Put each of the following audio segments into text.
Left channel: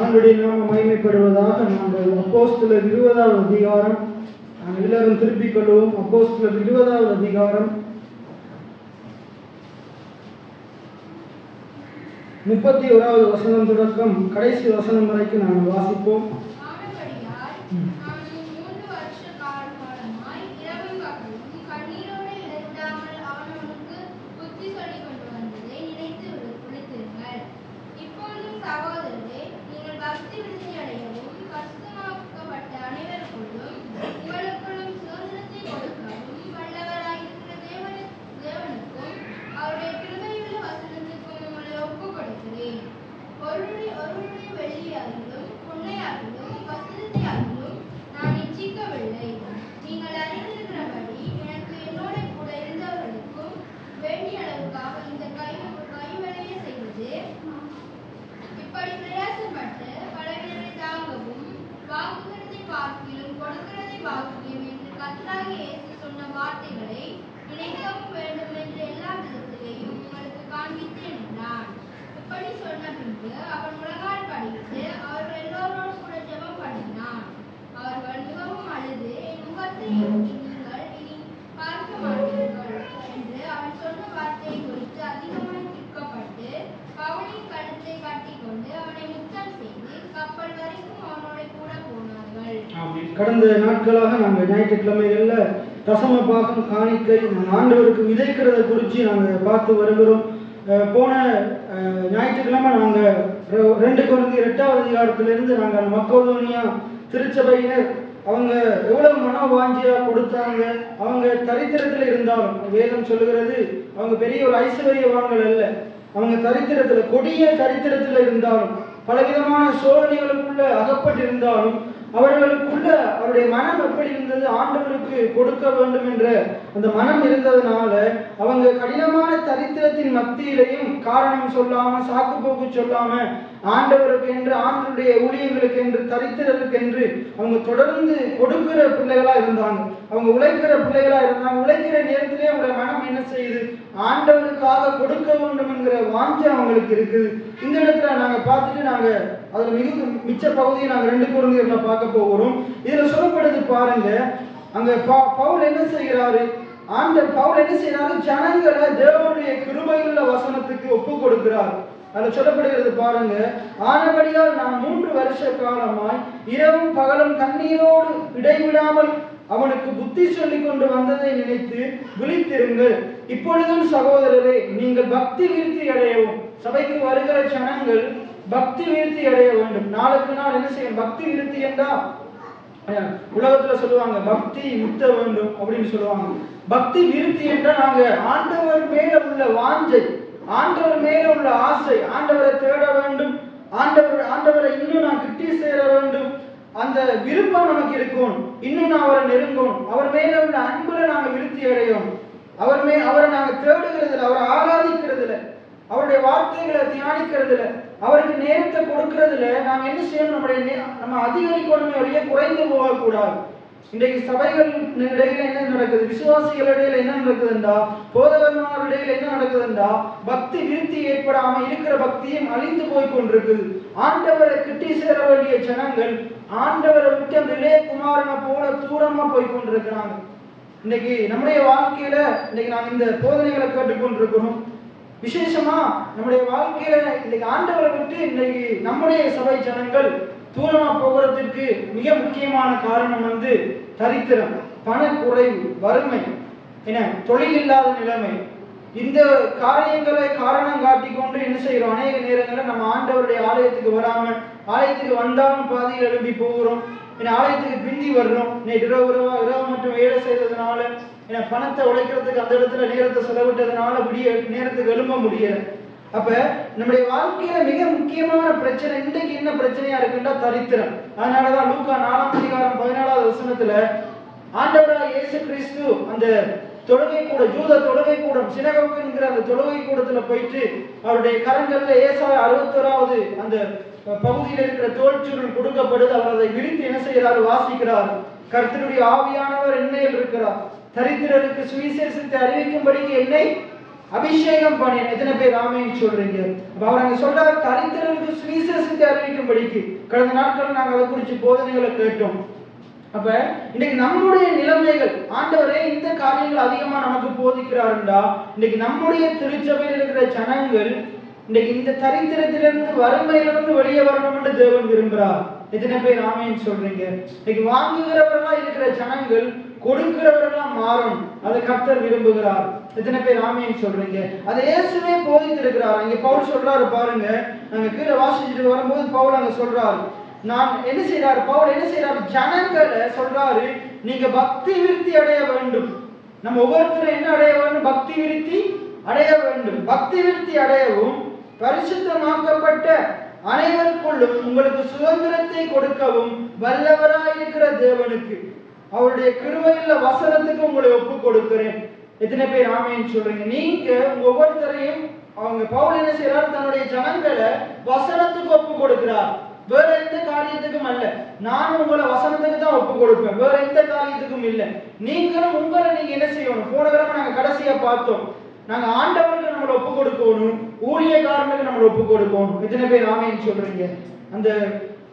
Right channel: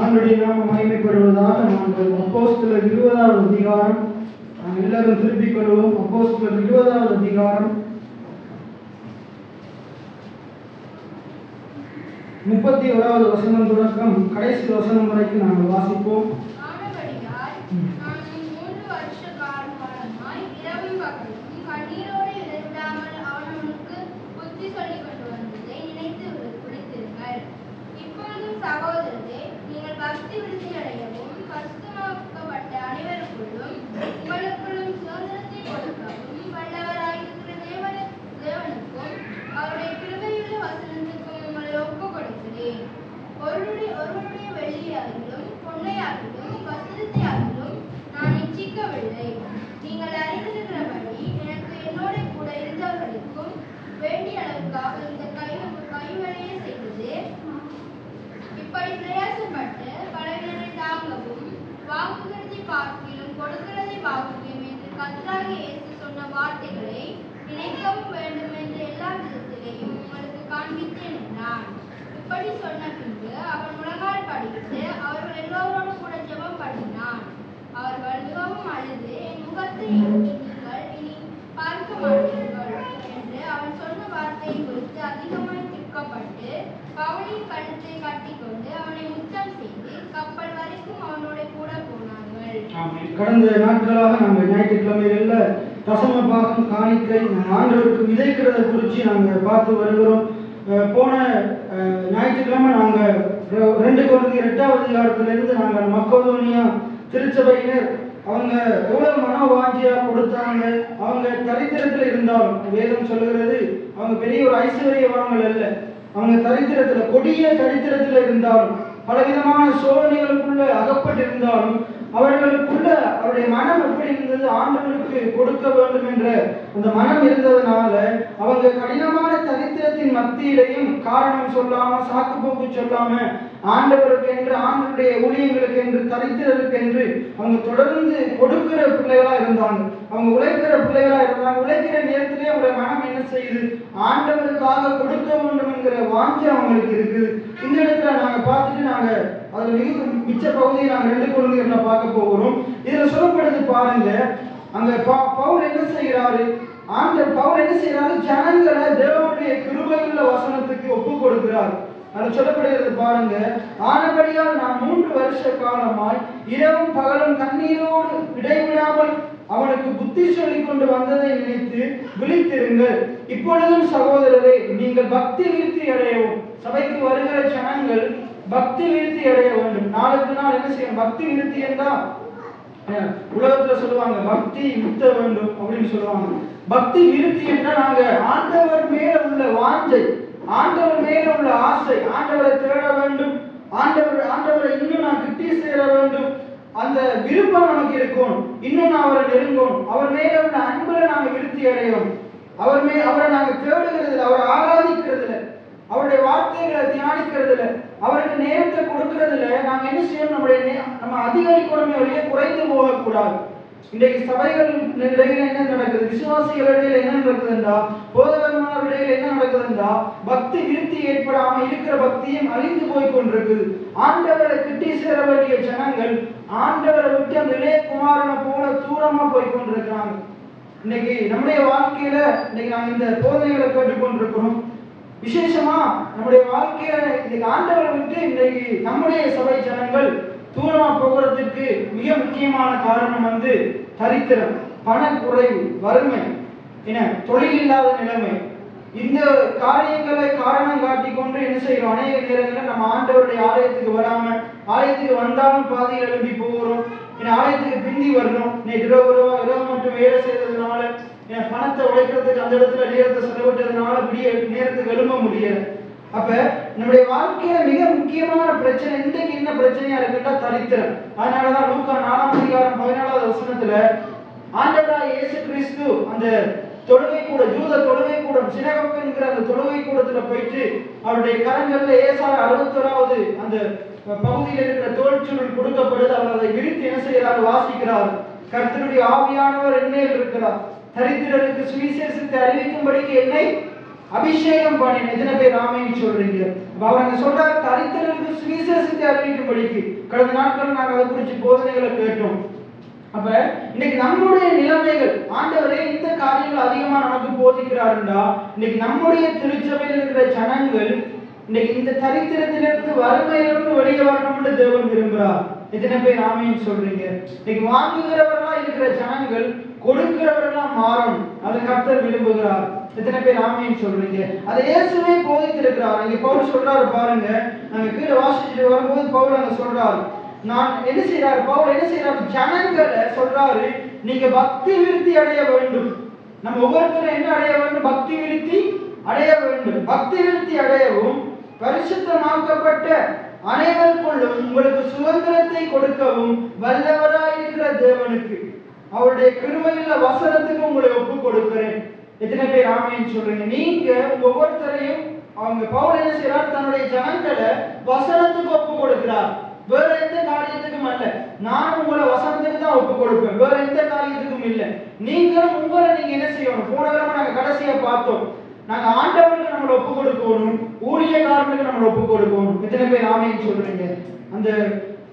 ஆண்டுடைய நாம மகிமைப்படுவதாக. நாங்கள் அப்போஸ்தலர் 20வது அதிகாரம் நாம் எல்லாரும் திருப்பிக் கொள்வோம். அப்போஸ்தலர் 20வது அதிகாரம் 31வது வசனம் தொடக்கம் கடைசி வசனம் வரைக்கும் நாங்கள் வாசிப்போம். கடந்த நாட்களாக நாங்கள் ஞாயிற்றுக்கிழமைகள்ல தசம பாகம் காணிக்கை ஆண்டவருக்கு விதைக்கிறத குறித்து நாங்கள் பார்த்து வருகிறோம். போன ஞாயிற்றுக்கிழமை நாங்கள் 2 கொரிந்தியர் 8வது அதிகாரத்திலிருந்து நாங்கள் மக்கோதோனியா திருச்சபையினர் அவங்க எவ்வளவு மனோவாஞ்சியா கொடுத்தாங்க. அவங்க தரித்திரத்தில் இருந்தாலும் வேதம் சொல்லுகிறது அவங்க பெரிய ஒரு ஐஸ்வர்யவான்கள் அல்ல. அவங்க தரித்திரத்துல கொடிய தரித்திரத்துல இருந்தாலும் பலவிதமான சோதனைகளுக்குள்ள அகப்பட்டிருந்தாலும் அவர்களுக்குள்ள அவருடைய மனம் எப்படி இருந்தது, ஆண்டவருக்கு கொடுக்க வேண்டும் என்ற அந்த மனம் இருந்ததுனால அவங்க கடினமான தரித்திரத்தின் மத்தியிலையும் காரணம் சொல்லாம சாக்கு போக்கு சொல்லாம ஆண்டவருக்கு என்று ஆண்டவருடைய ஊழியர்களுக்கு என்று தரித்திரருக்கு என்று அவங்க தொடர்ந்து கொடுக்கிற பிள்ளைகளா இருந்தாங்க. அவங்க உழைக்கிற பிள்ளைகளா இருந்தாங்க. உழைக்கிற நேரத்திலே அவங்களுடைய மனம் என்ன செய்யுது, ஆண்டவருக்காக கொடுக்க வேண்டும் என்கிற வாஞ்சை அவங்களுக்கு இருக்குது. இந்த இடத்துல நாங்க பார்த்துட்டு நாங்க அதுல மிச்ச பகுதியை நாங்க 2 கொரிந்தியர்ல பார்க்க போகிறோம். இதுல சொல்லப்படுது பாருங்க, அங்க பவுல் என்ன செய்கிறாரு, பவுல் என்ன செய்யறாரு, ஜனங்களை தேவனுடைய கிருபையுள்ள வசனத்துக்கு ஒப்பு கொடுக்கிறார். அது சொல்லப்படுகிறது பாருங்க, ஆனபடியால் நான் 3 வருஷ காலமாய் இரவும் பகலும் கண்ணீரோடு இடைவிடாமல் அவனுக்கு புத்தி சொல்லிக் கொண்டு வந்ததை நினைத்து விழித்திருங்கள். இப்பொழுதும் சகோதரரே, நீங்கள் பக்தி விருத்தி அடையவும். சபைக்கு வருகிற ஜனங்கள் பக்தி விருத்தி அடைய வேண்டும். நாளுக்கு நாள் என்ன செய்யணும், பக்தி விருத்தி என்றா உலகத்துல சொல்லுவாங்க பக்தி முத்த வேண்டும் அப்படின்னு சொல்லுவாங்க. பக்தி விருத்தி என்றா நாங்க ஆண்டவர் மேல உள்ள வாஞ்சை, ஆண்டவர் மேல உள்ள ஆசை, ஆண்டவரை தேட வேண்டும், ஆண்டவரை இன்னும் நான் கிட்டி சேர வேண்டும், அந்த விருப்பம் நமக்கு இருக்கும். இன்னும் நான் அவரை நெருங்கும், அவர் மேல உள்ள அன்புல நாங்க விருத்தி அடையும். அவரை நாங்க தேடுகிறதுல, அவரை ஆராதிக்கிறதுல, அவருடைய வார்த்தைகளை தியானிக்கிறதுல, அவருக்கு நேரத்தை கொடுக்கறதுல நாங்க என்ன செய்யணும், நம்ம அதிகரிக்கணுமே வழியே குறைந்து போகக்கூடாது. இன்றைக்கு சபைகள் இடையில என்ன நடக்குது, விசுவாசிகள் இடையில என்ன நடக்குதுண்டா, போதகமான இடையில என்ன நடக்குதுண்டா, பக்தி விருத்தி ஏற்படாம இருக்கிற பக்தியும் அழிந்து போய் கொண்டிருக்குது. ஆண்டவரை கிட்டி சேர வேண்டிய ஜனங்கள் ஆண்டவரை விட்டு அந்த இளைய குமாரனை போல தூரமா போய் கொண்டிருக்கிறாங்க. இன்னைக்கு நம்முடைய வாழ்க்கையில இன்னைக்கு நாங்க இந்த போதனைகளை கேட்டுக்கொண்டிருக்கிறோம். விசேஷமா நம்முடைய வாழ்க்கையில இன்னைக்கு ஆண்டவரை விட்டு இன்னைக்கு நம்முடைய சபை ஜனங்கள் தூரமா போகிறதுக்கு மிக முக்கியமான காரணம் தரித்திரம், பணக்குறைவு, வறுமை, தொழில் இல்லாத நிலைமை. இந்த காரியங்களை காரணம் காட்டி கொண்டு என்ன செய்யறோம், அநேக நேரங்களில் நம்ம ஆண்டவருடைய ஆலயத்துக்கு வராம, ஆலயத்துக்கு வந்தாலும் பாதையில் எழுப்பி போகிறோம், ஆலயத்துக்கு பிந்தி வர்றோம். இரவு மட்டும் வேலை செய்ததுனால பணத்தை உழைக்கிறதுக்கு அந்த இடத்துல நேரத்தை செலவிட்டதுனால விடிய நேரத்துக்கு எழும்ப முடியல. அப்ப நம்முடைய வாழ்க்கையில மிக முக்கியமான பிரச்சனை இன்றைக்கு என்ன பிரச்சனையா இருக்குன்னா தரித்திரம். அதனாலதான் லூக்கா 4ஆம் அதிகாரம் 14வது வசனத்துல ஆண்டவராகிய இயேசு கிறிஸ்து அந்த தொழுகை கூட, ஜூத தொழுகை கூடம், சினகோகு என்கிற அந்த தொழுகை கூடத்துல போயிட்டு அவருடைய கரங்கள்ல ஏசாயா 61வது அந்த பகுதியில் இருக்கிற தோல் சுருள் கொடுக்கப்படுது. அவர் அதை விரித்து என்ன செய்யறாரு, வாசிக்கிறார். கர்த்தருடைய ஆவியானவர் என்மேல் இருக்கிறார், தரித்திரருக்கு சுவிசேஷத்தை அறிவிக்கும்படிக்கு என்னை அபிஷேகம் பண்ணி எத்தனை பேர் ஆமென் சொல்றீங்க? அவர் அங்க சொல்றாரு தரித்திரருக்கு சுவிசேஷத்தை அறிவிக்கும்படிக்கு. கடந்த நாட்கள் நாங்கள் அதை குறித்து போதனைகளை கேட்டோம். அப்ப இன்னைக்கு நம்முடைய நிலைமைகள் ஆண்டவரே இந்த காரியங்கள் அதிகமா நமக்கு போதிக்கிறாருண்டா இன்னைக்கு நம்முடைய திருச்சபையில் இருக்கிற ஜனங்கள் இன்னைக்கு இந்த தரித்திரத்திலிருந்து வறுமையிலிருந்து வெளியே வரணும் என்று தேவன் விரும்புகிறார். எத்தனை பேர் ஆமென் சொல்றீங்க? இன்னைக்கு வாங்குகிறவர்களா இருக்கிற ஜனங்கள் கொடுக்கிறவர்களா மாறணும், அதை கர்த்தர் விரும்புகிறார். எத்தனை பேர் ஆமென் சொல்றீங்க? அதை இயேசுவே போதித்திருக்கிறார். இங்க பவுல் சொல்றாரு பாருங்க, நாங்க கீழே வாசிச்சுட்டு வரும்போது பவுல் அங்க சொல்றாரு, நான் என்ன செய்யறாரு பவுல் என்ன செய்யறாரு, ஜனங்களை சொல்றாரு நீங்க பக்தி விருத்தி அடைய வேண்டும். நம்ம ஒவ்வொருத்தரும் என்ன அடைய வேண்டும்? பக்தி விருத்தி அடைய வேண்டும். பக்தி விருத்தி அடையவும் பரிசுத்தமாக்கப்பட்ட அனைவருக்குள்ளும் உங்களுக்கு சுதந்திரத்தை கொடுக்கவும் வல்லவராயிருக்கிற தேவனுக்கு அவருடைய கிருபையுள்ள வசனத்துக்கு உங்களை ஒப்பு கொடுக்கிறேன். எத்தனை பேர் ஆமென் சொல்றீங்க? நீங்க ஒவ்வொருத்தரையும் அவங்க பவுல் என்ன செய்யறாரு, தன்னுடைய ஜனங்களை வசனத்துக்கு ஒப்பு கொடுக்கிறார். வேற எந்த காரியத்துக்கும் அல்ல. நானும் உங்களை வசனத்துக்கு தான் ஒப்பு கொடுப்பேன், வேற எந்த காரியத்துக்கும் இல்லை. நீங்களும் உங்களை நீங்க என்ன செய்யணும்? போன கிழமை நாங்க கடைசியா பார்த்தோம், நாங்க ஆண்டவருக்கு நம்மளை ஒப்பு கொடுக்கணும், ஊழியக்காரனுக்கு நம்மளை ஒப்பு கொடுக்கணும். எத்தனை பேர் ஆமென் சொல்றீங்க? அந்த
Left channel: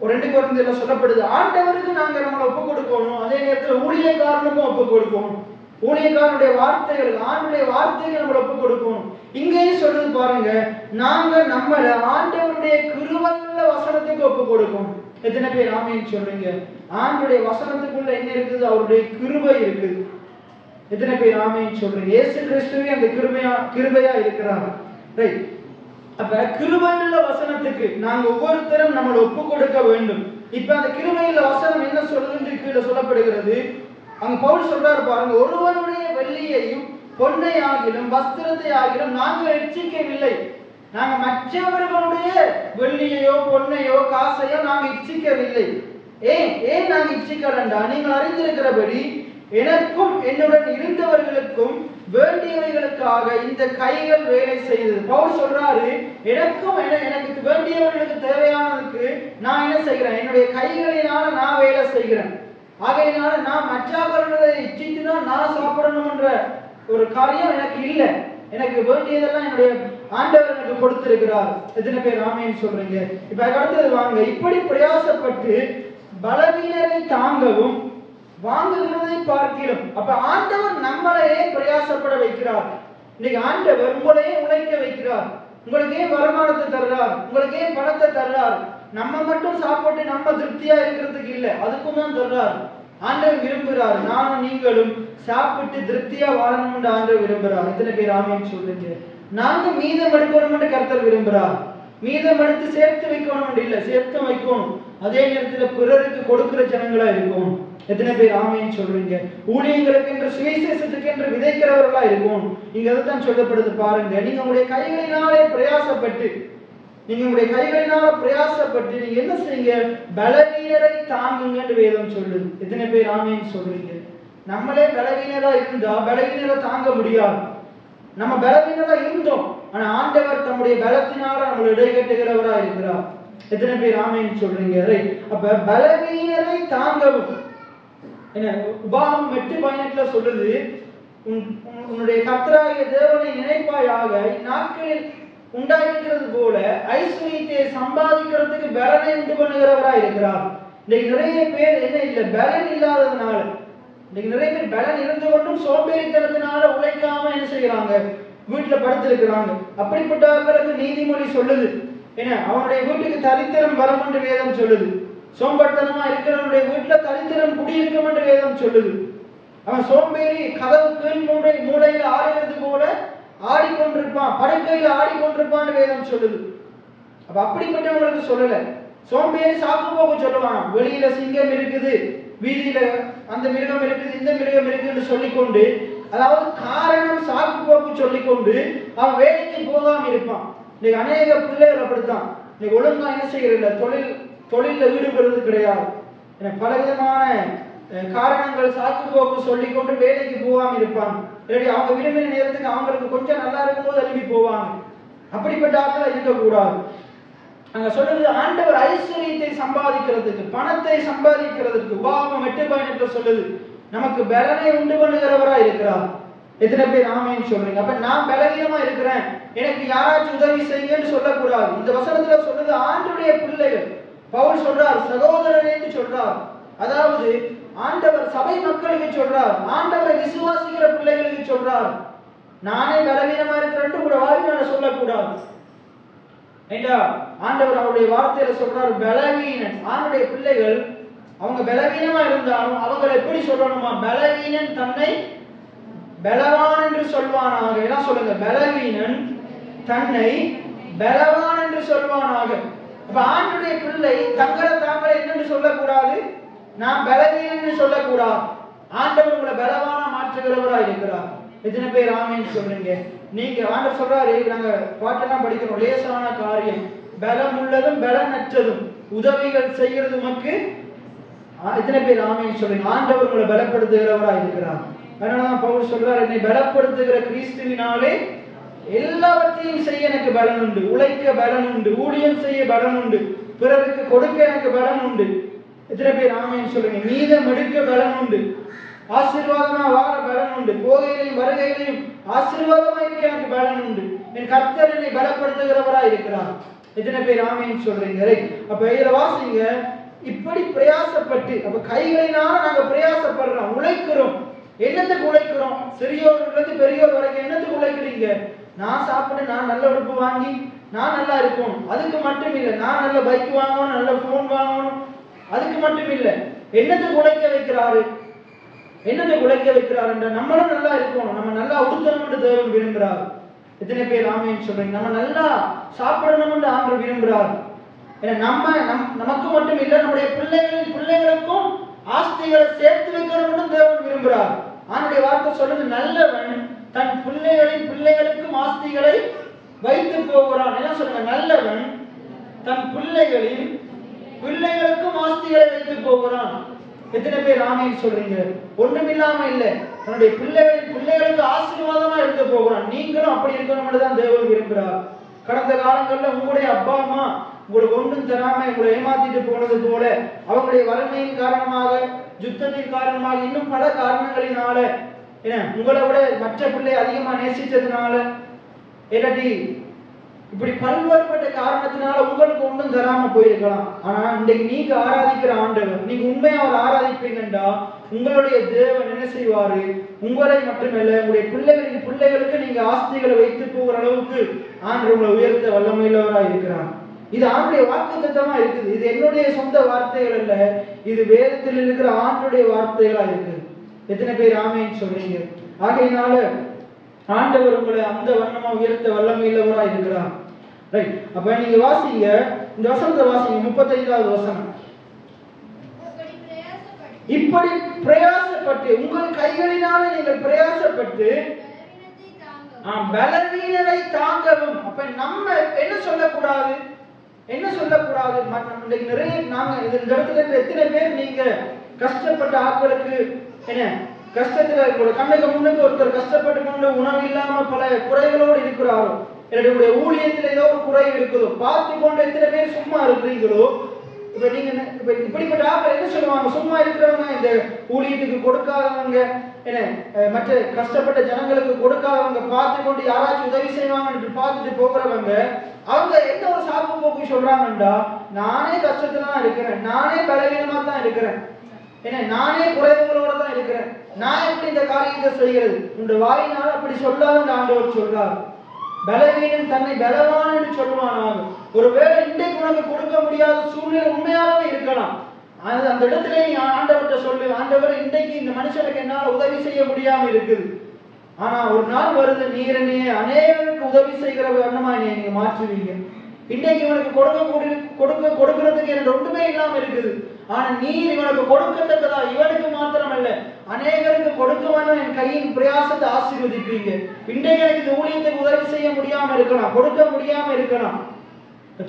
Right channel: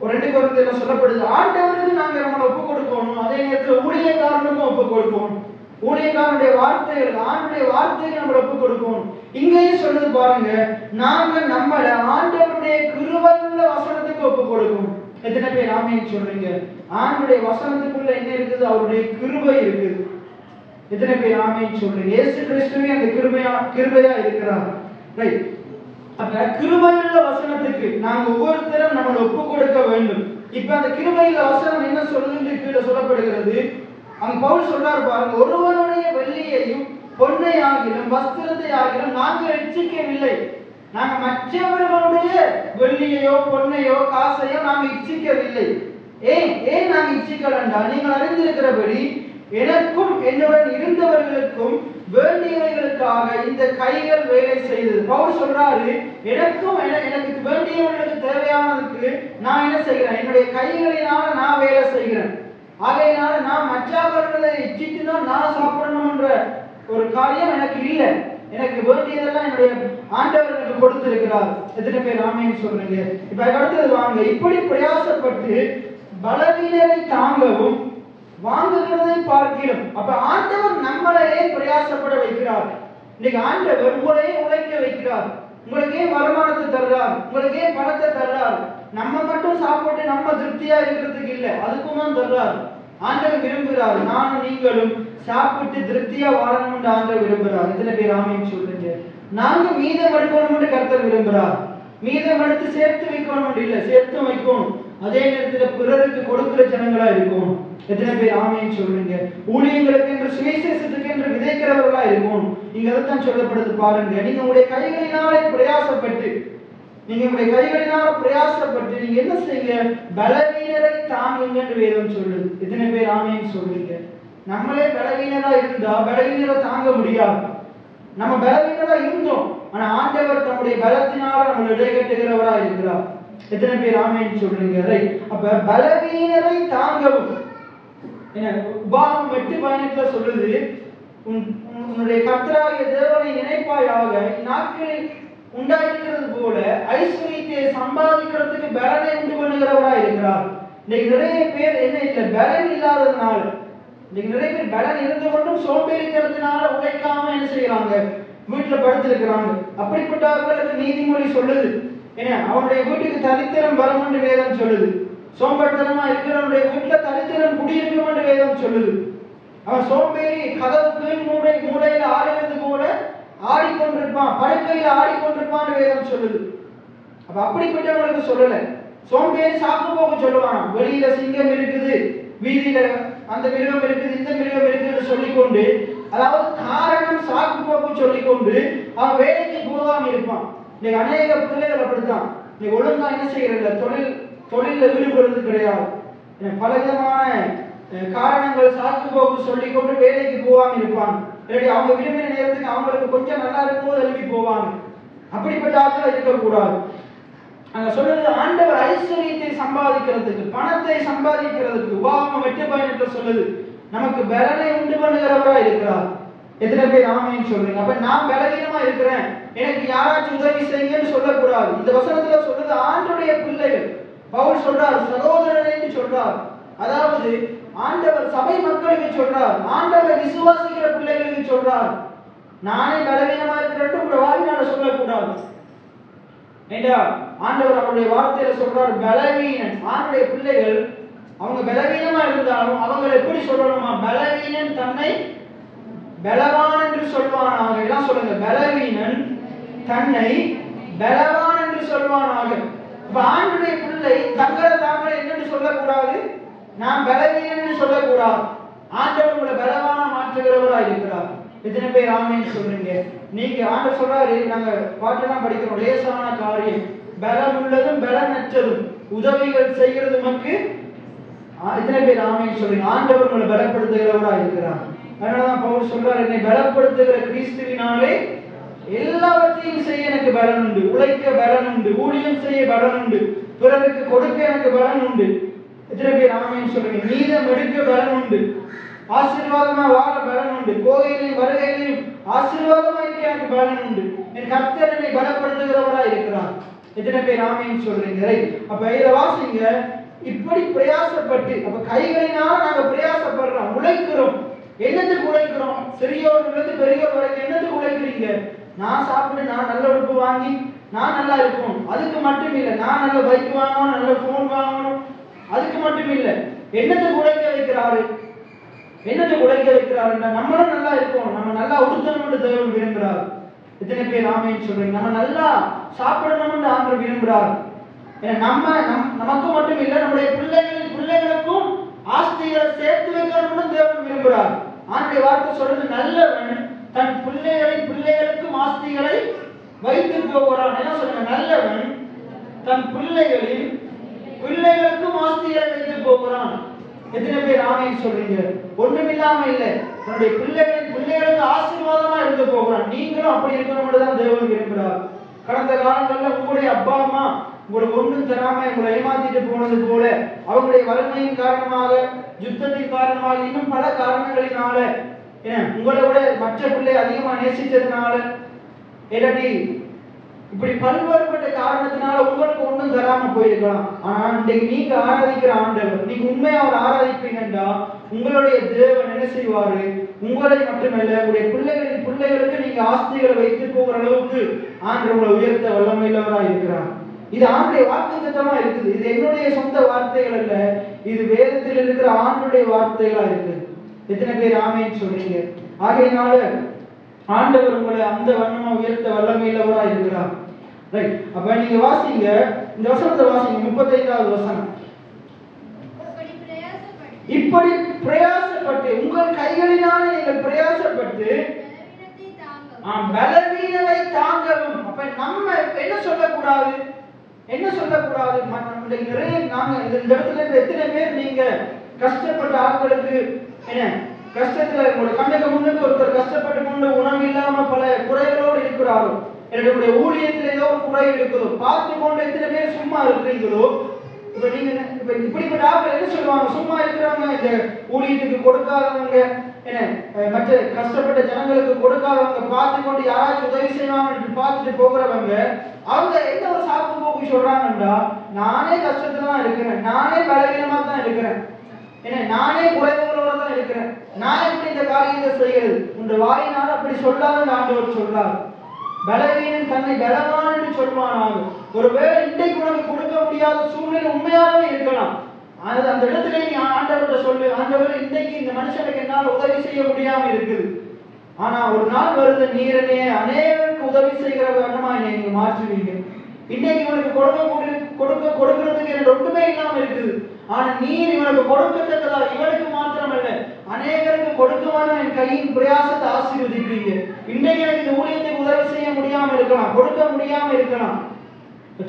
2 கொரிந்தியர்ல சொல்லப்படுது, ஆண்டவருக்கு நாங்க நம்மளை ஒப்பு கொடுக்கணும், அதே நேரத்தில் ஊழியக்காரனுக்கும் ஒப்பு கொடுக்கணும். ஊழியக்காரனுடைய வார்த்தைகள் ஆண்டுடைய வார்த்தைகள் நம்மளை ஒப்பு கொடுக்கணும். இங்கேயே சொல்லுது பாருங்க, நாங்க நம்மள ஆண்டவருடைய கிருபையுள்ள வசனத்துக்கு ஒப்பு கொடுக்கணும். எத்தனை பேர் ஆமென் சொல்றீங்க? ஆண்டுடைய வசனத்துக்குள்ள என்ன இருக்குது? அவருடைய கிருபை இருக்குது. எத்தனை பேர் ஆமென் சொல்றீங்க? இயேசு கிறிஸ்துவே அந்த கிருபையா இருக்கிறார். ரைட். அப்ப கிருபையுள்ள வசனத்துக்கு நாங்க ஒவ்வொருத்தரும் நம்மளை ஒப்பு கொடுக்க வேண்டும். இப்ப அந்த கிருபையுள்ள வசனம் என்ன சொல்லுது கீழே சொல்லப்படுகிறது. அங்க பவுல் சொல்றாரு பாருங்க, ஒருவனுடைய வெள்ளியையும் பொன்னை ஆகிலும் வஸ்திரத்தை ஆகிலும் நாங்கள் இச்சிக்கவில்லை. நாங்க மற்றவர்களுடைய வெள்ளியையோ பொன்னையோ காசையோ நாங்க இச்சிக்கவில்லை. ஏன் நாங்க இச்சிக்கலண்டா, நீங்கள் அறிந்திருக்கிறபடி எனக்கும் என்னுடன் இருந்தவர்களுக்கும் வேண்டியவர்களுக்காக இந்த கைகள் வேலை செய்தது. பவுல் சொல்றாரு, எனக்கும் எனக்கு வேண்டியவர்களுக்கு தேவையானதுக்கு நான் என்ன செய்கிறேன்? என்னுடைய கைகளினால நான் வேலை செய்கிறேன். ஆகையினால நான் மற்றவர்களை இச்சித்துதான் நான் சாப்பிடணும்ன்ற ஒரு காரியம் எனக்கு இல்லை. எனக்கு வேண்டியதெல்லாம் என்னுடைய ஆண்டவர் எனக்கு கொடுத்திருக்கிறார். எத்தனை பேர் ஆமென் சொல்றீங்க? இப்ப அடுத்தது வாங்க, இப்படி பிரயாசப்பட்டு பலவீனரை தாங்கவும் வாங்குகிறதை பார்க்கிறோம். அப்ப ஆண்டவர் நம்மளையே பிரயாசப்பட வைக்கிறார். இன்னைக்கு ஆண்டவர் உங்களையே உழைக்க வைக்கிறார். உங்களுக்கே வருமானத்தை தர்றார், உங்களுக்கே பணத்தை தர்றார். நம்ம மட்டும் சாப்பிட்டு நம்ம திருப்தியா இருக்கிறதுக்கு இல்லை, அதுக்கும் தான் தர்றார். ஆண்டவர் விரும்புகிறார் நானும் நீங்களும் சாப்பிட்டு திருப்தியா வாழணும் என்று ஆண்டவர் விரும்புகிறார். எத்தனை பேர் ஆமென் சொல்றீங்க? நாங்க மீதம் எடுக்கணும் என்று கர்த்தர் விரும்புகிறார். மீதம் எடுத்து சேர்த்து வைக்கணும் என்று இல்லை, சேர்த்து வைக்கணும். அதே நேரத்தில் பிறருக்கு கொடுக்கிற ஜனங்களா இருக்கணும். எத்தனை பேர் ஆமென் சொல்றீங்க? ஊழியங்களுக்கு என்று சுவிசேஷத்துக்கு என்று விதைக்கிறவர்களா இருக்கணும். இங்க அதான் சொல்லப்படுது பாருங்க, நீங்க உங்களுடைய கைகளினாலே பிரயாசப்பட்டு நீங்க என்ன செய்யுங்க? பலவீனரை தாங்குங்க என்று வேதம் சொல்லுது. எத்தனை பேர் ஆமென் சொல்றீங்க? நம்மளே பலவீனரா இருந்தா பலவீனரை தாங்க முடியாது. நம்ம பலவீனரா இருந்தோம், ஆனா ஆண்டவர் தம்முடைய பலத்தினால நம்ம இடைகட்டுகிறவரா இருக்கிறார். எத்தனை பேர் ஆமென் சொல்றீங்க? அப்ப பலவீனரை தாங்கவும் என்ன உபாகம் 8:18 சொல்லுது, உன்னுடைய கர்த்தராகிய தேவனை நினைப்பாயாக, நாட்களில் உண்டாஇருக்கிறது போல ஐஸ்வர்யத்தை சம்பாதிக்கிறதுக்கு பலனை உண்டு பண்ணுகிறவரா இருக்கிறார். இன்னைக்கு நிறைய பேர் என்ன இல்லை, பலன் இல்லாததுனால, இன்னைக்கு நிறைய பேர் பலன் இருந்து கொண்டும் சோம்பேறித்தனத்தினால உழைக்காம என்ன செய்யறாங்க? வீட்டுல படுத்திருக்கிறாங்க. அப்படிப்பட்டவர்களுக்கு நீதிமொழி சொல்லுது, என்ன அவனுடைய வீட்டுக்கு தரித்திரம் வரும் என்று வேதம் சொல்லுது. சோம்பேறித்தனமா இருக்கிறவனுடைய வீட்டுல தரித்திரம் குடியிருக்கும் என்று வேதம் சொல்லுது. அவன் சோம்பேறி கதவுக்கு மூடையில ஆடுறது கூட ஆடிக்கொண்டிருப்பான், படுக்கையில ஆடிக்கொண்டிருப்பான்னு வேதம் சொல்லுது. அப்ப அப்படிப்பட்டவங்களுக்கு சொல்லல, சோம்பேறி சாக்கு போக்கு சொல்லுவான். வெளியில சிங்கம் இருக்குது, வீதியில அந்த மிருகம் இருக்குது, இந்த மிருகம் இருக்குன்னு சொல்லிக்கொண்டு, அதாவது காரணம் சாக்கு போக்கு சொல்லிக்கொண்டு அவன் வேலைக்கு போகாம இருப்பான். இன்னைக்கு அநேக பிள்ளைகள் அப்படித்தான். இன்னைக்கு ஒழுங்கா என்ன செய்யறது? தொழில ஈடுபடுறது கிடையாது. பலவிதமான காரணங்கள் சாக்கு போக்கு சொல்லிக்கொண்டு வேலைக்கு போகாம இருப்பாங்க. அவங்க விரும்பின நேரத்துக்கு அவங்களுக்கு கொஞ்சம் நல்லா இருக்கும்போது எழுப்பி போவாங்க. அப்படிப்பட்ட ஆட்கள் இருக்கக்கூடாது. அங்க சொல்றது, ஆண்டவர் ஐஸ்வர்யத்தை சம்பாதிக்கிறதுக்கு, பணத்தை சம்பாதிக்கிறதுக்கு உபாகம் 8:18 சொல்லுது, நமக்கு பலனை உண்டு பண்ணுகிறவரா இருக்கிறார். எத்தனை பேர் ஆமென் சொல்றீங்க? அப்ப நான் பலவீனமா இருக்கிறேன், எனக்கு யாராச்சும் உதவி செய்யுங்கன்னு சொல்லக்கூடாது. இந்த வசனத்துல சொல்றது ஆண்டவருடைய பிள்ளைகள். பவுல் சொல்றார் சகோதரனே சொல்றார். அதாவது ஆண்டவர் சபை மக்களுக்கு சொல்றார், ஆண்டவரை விசுவாசிக்கிற பிள்ளைகளுக்கு சொல்றார். நானே பலவீனமா இருக்கிறேன் ஒரு வார்த்தையால சொல்லக்கூடாது. ஏண்டா ஆண்டவர் அவருடைய வார்த்தையில சொல்றார் பலவீனன். ஆண்டவருடைய பிள்ளைகள் அவங்க பலவீனமா இருந்தாலும் அவங்களை எப்படி சொல்லணுமா? பலவீனன் தன்னை பலவான் என்று சொல்வானாக. எல்லாம் சொல்லுங்க, பலவீனன் தன்னை பலவான் என்று சொல்வானாக. இப்ப ஆண்டவருடைய பிள்ளை தங்களை தாங்களே என்னன்னு சொல்லக்கூடாது, நான் பலவீனன் சொல்லக்கூடாது. ஆண்டவர் உங்களை பலவானா மாற்றுகிறவராக இருக்கிறார். எத்தனை பேர் ஆமென் சொல்றீங்க? நீங்க ஆண்டவர் சொல்றாரு, நாங்க பாட்டெல்லாம் படிக்கிறோம், லேசான காரியம் பலம் உள்ளதும் பலனற்றதும் உதவிகள் செய்கிறது உமக்கு. எத்தனை பேர் ஆமென் சொல்றீங்க? ஆண்டவர் உங்களை பலப்படுத்துகிறவராக இருக்கிறார். அதனாலதான் பவுல் சொல்றார், என்னை பலப்படுத்துகிற கிறிஸ்துவினாலே எல்லாவற்றையும் செய்ய எனக்கு பலன் உண்டு, உழைக்க பலன் உண்டு, ஊழியம் செய்ய பலன் உண்டு, பிறருக்கு கொடுக்க எனக்கு பலன் உண்டு. எத்தனை பேர் ஆமென் சொல்றீங்க? மீதம் எடுக்க பலன் உண்டு, ஆசீர்வாதமா வாழ பலன் உண்டு, போகையிலையும் வருகையிலையும் ஆசீர்வாதமா இருக்க எனக்கு பலன் உண்டு. என் கர்த்தர் என்னை பலப்படுத்துகிறவரா இருக்கிறார். எத்தனை பேர் ஆமென் சொல்றீங்க? அப்ப இதுல வாசிங்க, இப்படி பிரயாசப்பட்டு, அப்ப கைகளினால நாங்க பிரயாசப்படுறோம், உழைக்கிறோம். என்னத்துக்கு உழைக்கிறோம்? சிறியோர்லேருந்து பெரியோர் வரைக்கும் என்னத்துக்கு உழைக்கிறீங்க? நான் சாப்பிட்டு நான் நல்ல உடுப்பு வாங்கி நான் நல்லா இருக்கும், அதுக்கு மட்டும் இல்லை. நான் நல்ல பைக் வாங்கணும், நல்ல போன் வாங்கணும், அதுக்கு மட்டும் இல்லை. என்னத்துக்கு உழைக்க வைக்கிறாரு? என்னத்துக்கு உழைக்க வைக்கிறாருன்னா நம்மளும் நல்லா இருக்கும், நம்ம நல்லா உடுத்தணும்னு தேவன் விரும்புகிறார். எத்தனை பேர் ஆமென் சொல்றீங்க? நம்ம நல்லா சாப்பிடணும்னு ஆண்டவர் விரும்புகிறார். நமக்கு மட்டும் இல்லை, நம்முடைய பிள்ளைகளுக்கும் ஆஸ்திகளை சேர்த்து வைக்கணும்னு தேவன் விரும்புகிறார். ஆண்டவருடைய வார்த்தை சொல்றது, நல்லவன் தன் பிள்ளைகளுக்கும் ஆஸ்திகளை வைத்து போகிறான். என்ன சொல்லுங்க? நல்லவன் தன் பிள்ளைகளுக்கும் ஆஸ்திகளை வைத்து போகிறான். எத்தனை பேர் ஆமென் சொல்றீங்க? ஒண்ணுமில்லாம இல்லை, தன்னுடைய பிள்ளைகளுக்கு ஆசீர்வாதமா இருக்க போகிறான். நீங்களும் அப்படி இருக்கணும் தான் தேவன் விரும்புகிறார். கடந்த காலங்களில் உங்களுடைய அப்பா அம்மா உங்களுக்கு ஒன்றும் தராம உங்களை ஏமாத்திட்டு போனது போல, அவங்களுடைய வறுமையின் காரணமாக, யுத்தத்தின் காரணமாக, இன்னும் பல காரணங்களினால, உங்களை விட மற்ற பிள்ளை அதிகமா நேசித்ததுனால, இல்லாட்டி இப்படி பல்வேறுபட்ட காரணத்தினால உங்களுக்கு ஒன்றும் தராம போயிருக்கலாம். ஆனா இன்றைக்கு நீங்க ஆராதிக்கிற ஆண்டவர், நீங்க உண்மையா அவர் ஆராதிப்பீங்கன்னா உங்களுடைய தேவன் என்ன செய்வாரு? உங்களை மட்டுமல்ல, உங்களுடைய பிள்ளைகளுக்கு நீங்க ஆஸ்திகளை வைத்து போகிற அளவுக்கு ஆண்டவர் உங்களை உயர்த்த வல்லமையுள்ளவராக இருக்கிறார். இது ஆண்டுடைய வாக்குத்தத்தமா இருக்குது. இது என்னுடைய சொந்த வார்த்தைகள் அல்ல, இது வேதத்தில் இருக்கிற ஆண்டுடைய வார்த்தைகளா இருக்கு. எத்தனை பேர் ஆமென் சொல்றீங்க? ஆகையினால ஆண்டவர் உங்களை அந்த வண்ணமா உயர்த்த வல்லமையுள்ளவரா இருக்கிறார். ரைட். அப்ப நீங்க வாசிங்க, இந்த வசனத்தை வாசிங்க, 35வது வசனம். இப்படி பிரயாசப்பட்டு, உங்கள் கைகளினால நீங்கள் பிரயாசப்பட்டு பலவீனரை தாங்கவும். அப்ப நம்ம என்ன சொல்லக்கூடாது? என்ன சொல்லக்கூடாது? நிறைய நாங்க இந்த இடத்துல எத்தனை பேர் நீங்க கஷ்டப்பட்ட ஆட்களுக்கு என்ன கஷ்டத்துல உங்களோட கண்ணுக்கு முன்னுக்கு ஒருத்தர் கஷ்டப்பட்டு கொண்டு உணவு இல்லாம பல குறைகளோடு இருக்கிறாரோ, என்னுடைய ஊழியத்தில் ஏதோ ஒரு குறை இருக்குதோ, பார்த்து கொண்டு எத்தனை பேர் சும்மா இருக்கிறீங்களோ? இப்ப நீங்க இப்படிப்பட்ட ஆட்கள் என்ன சொல்லுவாங்க? சும்மா இருக்கிறவங்க, இந்த ஊழியத்துக்கு கொடுக்காதவங்க, என்ன மற்ற கஷ்டப்பட்ட ஜனங்களுக்கு கொடுக்காதவங்க, பார்த்து கொண்டு யாராச்சும் உதவி செய்வாங்க பார்த்துட்டு போகிறவங்க, அவங்க எந்த ஒரு சாக்கு போக்கு சொல்றாங்கன்றா, நானே கஷ்டத்துல தான் இருக்கிறேன், நானே பலவீனமா தான் இருக்கிறேன், நானே குறைவுகளோட தான் இருக்கிறேன், நான் எப்படி இந்த காரியத்தை செய்யறது? உங்க வாயினால அப்படி சொல்லாத ஆண்டவர் சொல்றார். பலவீனன் தன்னை பலவான் என்று சொல்வானாக. ஒருவேளை இன்றைக்கு உனக்கு கொடுக்க முடியாத சூழ்நிலை உண்மையாகவே இருக்கலாம். அந்த இடத்துல நீ ஆண்டவர்கிட்ட சொல்லு, ஆண்டவர் இன்றைக்கு இந்த மனுஷனுக்கு என்னால் உதவி செய்ய முடியாம இருக்குது, ஆனா ஒரு நாள் வருது நீர் என்னை அநேகருக்கு உதவி செய்கிற விதமா நீங்க மாற்றுவீங்க. இன்னைக்கு இவனுக்கு கொடுக்கிறதுக்கு எனக்கு ஒன்றுமே இல்லாம இருக்குது, ஆனா நீர் இவனுக்கு கொடுக்கத்தக்கதா இவனுக்கு மாத்திரமல்ல அநேகருக்கு கொடுக்கமான என் கையின் பிரயாசத்தை ஆசீர்வதிப்பீங்க. இன்றைக்கு எனக்கு இந்த ஊழியத்துக்கு உதவி செய்ய முடியாம இருக்கலாம், கொடுக்க முடியாம இருக்கலாம்,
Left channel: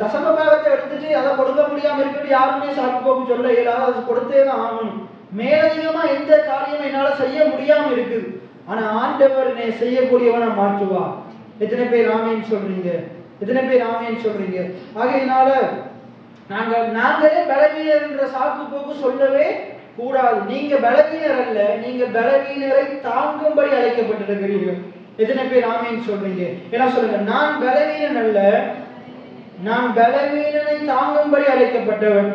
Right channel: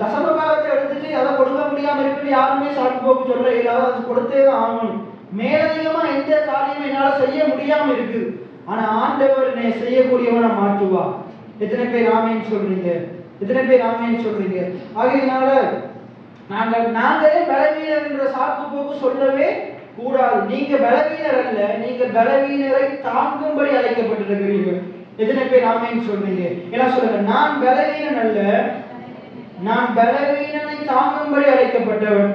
தசம பாகத்தை எடுத்துட்டு அதை கொடுக்க முடியாம இருக்கிறது யாருமே சாக்கு போக்கு சொல்ல இயலாத, அது கொடுத்தே தான் ஆகணும். மேலதிகமா எந்த காரியமும் என்னால செய்ய முடியாம இருக்குது, ஆனா ஆண்டவர் என்னை செய்யக்கூடியவனா மாற்றுவா. எத்தனை பேர் ஆமென் சொல்றீங்க? எத்தனை பேர் ஆமென் சொல்றீங்க? ஆகையினால நாங்களே பலவீனர் என்ற சாக்கு போக்கு சொல்லவே கூடாது. நீங்க பலவீனர் அல்ல, நீங்க பலவீனரை தாங்கும்படி அழைக்கப்பட்டிருக்கிறீர்கள். எத்தனை பேர் ஆமென் சொல்றீங்க? எல்லாம் சொல்லுங்க. நான் பலவீனன் அல்ல, நான் பலவீனனை தாங்கும்படி அழைக்கப்பட்டவன்.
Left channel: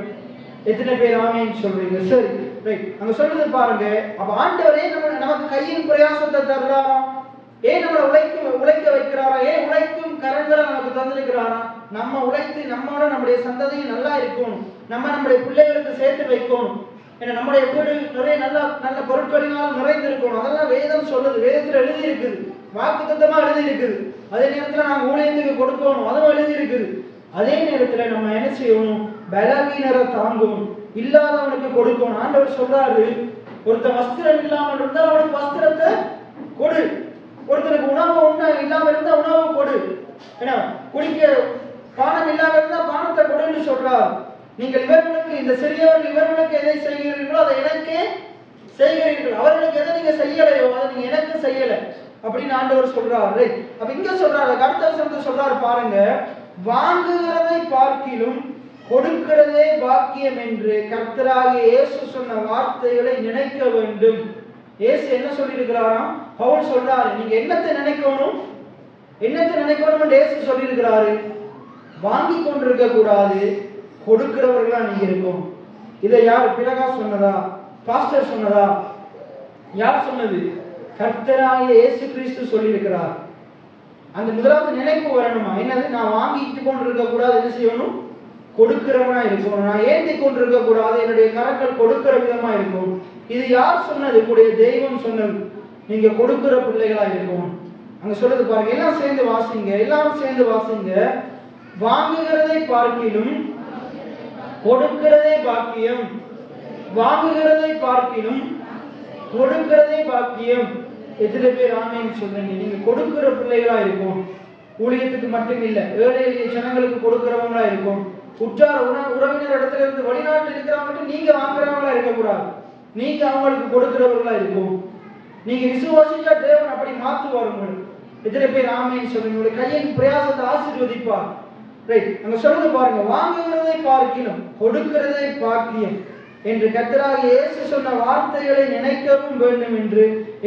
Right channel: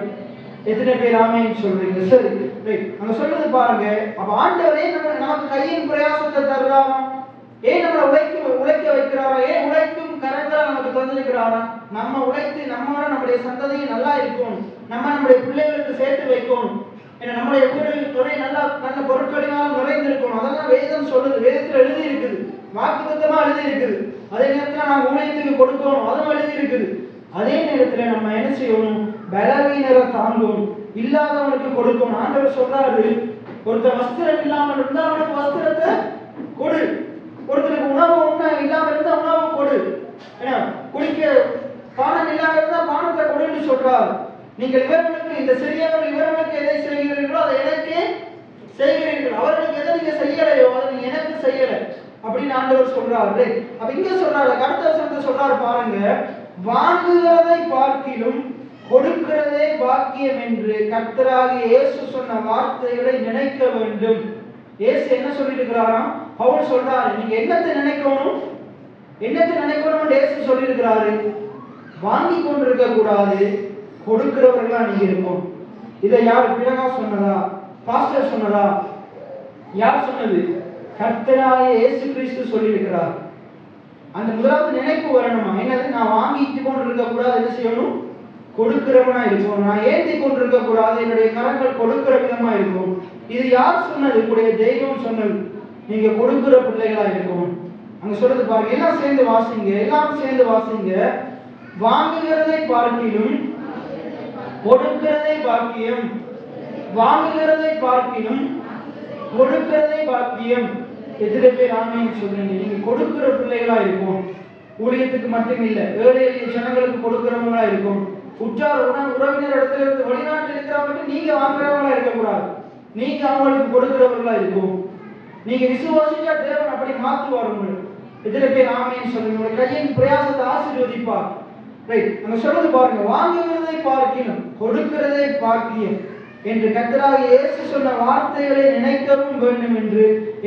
எத்தனை பேர் ஆமென் சொல்றீங்க? சரி, ரைட். அங்க சொல்றது பாருங்க. அப்ப ஆண்டவரே நமக்கு கையின் பிரயாசத்தை தருறாரா? ஏன் நம்மளை உழைக்க வைக்கிறாரா? ஏன் உழைக்கும் கரங்களை நமக்கு தந்திருக்கிறாரா? நம்ம உழைத்து நம்மளால நம்முடைய சந்ததியை நல்லா இருக்கணும், நம்முடைய பிள்ளைகளுக்கு சேர்த்து வைக்கணும், நம்முடைய வீடு நிறைய நல்ல பொருட்களினால் நிறைந்திருக்கணும். அதெல்லாம் வேதம் சொல்லுது, வேதத்தில் எழுதி இருக்குது, வாக்குத்தத்தமா எழுதி இருக்குது. அதே நேரத்தில் நான் ஊழியத்துக்கு கொடுக்கணும், அதெல்லாம் எழுதி இருக்குது. அதே நேரத்தில் நம்ம என்ன செய்யணும்? பலவீனரை தாங்கணும், இல்லாதவனுக்கு கொடுக்கணும். ஆண்டவர் சொல்றாரு, ஒருத்தர் வஸ்திரம் இல்லாமல் இருந்தா அவனுக்கு வஸ்திரத்தை கொடு, ஒருத்தருக்கு உணவு இல்லாமல் இருந்தா உணவு கொடு, குடிக்க பானம் இல்லாமல் இருந்தா பானத்தை கொடுன்னு சொல்றார். நீங்கள் இவர்களுக்கு, இந்த சிறியவர்கள் இவர்களுக்கு எதை செய்கிறீர்களோ அதை எனக்கு செய்கிறீர்கள், அவர்களுக்கு எதை நீங்க செய்யலையோ அதை நீங்க எனக்கு செய்யல அப்படின்னு ஆண்டவர் சொல்றாரு. அப்ப இங்க சொல்றாரு, அடுத்த வசனத்தை சொல்றாரு பாருங்க. வாங்குகிறதை பார்க்கிலும் கொடுக்கிறதே பாக்கியம் என்று கர்த்தராகிய இயேசு சொன்ன வார்த்தைகளை நினைக்க வேண்டும். இயேசு என்ன சொல்லியிருக்கிறாராம்? பவுல் சொல்றாரு, நீங்க என்னத்தை நினைக்கணும், என்னத்தை நினைக்கணும் இயேசு சொல்லியிருக்கிறாரு. வாங்கி கொண்டிருக்க கூடாது, கொடுக்கிறவர்களா நீங்க இருக்கும். இதை யார் பிறகா சொன்னதா? பாஸ்டர் சொன்னதா? யார் சொன்னது? கர்த்தராகிய இயேசு கிறிஸ்து சொல்லியிருக்கிறார். அந்த முதலாவது நினைப்பு வரணுமா? என்னது? நான் வாங்கிட்டு கொண்டிருக்க கூடாது, என்ன செய்யணும்? கொடுக்கிறவனா இருக்கணும். நான் ஏந்தி கொண்டிருக்க கூடாது, என்னுடைய கரங்கள் கொடுக்கிற விதமா இருக்கும். இது யார் சொன்னது? உங்களுடைய தெய்வம் சொன்னது. நீங்க கொடுக்கிற பிள்ளைகளா இருக்கணும். அங்க சொல்றது பாருங்க, எல்லாம் சேர்ந்து வாசிங்க, எல்லாரும் சேர்ந்து வாசிங்க. வாங்குகிறதை பார்க்கிலும் கொடுக்கிறதே பாக்கியம், வாங்குகிறதை பார்க்கிலும் கொடுக்கிறதே பாக்கியம். எத்தனை பேர் ஆமென் சொல்றீங்க? நீங்க கொடுக்கிற பிள்ளைகளா இருக்கும். ஊழியத்துக்கு மட்டும் இல்ல, ஏழை எளிய ஜனங்களுக்கு கொடுக்கிறவங்களா இருக்கும். உற்றார் உறவினர் இடத்துல இருந்து வெளிநாட்டில் இருக்கிறவங்க நீங்க வாங்குறவங்களா இருக்கக்கூடாது, நீங்க அவங்களுக்கு கொடுக்கிறவர்களா இருக்கும். நீங்க விசுவாசிச்சா தேவன் அப்படி மாற்றுவார் உங்களுக்கு. எத்தனை பேர் ஆமென் சொல்லுங்க? கையின் பிரயாசத்தை ஆசீர்வதிப்பார். ரைட். நம்ம சொல்றது பாருங்க, வாங்குகிறதை பார்க்கிலும் கொடுக்கிறதை பாக்கியம் என்று கர்த்தராகிய இயேசு சொன்ன வார்த்தைகளை நினைக்கவும் வேண்டும் என்று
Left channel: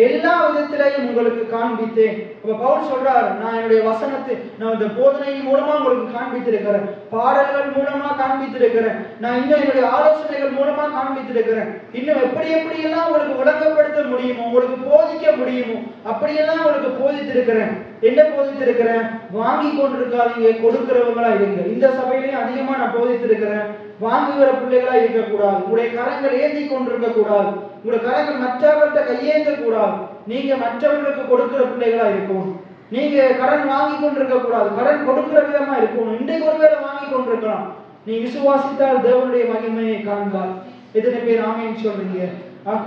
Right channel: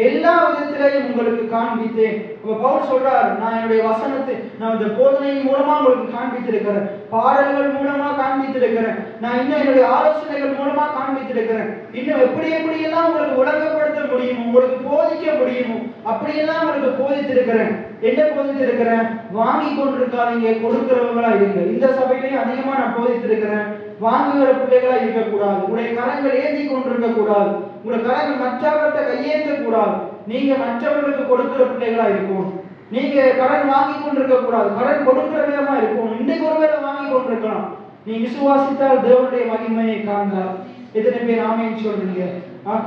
எல்லா விதத்திலையும் உங்களுக்கு காண்பித்தேன். பவுல் சொல்றார், நான் என்னுடைய வசனத்தை, நான் இந்த போதனையின் மூலமா உங்களுக்கு காண்பித்திருக்கிறேன், பாடல்கள் மூலமா காண்பித்திருக்கிறேன், நான் இன்னும் என்னுடைய ஆலோசனைகள் மூலமா காண்பித்திருக்கிறேன். இன்னும் எப்படியெல்லாம் உங்களுக்கு விளக்கப்படுத்த முடியுமோ, உங்களுக்கு போதிக்க முடியுமோ அப்படியெல்லாம் உங்களுக்கு போதித்திருக்கிறேன். என்ன போதித்திருக்கிறேன்? வாங்கி கொண்டிருக்காதீங்க, கொடுக்கிறவங்களா இருங்க. இந்த சபையிலையும் அதிகமா நான் போதித்திருக்கிறேன். வாங்குகிற பிள்ளைகளா இருக்கக்கூடாது, உங்களுடைய கரங்கள் ஏந்தி கொண்டிருக்க கூடாது, உங்களுடைய கரங்கள் மற்றவர்கிட்ட கையேற்ற கூடாது. நீங்க மற்றவர்களுக்கு கொடுக்கிற பிள்ளைகளா இருக்கணும். நீங்க கடன் வாங்கி கொண்டிருக்க கூடாது, கடன் கொடுக்கிற விதமா இருக்கணும். இன்றைக்கு ஒருவேளை வாங்கி கொண்டிருக்கலாம், நீ விசுவாசித்தால் தேவனுடைய மகிமையை காண்பார். எத்தனை பேர் ஆமென் சொல்றீங்க?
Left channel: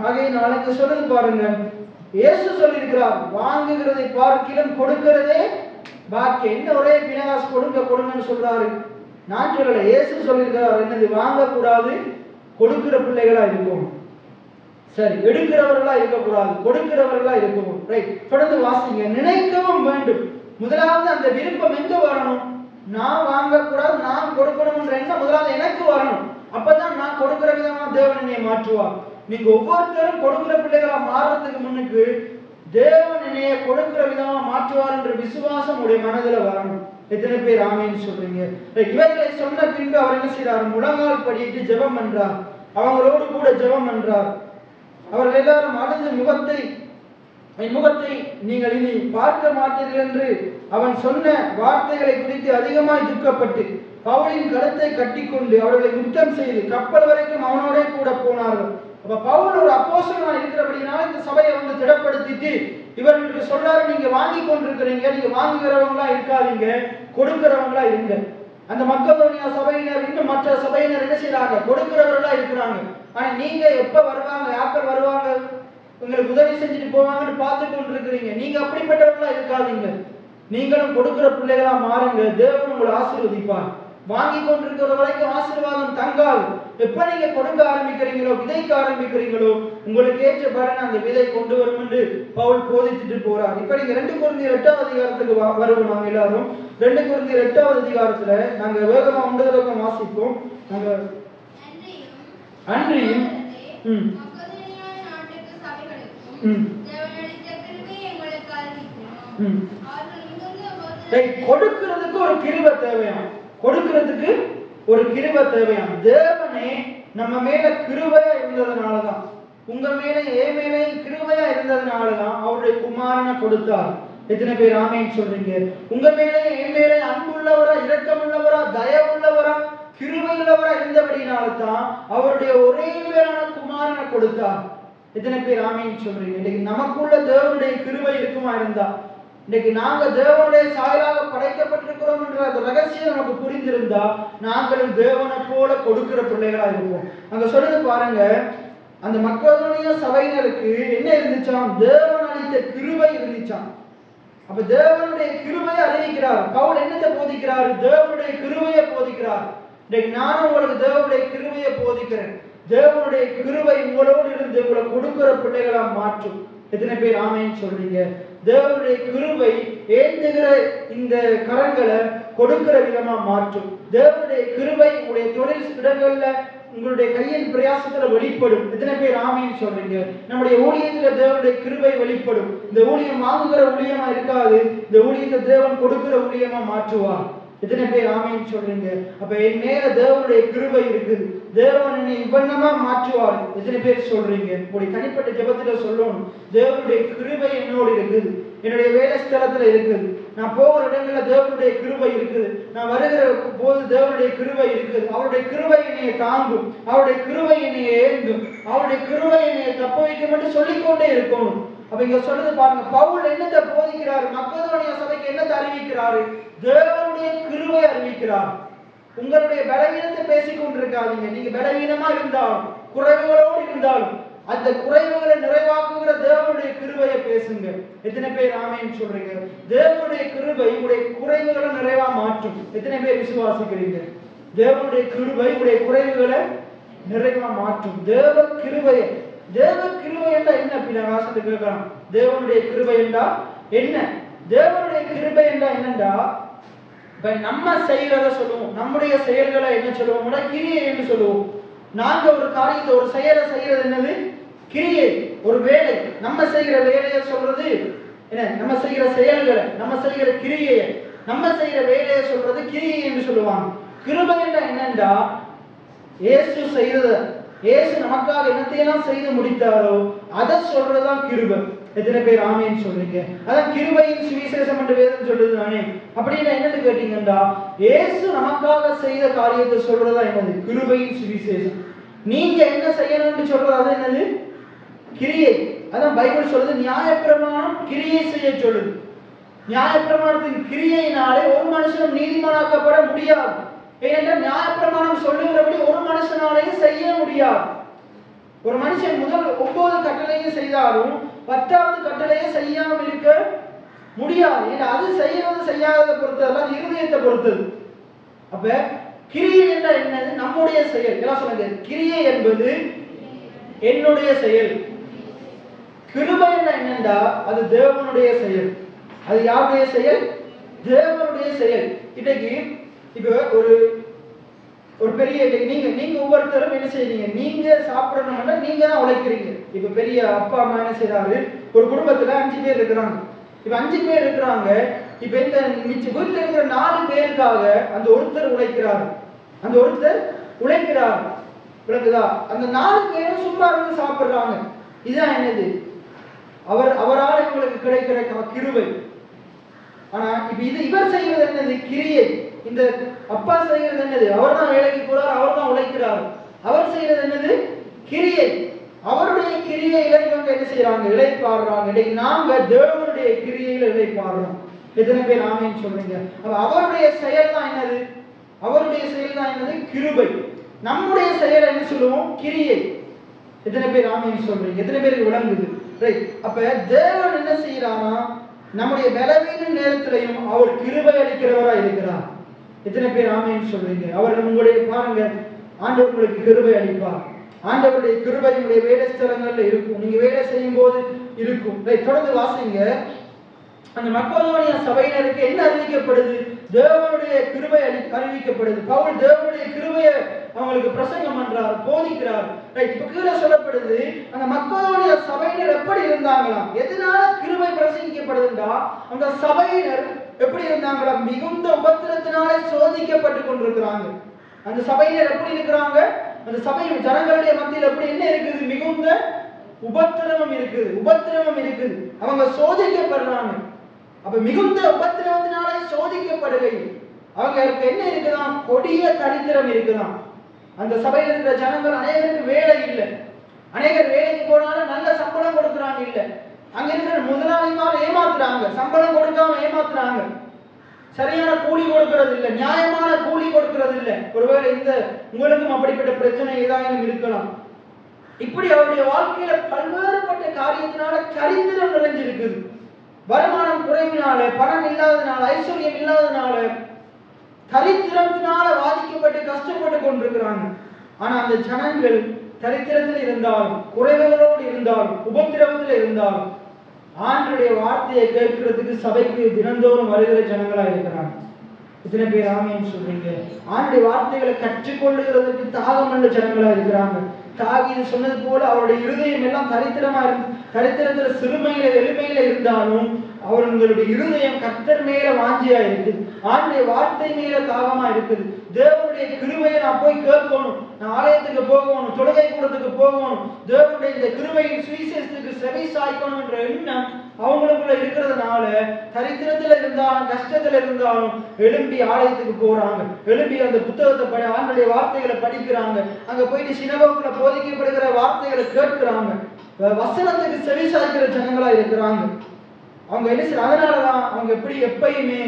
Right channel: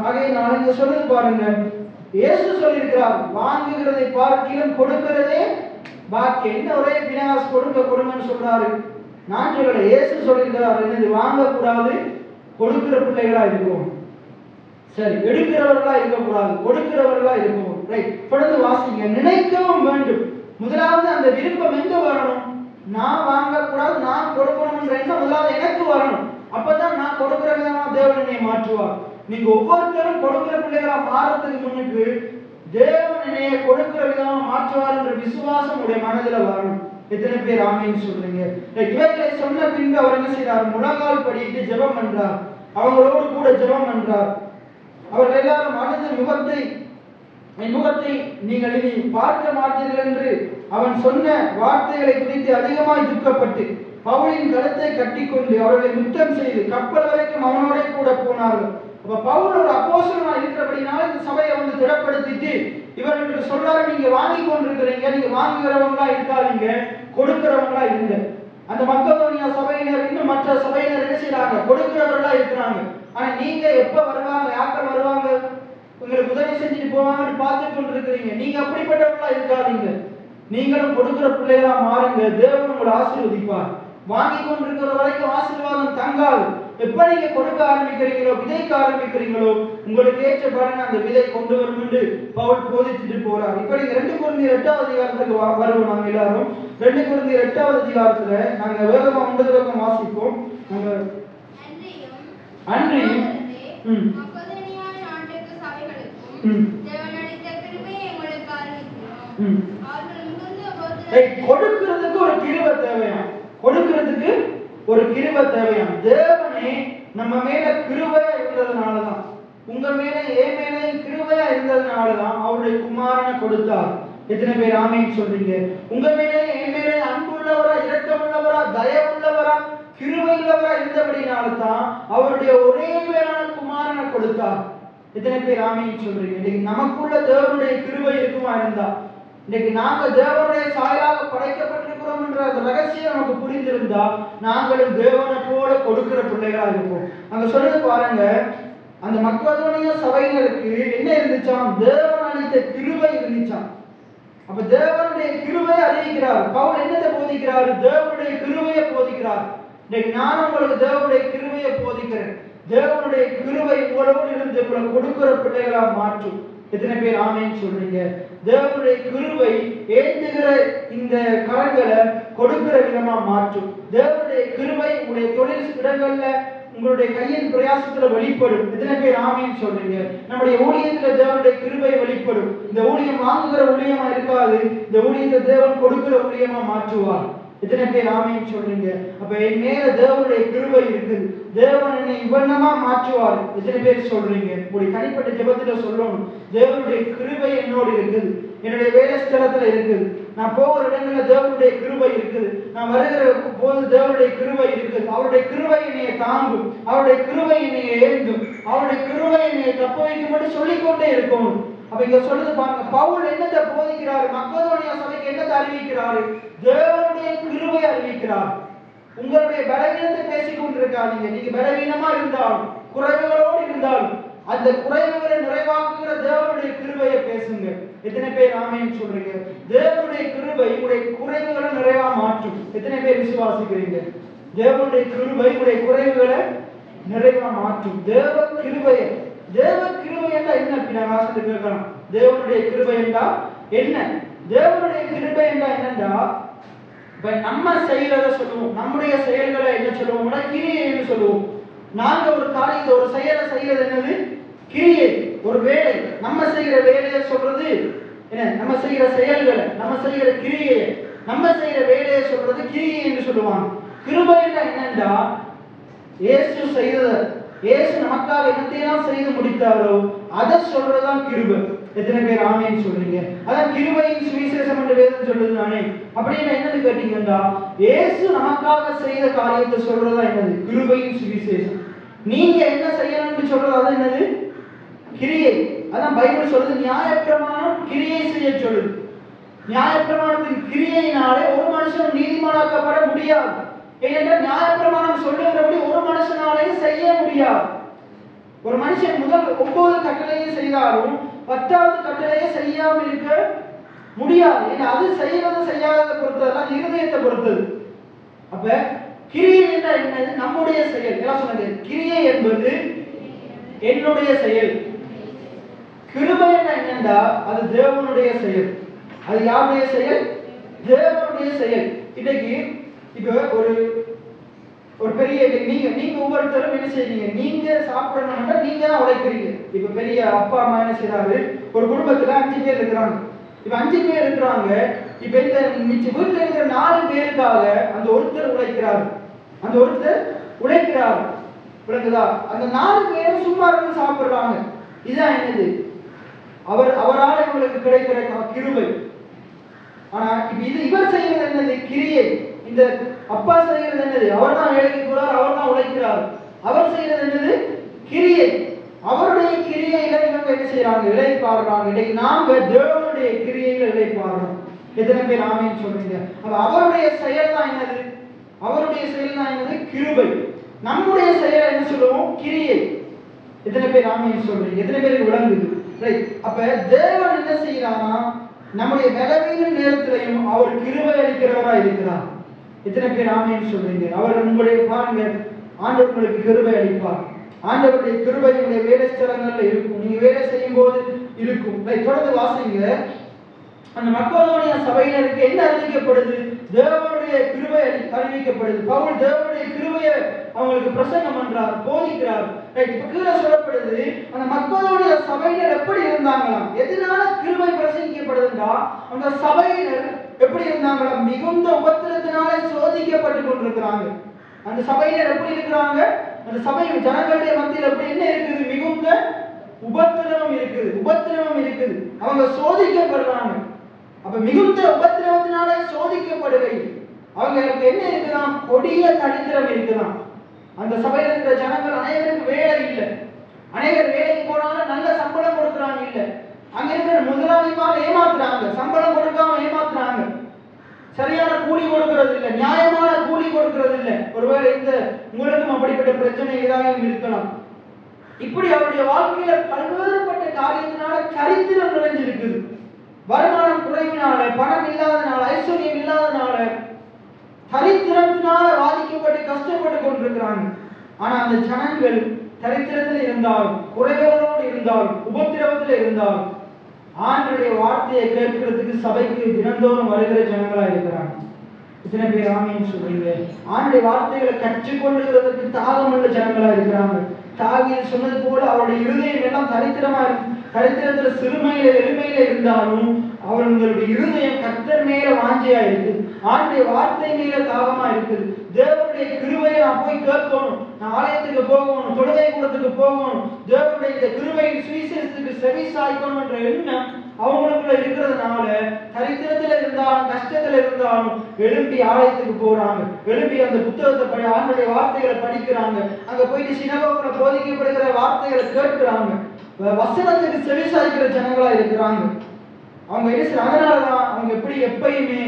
ஆகையினால இங்க சொல்றது பாருங்க, இயேசு சொல்லியிருக்கிறார், வாங்குகிறதை பார்க்கிலும் கொடுக்கிறதே பாக்கியம். இந்த ஒரே பினாஸ் கொடுங்கன்னு சொல்றாரு. நாட்டுகளை இயேசு சொல்லியிருக்கிறார், என்னது? வாங்கக்கூடாது, கொடுக்கிற பிள்ளைகளா இருக்கும். சரி, எடுக்கிறவர்களா இருக்கக்கூடாது, கொடுக்கிறவர்களா இருக்கும். ரைட். தொடர்ந்து வாசிங்க. நினைக்கவும் வேண்டும். முதலாவது அந்த விருப்பம் எங்க வரணும்? நான் வாங்கக்கூடாது, நான் கொடுக்கணும்ன்ற எண்ணம் முதலாவது எனக்கு வரணும். அப்பதான் நான் கொடுக்கிற விதமா தேவன் என்னை மாற்றுவார். நீங்க ஒவ்வொருத்தரும் கொடுக்கிற பிள்ளைகளா மாறதுக்கு முன்னுக்கு தேவன் என்னைய கொடுக்கிற விதமா மாற்றுவார் என்ற விசுவாசம் உடைய மனதில வரணும். எத்தனை பேர் ஆமென் சொல்றீங்க? இவர்களை சொன்ன பின்பு அவர் என்ன செய்யறார்? முழங்கால் படியிட்டு ஜெபம் பண்றார், அவங்களோடு கூட ஜெபம் பண்றார். அவர்கள் எல்லாரும் அழுது என் முகத்தை நீங்கள் இனி பார்க்க மாட்டீர்கள் என்று அவன் சொன்ன வார்த்தைகளை குறித்து அதிகமாய் துக்கப்பட்டு பவுலின் கழுத்தை கட்டிக்கொண்டு அவர்களை முத்தம் செய்து கப்பல் வரைக்கும் அவனோட கூட போனார்கள். அப்ப பவுல் ஒரு அப்போஸ்தலனா இருக்கிறபடினால இந்த சபையை வந்து திடப்படுத்திட்டு இவர்களுக்கு சொல்றாரு, நீங்க வாங்கி கொண்டிருக்கிறீங்க, நீங்க வாங்குகிறவங்களா இருக்காதீங்க, கொடுக்கிறவங்களா இருங்க. அந்த மக்கதோனியா சபையினர் இன்னும் மற்ற சபையினர் என்ன செய்யறாங்க? கொடுக்கிறவர்களா இருக்கிறாங்க. ஆனா நீங்க எப்ப வருவாங்க, யாப்பர் வருவாங்க, உங்களுக்கு உதவி செஞ்சுட்டு போவாங்கன்னு பார்த்து கொண்டிருக்கிறீங்க. நீங்க அப்படிப்பட்டவர்களா இருக்காதீங்க, நீங்களும் கொடுக்கிற பிள்ளைகளா மாறுங்க. தேவன் உங்களை ஆசீர்வதிப்பார். வாங்கி கொண்டிருக்கிற வரைக்கும் ஆசீர்வாதம் தங்காது. எப்ப நீங்க கொடுக்க ஆரம்பிக்கிறீங்களோ, விதைக்க ஆரம்பிக்கிறீங்களோ, உங்களுக்கு ஏற்ற பலனை அந்த விதை கொண்டு வரும் என்று பவுல் போதிச்சுட்டு போறார். இப்ப நீங்க 2 கொரிந்தியர் 8வது அதிகாரத்துக்கு வருவோம். நாங்க எல்லாரும் 2 கொரிந்தியர் 8வது அதிகாரத்துல நாங்க வேகமா 9 வாசிப்போம். அன்றியும் கொடுக்கிறதுக்கு ஒரு கிருபை தேவையாம். கொடுக்கிறதுக்கு ஒரு கிருபை தேவையாம். தேவனே நம்ம மேல கிருபையா இருந்ததுனாலதான், உங்க மேல என் மேலே கிருபையா இருந்ததுனாலதான் அவருடைய குமாரனை கொடுத்தார். எத்தனை பேர் ஆமென் சொல்றீங்க? உங்க மேலே என் மேலே அன்புள்ளவரா, இரக்கமுள்ளவரா, தயவுள்ளவரா, கிருபையுள்ளவரா இருந்தபடினால்தான் அவருடைய ஒரே பேரான குமாரனை கொடுத்தார். எத்தனை பேர் ஆமென் சொல்றீங்க? இன்னைக்கு நமக்குள்ள தேவனுடைய கிருபை இருக்குமா இருந்தா, இன்னைக்கு நாங்க தேவனுடைய சாயலாக படைக்கப்பட்டிருக்கிறோம் என்ற ரகசியம் நமக்கு புரிந்திருந்தா நாங்களும் தேவனை போல கொடுக்கிற பிள்ளைகளா இருப்போம். அங்க சொல்றது பாருங்க, அந்த மக்களுடைய சபையினருக்கு என்ன இருந்துச்சாம்? தேவன் அளித்த கிருபை இருந்துச்சாம். அப்ப தேவனுடைய கிருபையை அறிவிக்கிறார். பவுல் என்னத்தை போதிக்கிறார்? தேவனுடைய கிருபையை போதிக்கிறார். இன்னைக்கு நானும் உங்களுக்கு தேவனுடைய கிருபையை போதிக்கிறேன். தேவனுடைய கிருபை உங்களோடு இருந்து உங்களை கொடுக்கிற பிள்ளைகளா மாற்றும். எத்தனை பேர் ஆமென் சொல்றீங்க? தேவனுடைய கிருபை ஏந்துகிற இந்த கரங்களை கொடுக்கிற விதமா மாற்றும். தேவனுடைய கிருபை உங்களுடைய தொழில் இடங்கள்ல உங்களுடைய கையின் பிரயாசத்துல வெளிப்படும். எத்தனை பேர் ஆமென் சொல்றீங்க? நம்முடைய ஊழியத்துல தேவனுடைய கிருபை வெளிப்படும். இந்த ஊழியம் வாங்குகிற ஊழியமா இருக்காது, இந்த ஊழியத்தை தேவன் கொடுக்கிற ஊழியமா மாற்றுவார். எத்தனை பேர் ஆமென் சொல்றீங்க? அப்ப என் மேல தேவனுடைய கிருபை இருக்குது, தேவன் என்னை இவ்வண்ணமா மாற்றுவார். எத்தனை பேர் சொல்றீங்க? உங்களுடைய தனிப்பட்ட ஜெபத்துல சொல்லணும், தேவனுடைய கிருபை என்னோடு இருக்குது, என்னுடைய வேலை ஸ்தலத்துல இருக்குது, நான் போகிற இடங்கள்ல தேவனுடைய கிருபை இருக்குது, நான் வருகிற போது தேவனுடைய கிருபை இருக்குது. அவருடைய கிருபை என்னைய தாங்கும், அவருடைய கிருபை என்னைய ஏந்தும், அவருடைய கிருபை என்னைய தப்ப வைக்கும் என்று சொல்லிக்கொண்டே இருக்கணும். அப்ப இங்க சொல்றது பாருங்க, பவுல் என்னத்தை போதிக்கிறாரு? மக்களுடைய சபைக்கு என்னத்தை அறிவிக்கிறாரு? தேவனுடைய கிருபை அறிவிக்கிறார். உங்களுடைய பலவீனத்தை பேசிக் கொண்டிருக்காதீங்க. நீங்க பலவீனமா இருந்தாலும், குறைவுகளோடு இருந்தாலும், அந்த குறைவுகளை நிறைவாக்குகிற தேவனுடைய கிருபையை பேசுங்க. எத்தனை பேர் ஆமென் சொல்றீங்க? தேவனுடைய கிருபை உடைய குறைவுகளை நிறைவா மாற்றும். எத்தனை பேர் விசுவாசிக்கிறீங்க? தேவனுடைய கிருபை உடைய குறைவுகளை நிறைவா மாற்றும். தேவ கிருபையை, தேவ கிருபை என்றா என்ன? அப்படின்னா வாசத்தை கேட்கலாம். தேவனுடைய கிருபை என்றா என்ன? தேவனுடைய கிருபை என்றா என்னண்டா, நம்ம செய்கிறத சொல்லுவோம், நம்முடைய செயல்களை என்ன சொல்லுவோம்னா கிரியை என்று சொல்லுவோம். நாங்க ஒரு காரியத்தை, ஒரு செயலை செய்யறது என்னது? கிரியை. ஒரு வேலை, நம்ம செய்கிற வேலையை சொல்றது என்ன? நம்ம செய்கிற செயல்களை, நம்ம செய்கிற கிரியை, நம்ம செய்கிற வேலையை சொல்றது கிரியை என்று சொல்லுவாங்க. கிருபை என்னண்டா, இயேசு செய்தத, இயேசு நமக்காக என்னத்தையெல்லாம் செய்து முடித்தாரோ அதை சொல்றதுதான் கிருபை. எத்தனை பேர் ஆமென் சொல்றீங்க? அதான் கிருபையின் சுவிசேஷம் என்று வேதம் சொல்றது தானே. அப்படின்னு என்னது கேட்டீங்கன்னா, இயேசு நமக்காக செய்த காரியத்தை சொல்றதா என்னது? கிருபையின் சுவிசேஷம். நீங்க என்ன செய்யணும்னு சொல்றது அது என்னது? கிரியை. அதான் பைபிள் சொல்றது, நியாயப்பிரமாணம் கிரியை செய்ய சொல்லுது. நியாயப்பிரமாணத்தின் கிரியையினாலே ஒரு மனுஷன் நீதிமானாக்கப்பட முடியாது. ஏனென்றால் நியாயப்பிரமாணம் சொல்லுகிறபடி ஒரு மனுஷனாலேயும் செய்ய முடியாது. ஒரு மனுஷன் முதல் 9 கட்டளையை செய்தாலும் 10வது கட்டளையை செய்யாமல் இருக்க முடியாது. அது செய்யறது செய்யாததை பொறுத்ததெல்லாம் இருதயத்தை பொறுத்தது. அப்ப கிரியை என்னது? நம்முடைய செயல். என்ன சொன்னது? கிரியை என்பது என்னுடைய செயல். கிருபை என்னண்டா அது தேவனுடைய செயல். அது யாருடைய செயல்? தேவனுடைய செயல். இன்னைக்கு இப்ப ஒரு பெரிய நீங்க ஒவ்வொருத்தரும் என்ன செய்றீங்க? நீங்க சாப்பிடணும்னா நீங்க தான் உழைக்கிறீங்க. இப்ப பெரிய அப்பா அம்மா என்ன செய்யறாரு? ஒரு குடும்பத்துல 5 பேர் இருக்கிறாங்க. இப்ப 5 பேர் இருக்கிறாங்க. இப்ப இந்த வீட்டுல இருக்கிற 4 பேருக்காக அந்த ஒருத்தர் உழைக்கிறாரு. அந்த ஒருத்தர் உழைக்கிறார். விளக்குதா? அந்த 4 பேரும் சும்மா இருந்து சாப்பிடுறாங்க. இதுதான் என்னது? அவரால் இவங்களுக்கு கிடைக்கிற கிருபை. ஆனா இப்ப இவர் செய்யறது என்னது? கிரியை. இந்த அப்பா செய்யறது என்னது? அவர் தான் வேலைக்கு போறார், அவர் தான் உழைக்கிறார். அவர் செய்யறது என்னது? கிரியை. அவருடைய கிரியையில இவங்க என்ன செய்யறாங்க? இளைப்பாடுறாங்க. இன்னைக்கு நாங்க தேவனுடைய கிரியையில இளைப்பாடுறோம். எத்தனை பேர் ஆமென் சொல்றீங்க? அவருடைய செயல் தான் என்னது? அவருடைய செயல் தான் என்னது? கிருபை. நம்முடைய செயலை என்ன சொல்லுவோம்? கிரியை. எத்தனை பேர் ஆமென் சொல்றீங்க? எத்தனை பேருக்கு விளங்குது? ரைட். அப்ப தேவன் என்ன செய்யறானா, நம்முடைய பலவீன நேரத்திலையும் அவர் கிருபை அளிக்கிறவரா இருக்கிறார். எத்தனை பேர் ஆமென் சொல்றீங்க? அவர் உங்களுடைய பாருங்க, ஆண்டவர் உங்களுக்கு கிருபை அளிப்பார். ஆண்டவருடைய கிருபை உங்களுடைய வேலை ஸ்தலங்கள்ல இருக்கும். நீங்க வேலை செய்யும் போது இருக்கும். தொடர்ந்து வாசிங்க. அந்த மக்களுடைய சபையினருக்கு என்ன அறிவிக்கப்படுது? தேவனுடைய கிருபை அறிவிக்கப்படுது. பவுல் தேவனுடைய கிருபையை அவங்களுக்கு பிரசங்கம் பண்றாரு, போதிக்கிறாரு. இப்ப கீழே சொல்லப்படுது, அந்த மக்களுடைய சபையினர் எப்படி இருந்தாங்களாம்? எதனால கிருபை பிரசங்கிக்கப்படுதுன்னா, அந்த சபையினர் எப்படி இருந்தாங்களா? மிகுந்த உபத்திரத்தினாலே சோதிக்கப்பட்டு கொண்டிருக்கிறாங்க. அந்த சபையினர் எப்படி இருக்கிறாங்க? அந்த சபை ஜனங்களுடைய மத்தியில் எப்படி என்ன இருக்குது? மிகுந்த உபத்திரவம் இருக்குது, உபத்திரவம் இருக்குது. அவங்க சோதிக்கப்படுறாங்க. அப்ப மிகுந்த உபத்திரவத்தினாலே சோதிக்கப்படுகை அவங்களுக்கு என்ன இருக்குதான்? கொடிய தரித்திரம் இருக்குதான். அந்த சபையில் இருக்கிற ஜனங்கள் அனைவருக்கு வேலை இல்லை. அனைவர் வேலைக்கு போனாலும் நல்ல சம்பளம் கொடுக்குறாங்க இல்லை. அங்க இருக்கிற முதலாளிமார் ஏமாத்துறாங்க, சம்பளம் கொடுக்காம ஏமாத்துறாங்க. சரியான கூலி கொடுக்கிறது இல்லை, நியாயமான கூலி கொடுக்கிறது இல்லை. ஒருவேளை இந்த உங்களுக்கும் அப்படிப்பட்ட பிரச்சனை ஏதாவது இருக்கலாம். இப்படி அவருடைய வாழ்க்கையில பல்வேறுபட்ட காரியத்தினால தரித்திரம் நிறைஞ்சிருக்குது. வருமானம் குறைவினால, பணம் இல்லாதனால, ஐஸ்வர்யம் இல்லாதனால, தரித்திரத்தினால பாதிக்கப்பட்டு கஷ்டப்பட்டு கொண்டிருக்கிறாங்க. ஆனா அந்த ஜனங்கள் தரித்திரத்தில் இருந்தாலும், குறைவுகளோடு இருந்தாலும், உபத்திரவத்தில் இருந்தாலும் ஆண்டவருடைய வார்த்தையை கேட்கிறதுக்கு சபைக்கு தினந்தோறும் வருகிற ஜனங்களா இருக்கிறாங்க. இத்தனை பேர் ஆமீன் சொல்றீங்க? ஆண்டவருடைய வார்த்தைகளை கற்றுக்கொள்ளுகிறதுக்கு தாகமுள்ள ஜனங்களா இருக்கிறாங்க. தாவீது சொன்னது போல அவருடைய இருதயம் எல்லாம் தரித்திரமா இருக்கு. தரித்திரத்துல சிறுமையில எளிமையில இருந்தாலும் அவர்களுடைய இருதயம் கர்த்தர் மேல வாஞ்சியா இருக்குது. ஆண்டவருடைய வார்த்தை மேல தாகமா இருக்குது. தேவனுடைய கிருபையை நான் போய் கேட்கணும், நான் ஆலயத்துக்கு போகணும், தொழுகை கூடத்துக்கு போகணும், தேவனுடைய இந்த கிருபையின் சுவிசேஷத்துக்கு செவி சாய்க்கணும் என்ற எண்ணம் அவங்களுக்குள்ள இருக்கிறதுனால தரித்திரத்துல இருந்தாலும் கஷ்டத்துல இருந்தாலும் எழும்பி ஆலயத்துக்கு போறாங்க. எழும்பி அந்த புத்தகத்தை ஆண்டவருடைய வார்த்தைகளை படிக்கிறாங்க. அங்க போயிட்டு சினகோகுல போதிக்கப்படுகிற வார்த்தைகளை கேட்கிறாங்க. வசனத்துக்கு செவி சாய்க்கிற ஜனங்களா இருக்கிறாங்க. அவங்க என்ன செய்ய? அதனாலதான் அவங்க எப்படி எப்பயுமே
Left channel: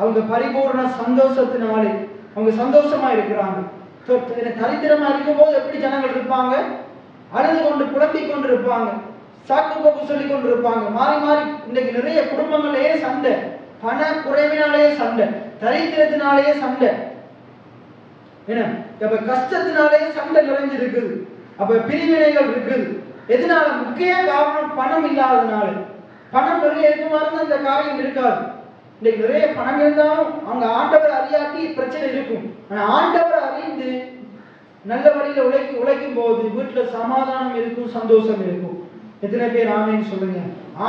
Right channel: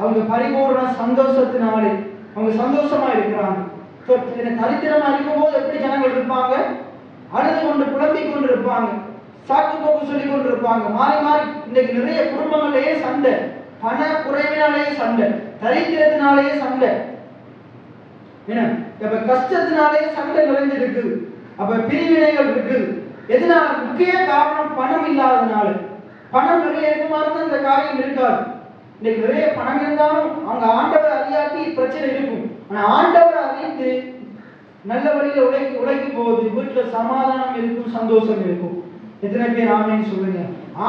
அவங்க பரிபூர்ண சந்தோஷத்தினாலே அவங்க சந்தோஷமா இருக்கிறாங்க. தரித்திரமா இருக்கும் போது எப்படி ஜனங்கள் இருப்பாங்க? அழுது கொண்டு புலம்பிக் கொண்டு இருப்பாங்க, சாக்கு போக்கு சொல்லி கொண்டு இருப்பாங்க. மாறி மாறி இன்னைக்கு நிறைய குடும்பங்களே சண்டை, பண குறைவினாலேயே சண்டை, தரித்திரத்தினாலேயே சண்டை, என்ன அப்ப கஷ்டத்தினாலேயே சண்டை நிறைஞ்சு இருக்குது. அப்ப பிரிவினைகள் இருக்குது. எதனால? முக்கிய காரணம் பணம் இல்லாதனால. பணம் நிறைய இருக்குமாறு இந்த காரியம் இருக்காது. இன்னைக்கு நிறைய பணம் இருந்தாலும் அவங்க ஆண்டவர் அறியாட்டி பிரச்சனை இருக்கும். ஆனா ஆண்டவர் அறிந்து நல்ல வழியில உழைக்கும் போது வீட்டுல சமாதானம் இருக்கும், சந்தோஷம் இருக்கும். எத்தனை பேர் ஆமேன்னு சொல்லுங்க?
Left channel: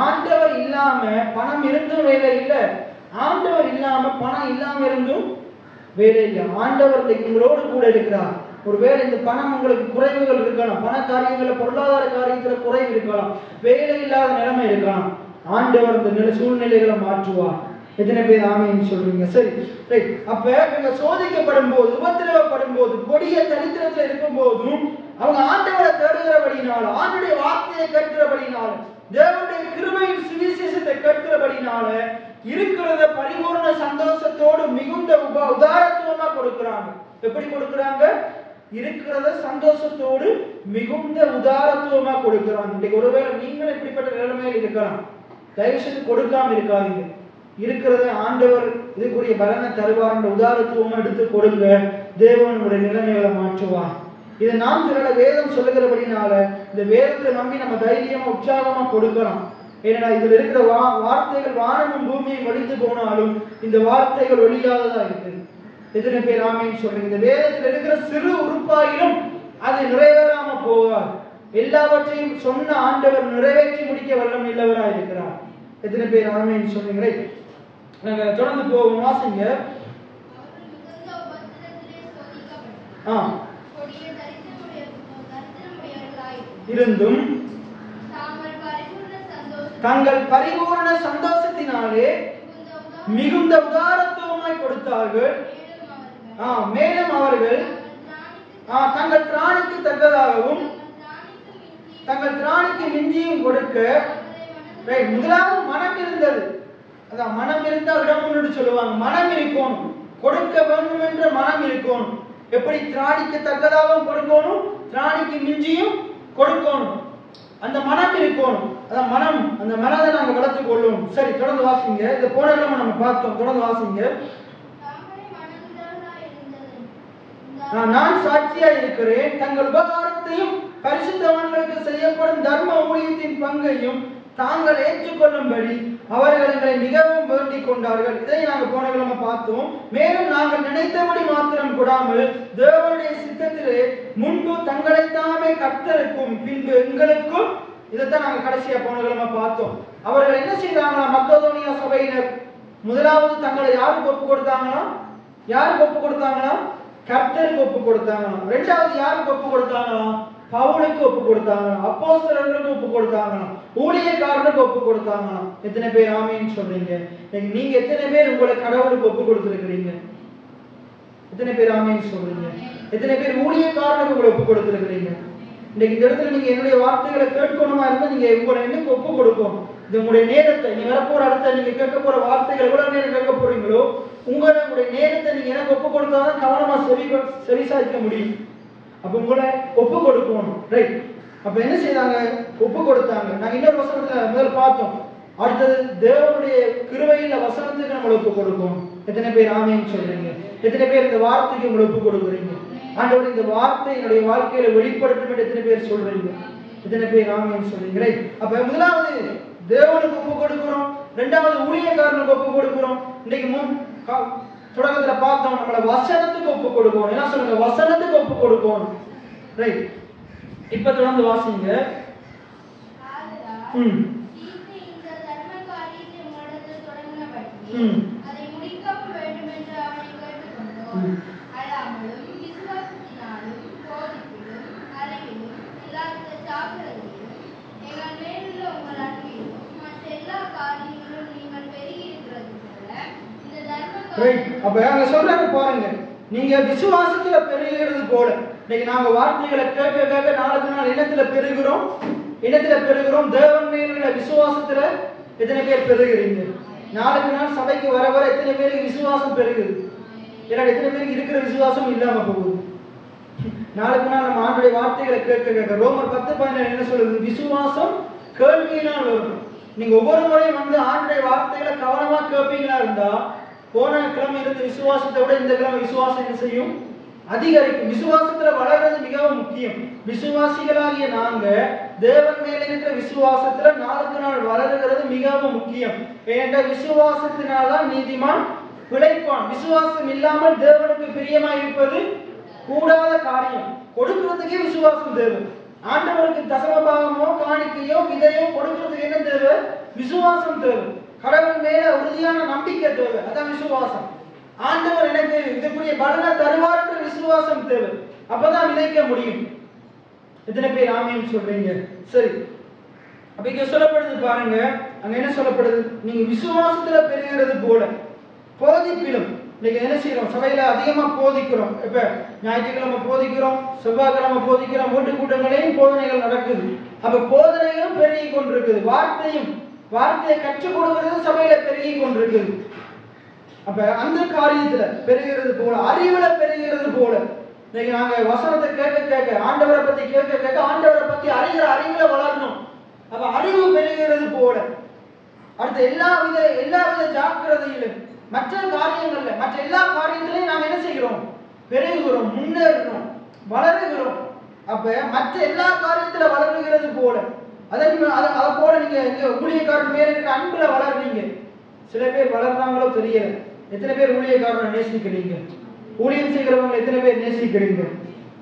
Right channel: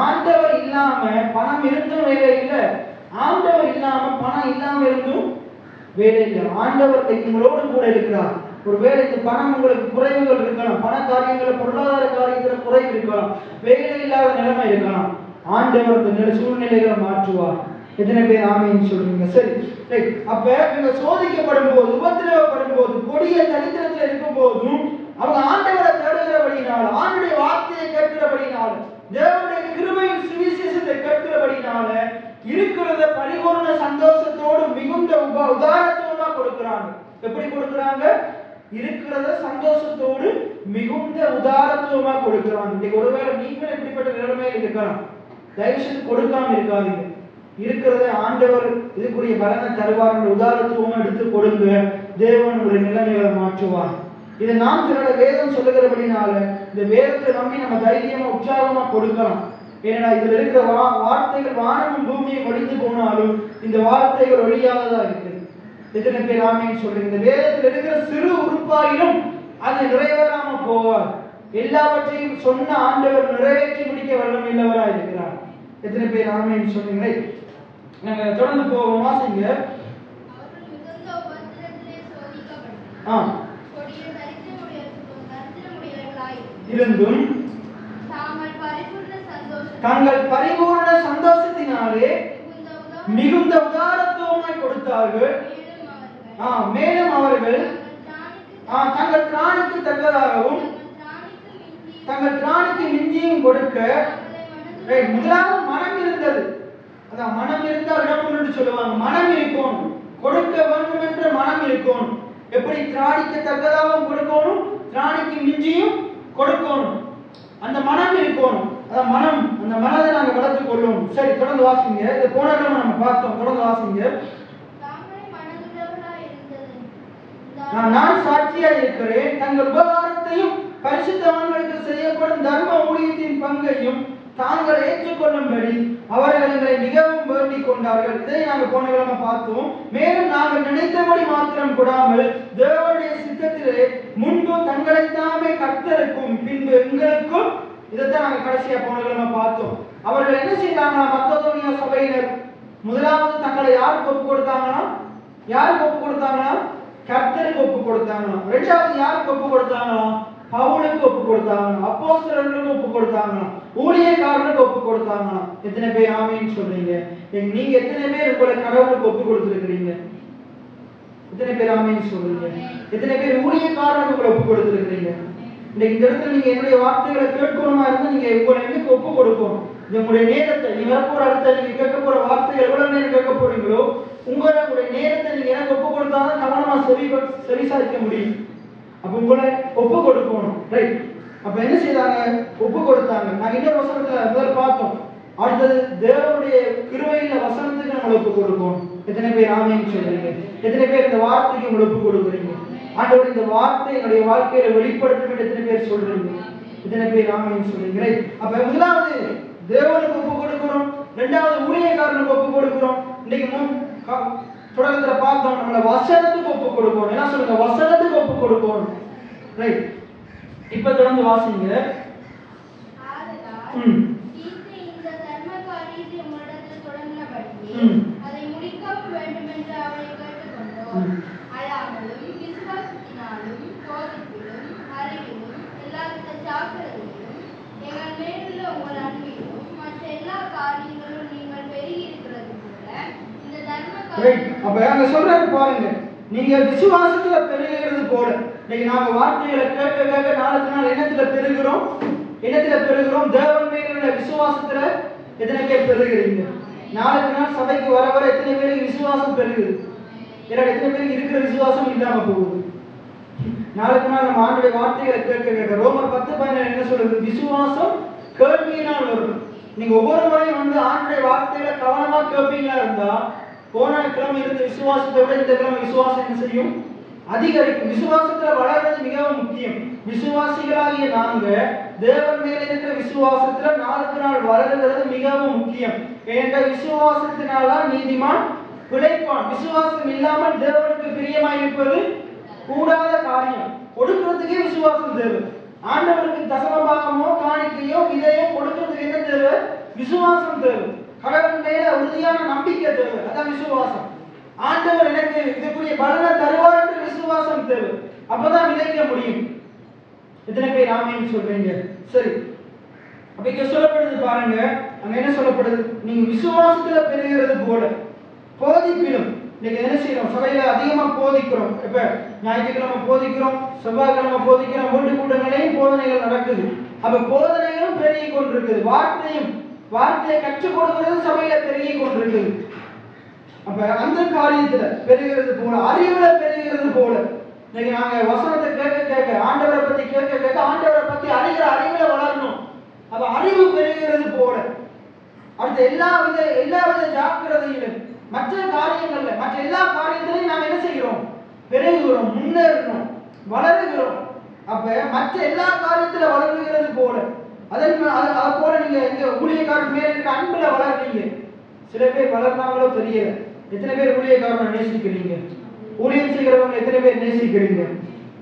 ஆண்டவர் இல்லாம பணம் இருந்தும் வேலை இல்லை, ஆண்டவர் இல்லாம பணம் இல்லாம இருந்தும் வேலை இல்லை. ஆண்டவர் உங்களோடு கூட இருக்கிறார். ஒருவேளை இந்த பணம் உங்களுக்கு குறைவுகள் இருக்கலாம், பண காரியங்கள பொருளாதார காரியத்துல குறைவு இருக்கலாம், வேலை இல்லாத நிலைமை இருக்கலாம். ஆண்டவர் அந்த சூழ்நிலைகளை மாற்றுவார். எத்தனை பேர் ஆமீன் சொல்றீங்க? சரி, அப்ப இவங்க சோதிக்கப்படும் போது, உபத்திரவப்படும் போது, கொடிய தரித்திரத்தில் இருக்கும் போதும் அவங்க ஆண்டவரை தேடுகிறபடினால, ஆண்டுடைய வார்த்தையை கேட்கிறபடினால, தேவனுடைய கிருபையின் சுவிசேஷத்தை கேட்கிறபடினால இருக்கிறத பரிபூர்ண சந்தோஷத்தோடு மிகுந்த உதாரத்தோட கொடுக்கிறாங்க. எப்படி கொடுக்கிறாங்க? இருக்கிறத சந்தோஷத்தோடு மிகுந்த உதாரத்துவமா கொடுக்கிறாங்க. இன்னைக்கு ஒருவேளை நீங்களும் இப்படிப்பட்ட நிலைமையில் இருக்கலாம். தயவுசெய்து கொடுக்காம இருக்காதீங்க. இருக்கிறத ஆண்டவர் இதுக்குரிய பலனை தருவார் என்ற உதாரத்துவமா எடுத்து கொடுங்க. தேவனுடைய நிலைமைகளை மாற்றுவார். இது நாம் சில வேதம் சொல்லுகிறபடினால இந்த வேதத்தை நம்பி நம்ம தைரியமா உற்சாகமா கொடுக்கலாம். ஏன்னா இதுல இருக்கிற வார்த்தைகள் வானமும் பூமியும் ஒழிந்து போனாலும் இந்த வார்த்தைகள் ஒழியாததா இருக்கு. எத்தனை பேர் ஆமேன்னு சொல்றீங்க? இந்த வேதத்தில் இருக்கிற சிறு உறுப்பாயிலும் அது நிறைவேறாம போவார். எல்லாவற்றையும் சொன்ன ஆண்டவர் நிறைவேற்றி முடிக்க வல்லமை உள்ளவராக இருக்கிறார். எத்தனை பேர் ஆமேன்னு சொன்னீங்களே? நாங்க தொடர்ந்து போவோம், வாசிங்க. இருந்தும் தங்கள் பரிபூர்ண சந்தோஷத்தினாலே மிகுந்த உதாரத்துவமாய் கொடுத்தார்கள். மேலும் அவர்கள் தங்கள் திராணிக்கு தக்கதாகவும் தங்கள் திராணிக்கு மிஞ்சியும் கொடுக்க, முதலாவது மனம் இருந்தது. அதான் மனம் இருந்தால் இடம் சொல்லுவாங்க. மனம் இருக்கணும், கொடுக்க வேண்டும் என்ற மனம் இருக்கணும். எப்படி திராணிக்கு தக்கதாகவும் கொடுக்கணும், திராணிக்கு மிஞ்சியும் கொடுக்கணும், அந்த மனம் இருக்கணும். அதான் மனம், அந்த மனதை நாங்க வளர்த்துக் கொள்ளணும். சரி, தொடர்ந்து வாசிங்க. இந்த போன இடம் நம்ம பார்த்தோம், தொடர்ந்து வாசிங்க. நான் சாட்சியா இருக்கிறேன், தங்கள் உபகாரத்தையும் பரிசுத்தவான்களுக்கு செய்யப்படும் தர்ம ஊழியத்தின் பங்கையும் தாங்கள் ஏற்றுக்கொள்ளும்படி அவர்கள் எங்களை மிகவும் வேண்டிக் கொண்டார்கள். இதை நாங்கள் போன கிழமை பார்த்தோம். மேலும் நாங்கள் நினைத்தபடி மாத்திரம் கூடாமல் தேவனுடைய சித்தத்திலே முன்பு தங்களைத்தாமே கர்த்தருக்கும் பின்பு எங்களுக்கும், இதைத்தான் நாங்கள் கடைசியா போன கிழமை பார்த்தோம். அவர்கள் என்ன செய்தாங்கன்னா, மக்கதோனியா சபையினர் முதலாவது தங்களை யாருக்கு ஒப்பு கொடுத்தாங்கன்னா, கர்த்தருக்கு ஒப்பு கொடுத்தாங்கன்னா. இரண்டாவது யாருக்கு ஒப்பு கொடுத்தாங்கன்னா, பவுலுக்கு ஒப்பு கொடுத்தாங்க, அப்போஸ்தலர்களுக்கு ஒப்பு கொடுத்தாங்க, ஊழியக்காரர்களுக்கு ஒப்பு கொடுத்தாங்க. எத்தனை பேர் ஆமீன் சொல்றீங்க? நீங்க எத்தனை பேர் உங்களை கடவுளுக்கு ஒப்பு கொடுத்திருக்கிறீங்க? எத்தனை பேர் ஆமீன் சொல்றீங்க? எத்தனை பேர் ஊழியக்காரர்களுக்கு உங்களை ஒப்பு கொடுத்திருக்கிறீங்க? இன்னைக்கு இந்த இடத்துல நீங்க என்னுடைய வார்த்தைகளை கேட்கணுமா இருந்தா நீங்க உங்களை எனக்கு ஒப்பு கொடுக்கணும். உங்களுடைய நேரத்தை, நீ வரப்போற இடத்துல நீங்க கேட்க போற வார்த்தைகள் எவ்வளவு நேரம் கேட்க போறீங்களோ உங்களுடைய நேரத்தை நீங்க எனக்கு ஒப்பு கொடுத்தாதான் கவனமா செவிசாய்க்க முடியும். அப்ப உங்களை ஒப்பு கொடுக்கணும். ரைட்? அப்ப என்ன செய்தாங்க? ஒப்பு கொடுத்தாங்க. நாங்க இன்னொரு வசனத்துல முதல்ல பார்த்தோம். அடுத்தது தேவனுடைய கிருபையில வசனத்துக்கு நம்ம ஒப்பு கொடுக்கணும். எத்தனை பேர் ஆமீன் சொல்றீங்க? எத்தனை பேர் இந்த வார்த்தைக்கு உங்களை ஒப்பு கொடுக்குறீங்க? ஆண்டவர் இந்த வார்த்தை என்னுடைய வாழ்க்கையில வெளிப்படுத்தும் என்று எத்தனை பேர் சொல்றீங்க? எத்தனை பேர் ஆமீன் சொல்றீங்க? அப்ப முதலாவது தேவனுக்கு ஒப்பு கொடுக்கிறோம், இரண்டாவது ஊழியக்காரனுக்கு ஒப்பு கொடுக்கிறோம். இன்னைக்கு தொடக்கத்துல பார்த்தோம், நம்மள வசனத்துக்கு ஒப்பு கொடுக்கணும். என்ன சொல்லுங்க? வசனத்துக்கு ஒப்பு கொடுக்கணும். ரைட்? இப்ப தொடர்ந்து வாசிங்க. அப்ப அங்க சொல்றாரு பாருங்க, நீங்க விசுவாசத்துல பெருகிறது போல. இன்னைக்கு நாம வார்த்தைகளை கேட்க கேட்க நாளுக்கு நாள் எண்ணத்துல பெருகிறோம். தேவன் மேல விசுவாசத்துல எத்தனை பேர் பெருகிறீங்க? நாளுக்கு நாள் சபைக்கு வர வர எத்தனை பேருக்கு விசுவாசம் பெருகுது? எத்தனை பேருக்கு இருக்கிற விசுவாசம் இல்லாம போகுது? நாளுக்கு நாள் நம்ம ஆண்டுடைய வார்த்தைகளை கேட்க கேட்க ரோமர் 10:17 என்ன சொல்றது? விசுவாசம் கேள்வியினால் வரும். நீங்க ஒவ்வொரு முறையும் வந்து ஆண்டுடைய வார்த்தைகளை கவனமா கேட்பீங்களா இருந்தா, போன கிழமை இருந்த விசுவாசத்தை விட இந்த கிழமை விசுவாசம் என்ன செய்யும்? அதிகரிக்கும். விசுவாசத்துல வளர்றது மிகவும் முக்கியம். விசுவாசிகளாகிய நாங்க தேவன் மேல இருக்கிற விசுவாசத்துல நாளுக்கு நாள் வளர்கிறது மிகவும் முக்கியம். ஏன்டா விசுவாசத்தினால்தான் நீதிமான் பிழைப்பான். விசுவாசம் இல்லாமல் தேவனுக்கு பிரியமாய் இருப்பது கூடாத காரியம். கொடுக்கிறதுக்கே விசுவாசம் தேவை. ஆண்டவருக்கு தசமபாகமோ காணிக்கையோ விதையோ கொடுக்கிறதுக்கு என்ன தேவை? விசுவாசம் தேவை. கடவுள் மேல உறுதியான நம்பிக்கை தேவை. அதான் விசுவாசம். ஆண்டவர் எனக்கு இதற்குரிய பலனை தருவார் என்ற விசுவாசம் தேவை. அப்பதான் விதைக்க முடியும். எத்தனை பேர் ஆமீன் சொல்றீங்க? சரி, அப்ப இங்க சொல்லப்படுது பாருங்க, அங்க என்ன சொல்லப்படுது? நீங்க விசுவாசத்துல பெறுகிறது போல போதிப்பிலும். நீங்க என்ன செய்யறோம்? சபையில அதிகமா போதிக்கிறோம். இப்ப ஞாயிற்றுக்கிழமை போதிக்கிறோம், செவ்வாய்க்கிழமை போதிக்கிறோம், வீட்டு கூட்டங்களையும் போதனைகள் நடக்குது. அப்ப போதனைகளும் பெருகி கொண்டிருக்குது. வார்த்தையை கற்றுக் கொடுக்கிறது சபையில பெருகி கொண்டிருக்குது. அப்ப அந்த காரியத்துல பெருகிறது போல, அறிவுல பெருகிறது போல. நீங்க நாங்க வசனத்தை கேட்க கேட்க, ஆண்டவரை பத்தி கேட்க கேட்க, ஆண்டவரை பத்தி அறிவுல வளரணும். அப்ப அறிவு பெருகிறது போல. அடுத்த எல்லா வித ஜாக்கிரதையிலும் மற்ற காரியங்கள்ல, மற்ற எல்லா காரியங்களையும் நாங்க என்ன செய்கிறோம்? பெருகுகிறோம், முன்னேறணும், வளருகிறோம். அப்ப மற்ற எல்லா காரியத்துல வளருகிறது போல, அதை போல நீங்க எங்க ஊழியக்காரன் மேல இருக்க அன்புல வளர்றீங்க. சில பேர் வளர்ந்தாங்களோ தெரியல. எத்தனை பேர் ஊழியக்காரனை நேசிக்கிறீங்க? ஊழியம் செய்கிறவங்க எத்தனை பேர் நேசிக்கிறீங்க?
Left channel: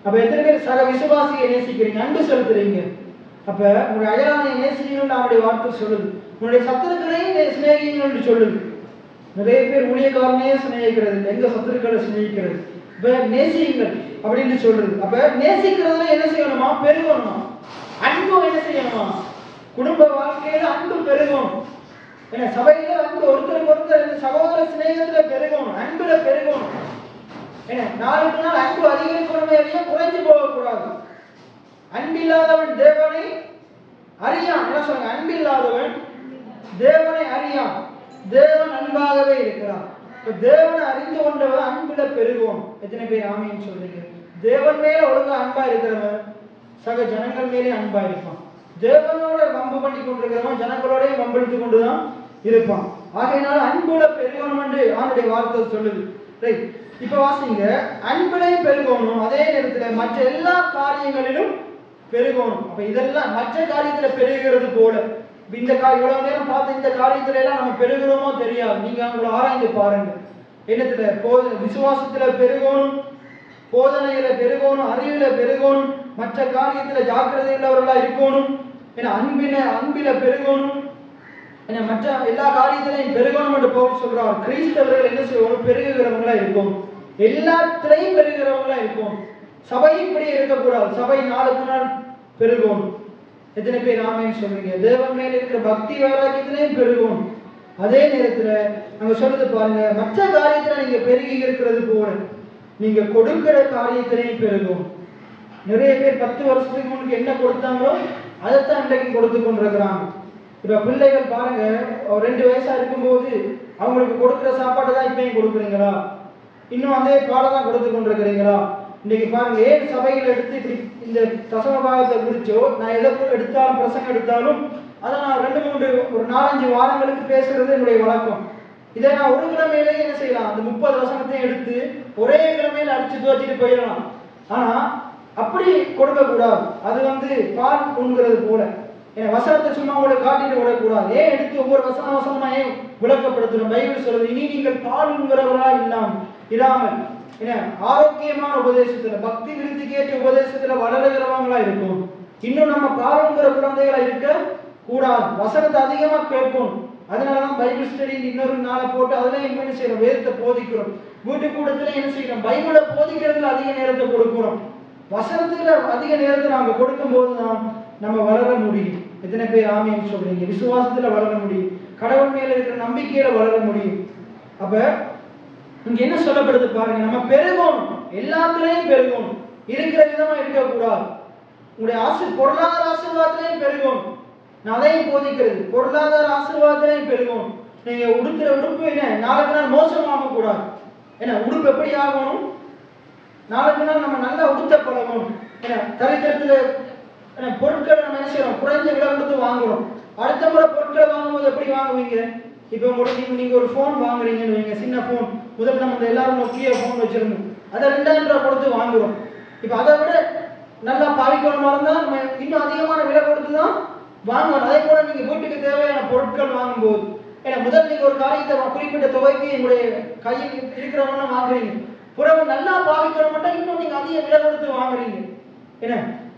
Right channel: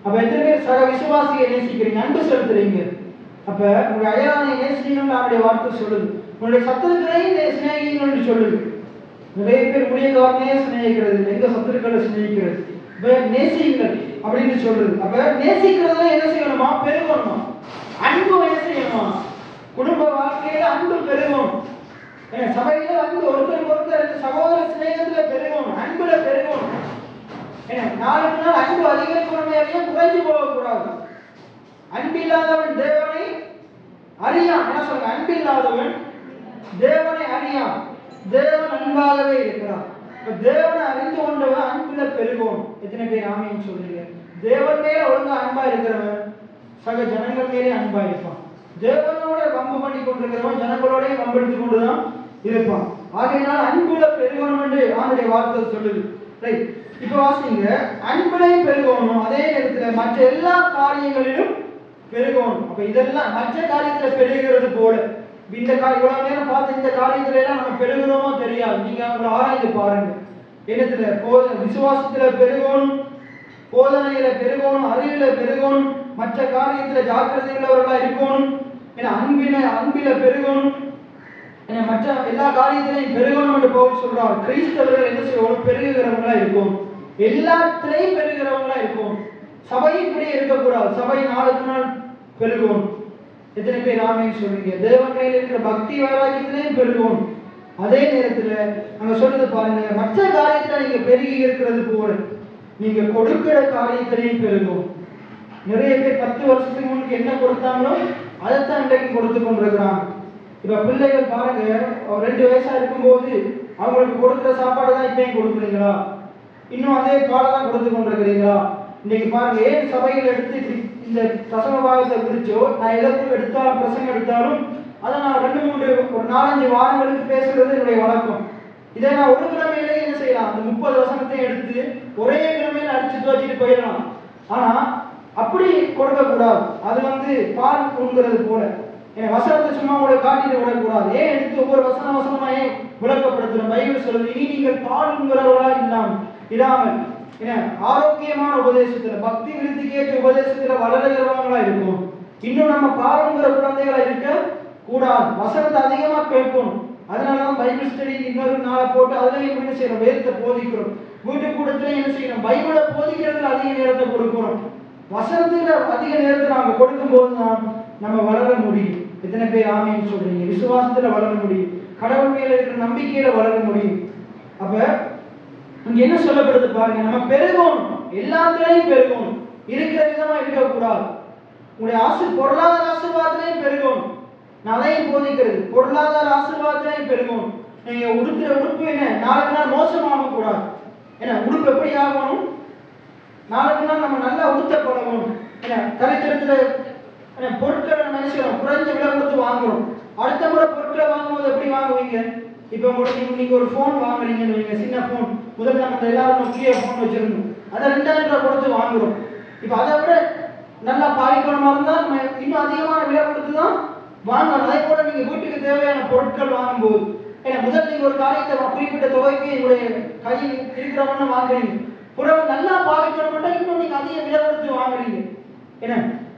அப்ப எத்தனை பேர் சக விசுவாசியை நேசிக்கிறீங்க, அன்பு செலுத்துறீங்க? அப்ப உங்களுடைய அயலானை நேசிக்கணும்னு அவருடைய வார்த்தை சொல்லுது. உங்களுடைய சத்துருக்களையும் சிநேகிக்கணும்னு சொல்லுது. நிறைய பேர் ஊழியக்காரனையே சிநேகிக்கிறது, எங்க சத்துருக்களை சிநேகிக்கிறது. நேசியுங்கள் அப்படின்னு சொல்லுது. அப்ப நேசிக்கிறதுல என்ன செய்யணுமா? பெருகணுமா? அன்பு என்ன செய்யணுமா? குடும்ப வாழ்க்கையில அன்பு பெருகணும். சபையில அன்பு, ஒருத்தருக்கு சகோதர சிநேகத்துல பெருகணும், அன்புல பெருகணும். நாளுக்கு நாள் அன்பு அதிகரிக்கணும், குறைஞ்சு போகக்கூடாது. அன்பில்லாதவன் தேவனை அறியான். என்ன சொல்லுங்க? அன்பில்லாதவன் தேவனை அறியான். தேவன் அன்பாகவே இருக்கிறார். தேவனை அறிந்து கொண்டவன் அன்புல பெருகணும். எத்தனை பேர் ஆமீன் சொல்றீங்க? தேவன் மேல ஒழுங்கா அன்பா இருக்கிறவன் சக ஜனங்கள் மேலே அன்பா இருப்பான். தேவனோட வம்பு பண்ணி கொண்டிருக்கிறவன் ஜனங்களோட வம்பெடுத்து கொண்டுதான் இருப்பான். ஆகையினால அன்புல பெருகணும் என்று அவனுடைய வார்த்தை சொல்லுது. ரைட்? இப்ப வாசிங்க, அன்புலையும் பெருகணும், அதே நேரத்தில் மற்ற எல்லா காரியங்களிலும் பெருகணும். அப்ப இதெல்லாம் மற்ற காரியத்துல பெருகிறது போல இந்த இவ்வளவு நேரம் பார்த்த இந்த காரியத்துல எல்லாம் நம்ம பெருகிறோமோ தெரியாது. நீங்க அவங்களை ஆராய்ந்து பாருங்க. என்னத்துல விசுவாசத்துல பெருகணும், போதனையில பெருகணும், அறிவில பெருகணும், மற்ற காரியத்துல ஜாக்கிரதை உள்ளவர்களா இருக்கணும், அன்பில பெருகணும், மற்ற எல்லா காரியத்திலையும் பெருகணும் என்று பவுல் சொல்றார். கிறிஸ்தவர்கள் என்ன செய்யணும்? பெருகிறவங்களா இருக்கும், எல்லாத்திலையும் பெருகிறவங்களா இருக்கும். சபை இப்படி இருக்கக்கூடாது. சபை நாளுக்கு நாள் பெருகும். எத்தனை பேர் ஆமென் சொல்றீங்க? தேவன் மேல இருக்கிற பக்தி வைராக்கியத்திலையும் பெருகும். அதே நேரத்துல நாங்க சொல்றது பாருங்க, மற்ற காரியத்துல நீங்க பெருகி இருக்கிறது போல நீங்க கொடுக்கிற காரியத்திலையும் பெருகும். நிறைய பேர் 10 வருஷத்துக்கு முன்னுக்கு என்ன கொடுத்தாங்களோ அதைத்தான் இன்றைக்கு கொடுத்து கொண்டிருக்கிறாங்க. இப்ப பிள்ளைகள் பாருங்க, 2 வயசா இருக்கும்போது அவங்களுக்கு கொடுக்கிற சாப்பாடு தான் இப்பயும் கொடுக்குறீங்களா? இன்னும் அதே பாடம் தான் கொடுத்து கொண்டிருக்கிறீங்களா? இன்னைக்கு பாருங்க, ஏன் சபையில் எடுத்து இப்படி இந்த தசம பாகத்தை குறிச்சோ நான் எதற்கும் எடுத்தாலும் பிரசங்கம் எடுத்தாலும் அதை நான் 2-3 4-5 வாரங்களுக்கு பேசுறது என்னுடைய வழக்கம். இதை நான் ஒரு கிழமையிலேயே என்ன செய்யலாம்? அந்த 30 வசனத்தையும் எடுத்து ஒரே கிழமையில அடிச்சுட்டு வச்சுட்டு போயிடலாம். ஆனா அப்படி கொடுக்க கூடாது. அது பால் உண்கிறது போல வசனத்தை சும்மா கூட காட்டிட்டு விடக்கூடாது. ஏன் எடுத்து ஒவ்வொரு வசனமா ஏன் விளக்கப்படுத்தணும்? பைபிள் சொல்றது, இனி நீங்கள் பால் உண்கிறவர்களா இல்லாமல் ஆரோக்கியமான உபதேசத்துல, பக்தி விருத்திக்கு ஏற்ற உபதேசத்துல வளருகிறவங்களா இருக்கும். இன்னும் நம்ம பாவங்கிற குழந்தைகளா இருக்க கூடாது. வசனத்தை அதிகமா கேட்கணும். அதனாலதான் பைபிள் ஸ்டடி இன்னொரு நாளை போட்டு அதுல என்ன செய்யறோம்? வேதத்தை போதிக்கிறோம். வீட்டு கூட்டத்துல என்ன செய்யறோம்? பைபிளை போதிக்கிறதுல அதிக நேரத்தை கொடுக்கிறோம். வசனத்துல அதிக நேரத்தை நாம கொடுக்கும் போதுதான் நம்ம வளர முடியும். எத்தனை பேர் ஆமென் சொல்றீங்க? விசுவாசத்துல வளர முடியும், கடவுள் மேல இருக்கிற நம்பிக்கையில வளர முடியும். அப்ப இங்க என்ன சொல்லப்படுது பாருங்க, நம்ம பெருகணும், எல்லாத்துலயும் பெருகணும், இருக்கிற விதமா இருக்கக்கூடாது. உங்களுடைய பொருளாதார ஆசீர்வாதத்திலையும் பெருகணும். நான் அதையும் போதிக்கிறது, பொருளாதார ஆசீர்வாதத்திலையும் பெருகணும். நீங்க உடுக்கிற உடுப்பு நாளுக்கு நாள் மோசமாக கூடாது. உடுப்பு எப்படி ஆகணும்? நாளுக்கு நாள் நம்ம நல்லா உடுத்த பழகணும். தலைக்கத்துல பொருட்களை நினைச்சிடும், குறைஞ்ச விலை கொடுத்து வாங்குறோம். அடுத்த முறை பொருட்களை வாங்கும்போது எப்படி வாங்குவீங்க? இப்ப உங்களுக்கு நீங்க ஒரு போன் வாங்குறீங்கன்னு வைங்க, சின்ன போன். முதல்ல நம்ம எல்லாரும் நோக்கிய போன் வச்சிருந்தோம், அதை 2000 ரூபாய் கொடுத்து வாங்குறோம். இப்ப அதை விட நல்லா பாதிக்கணுமா இருந்தா இன்னும் அதிகமான விலை கொடுத்துதான் வாங்கணும். அதே போல நீங்க வீட்டுக்கு தேவையான பொருட்கள் வாங்கும்போது முதல் நீங்க ஒரு காரியத்தை குறிப்பிட்ட தொகைக்கு உங்களுடைய கையில் இருக்கிறவங்க வாங்குறீங்க, புறம் நல்லா பாதிக்கணும்னா இன்னும் நீங்க அதிக விலை கொடுத்து வாங்குறீங்க.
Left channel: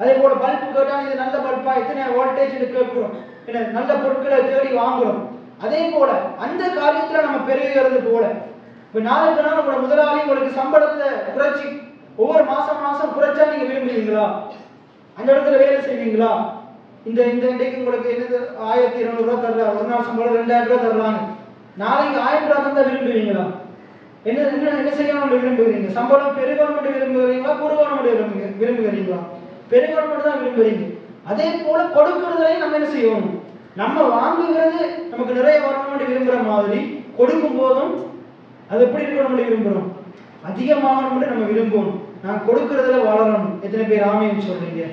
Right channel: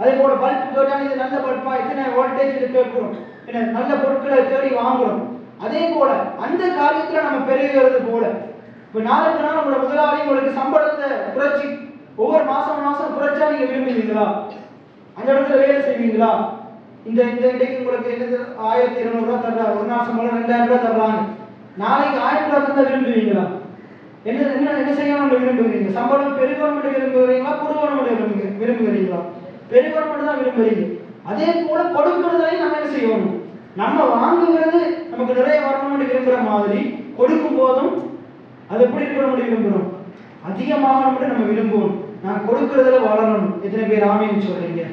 அதே போல பல்ப் கேட்டா இது நல்ல பல்பா, எத்தனை வோல்டேஜ் கேட்கிறோம், நல்ல பொருட்களை தேடி வாங்குறோம். அதே போல அந்த காரியத்துல நம்ம பெருகிறது போல இப்ப நாளுக்கு நாள் உங்களோட முதலாளி உங்களுக்கு சம்பளத்தை குறைச்சி ஒவ்வொரு மாசம் குறைச்சா நீங்க விரும்புவீங்களா? அந்த இடத்துல வேலை செய்வீங்களா? இந்த இன்றைக்கு உங்களுக்கு என்னது 1200 ரூபாய் தர்றாரு, ஒரு நாள் சம்பளம் 2000 ரூபாய் தர்றாங்க, நாளைக்கு 1000 ரூபாய் தந்தா விரும்புவீங்களா? என்ன செய்யணும் விரும்புகிறீங்க? சம்பளம் பெருகணும் விரும்புகிறீங்களா, குறைவணும் விரும்புகிறீங்களா? பெருகணும் தான் விரும்புகிறீங்க. அதே போல கொடுக்கிறதையும் நம்ம என்ன செய்யணும்? நம்ம வாங்குகிறது நமக்கு நிறைய வரணும்னு விரும்புகிற மாதிரி கொடுக்கும் போதும் அது எப்படி இருக்கணும் விரும்புகிறோம்? அதிகமாக நம்ம விரும்புவோம். நான் கொடுக்கிறதுல வளரணும். எத்தனை பேர் ஆமென் சொல்றீங்க?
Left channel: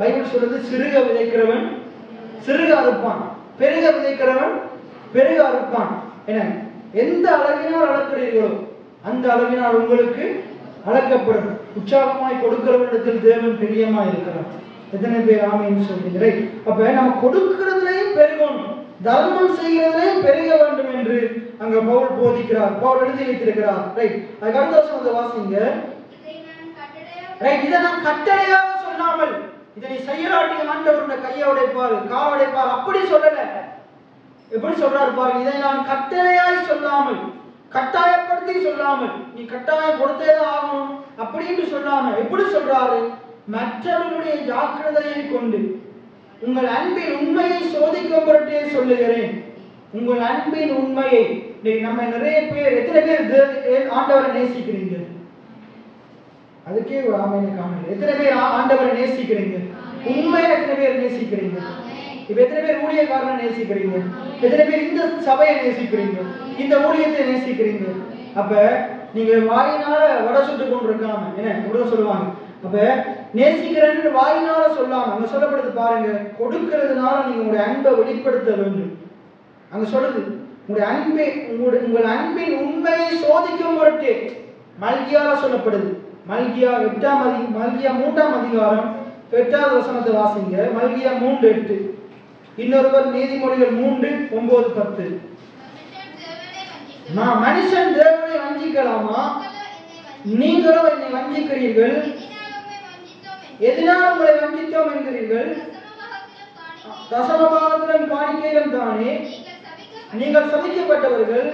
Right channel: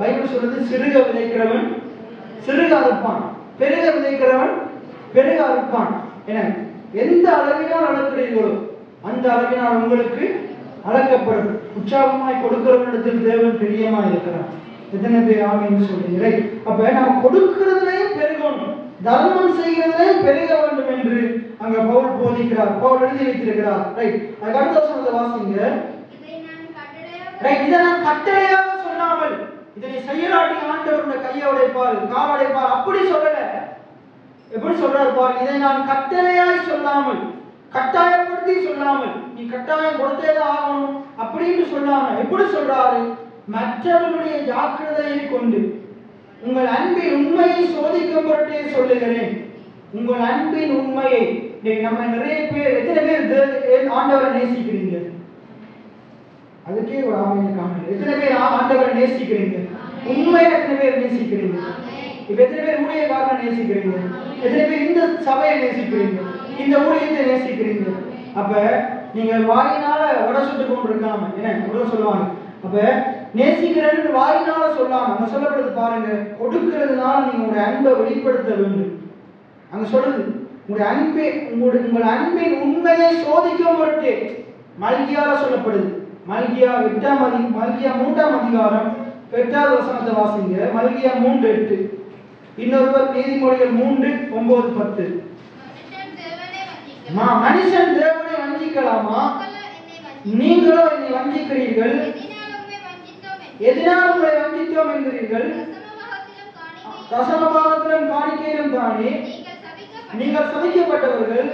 பைபிள் சொல்றது, சிறுக விதைக்கிறவன் சிறுக அறுப்பான், பெருக விதைக்கிறவன் பெருக அறுப்பான். எந்த அளவினால் அளக்கிறீர்களோ அந்த அளவினால் உங்களுக்கு அளக்கப்படும். உற்சாகமாய் கொடுக்கிறவனிடத்தில் தேவன் பிரியமா இருக்கிறான். எத்தனை பேர் ஆமென் சொல்றீங்க? அப்ப நம்ம கொடுக்கிறதுலையும் பெருகணும், தர்மம் செய்கிறதுலையும் பெருக வேண்டும் என்று அங்க பவுல் போதிக்கிறார், பவுல் எழுதி வைத்திருக்கிறார். ரைட், அதுக்கு அடுத்த வசனத்தை வாசிங்க. ரைட், இதை நான் கட்டளையாக சொல்லாமல், இதனை செய்யலாட்டி ஆண்டவர் கையை உடைப்பார், கால் உடைப்பார், அப்படி சொல்லல. எப்படி சொல்றாரு பாருங்க, இதை நான் கட்டளையாய் சொல்லாமல், கட்டாயப்படுத்தி சொல்லாமல், நீ கட்டாயம் கொடுத்தேதான் ஆகணும் அப்படின்னு சொல்லாம எப்படி சொல்றாரு? மற்றவர்களுடைய ஜாக்கிரதையை கொண்டு உங்கள் அன்பின் உண்மையை சோதிக்கும் பொருட்டே சொல்லுகிறேன். உங்கள் அன்பின் உண்மையை. நம்ம நிறைய பேர், எத்தனை பேர் ஆண்டவரை நேசிக்கிறீங்க? அதுக்கே ஒரு ஆமையை காணல. எத்தனை பேர் ஆண்டவரை நேசிக்கிறீங்க? உண்மையை எத்தனை பேர் நேசிக்கிறீங்க? இப்ப எத்தனை பேர் ஊழியக்காரனை நேசிக்கிறீங்க? எத்தனை பேர் இந்த சபையை நேசிக்கிறீங்க? இந்த ஊழியத்தை நேசிக்கிறீங்க? அப்ப நீங்க வாயினால வட சுட்டு கொண்டிருக்காம என்ன சொல்லுவாங்க, அப்ப நேசிக்கிறேன்னு வாயினால சொல்லாம அங்க சொல்லப்படுது பாருங்க, கொடுக்கிறதுனால நீங்க உங்களுடைய அன்பை வெளிப்படுத்த வேண்டும். அங்க சொல்லுது, உங்கள் அன்பின் உண்மையை சோதிக்கும் பொருட்டே. மல்கியால சொல்லப்படுது. மல்கியா 3ஆம் அதிகாரம் 8வது வசனத்தை வாசிங்க. மல்கியா 3:8. இன்னொருவர் நீதிமொழிகள் 3:9-10. மனுஷன் தேவனை வஞ்சிக்கலாமா? நீங்களோ என்னை வஞ்சிக்கிறீர்கள். எதனால் உங்களை வஞ்சித்தோம் என்கிறீர்கள்? தசமபாகத்திலும் காணிக்கையிலும் தானே நீங்கள் சபிக்கப்பட்டவர்கள்,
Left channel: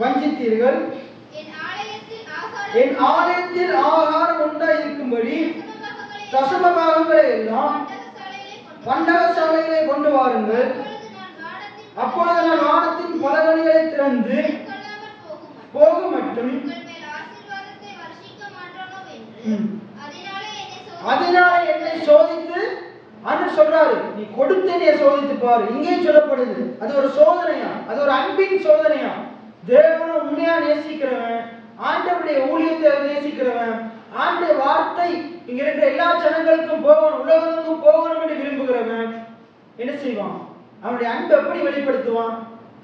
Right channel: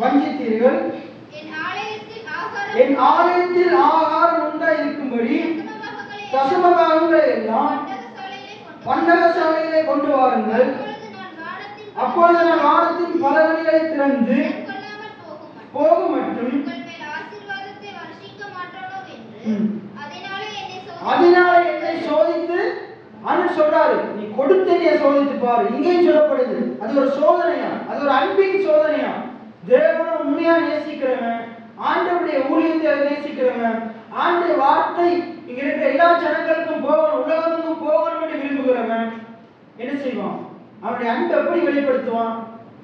வஞ்சித்தீர்கள். என் ஆலயத்தில் ஆகாரம் உண்டாயிருக்கும்படி தசமபாகங்களை எல்லாம் பண்டகசாலைகளை கொண்டு வாருங்கள். அப்பொழுது நான் வானத்தின் பல வழிகளை திறந்து போக மட்டும் அதனால என்னை சோதித்து சொல்றாரு, நீ கொடுத்ததைய சோதித்து பாரு. இங்கேயும் சொல்லப்படுது, அது ஒரு சோதனையா, அது ஒரு அன்பின் சோதனையா. தேவனை உண்மையா நேசிக்கிறவன், ஆண்டவருடைய ஊழியத்தை நேசிக்கிறவன், ஆண்டவருடைய வார்த்தை இங்க இருக்கிற எல்லா ஜனங்களுக்கும் போகணும், உலகத்துக்கும் போகணும் என்று விரும்புகிறவன் என்ன செய்வான்? அவனுடைய அன்பை எப்படி வெளிப்படுத்துவான்?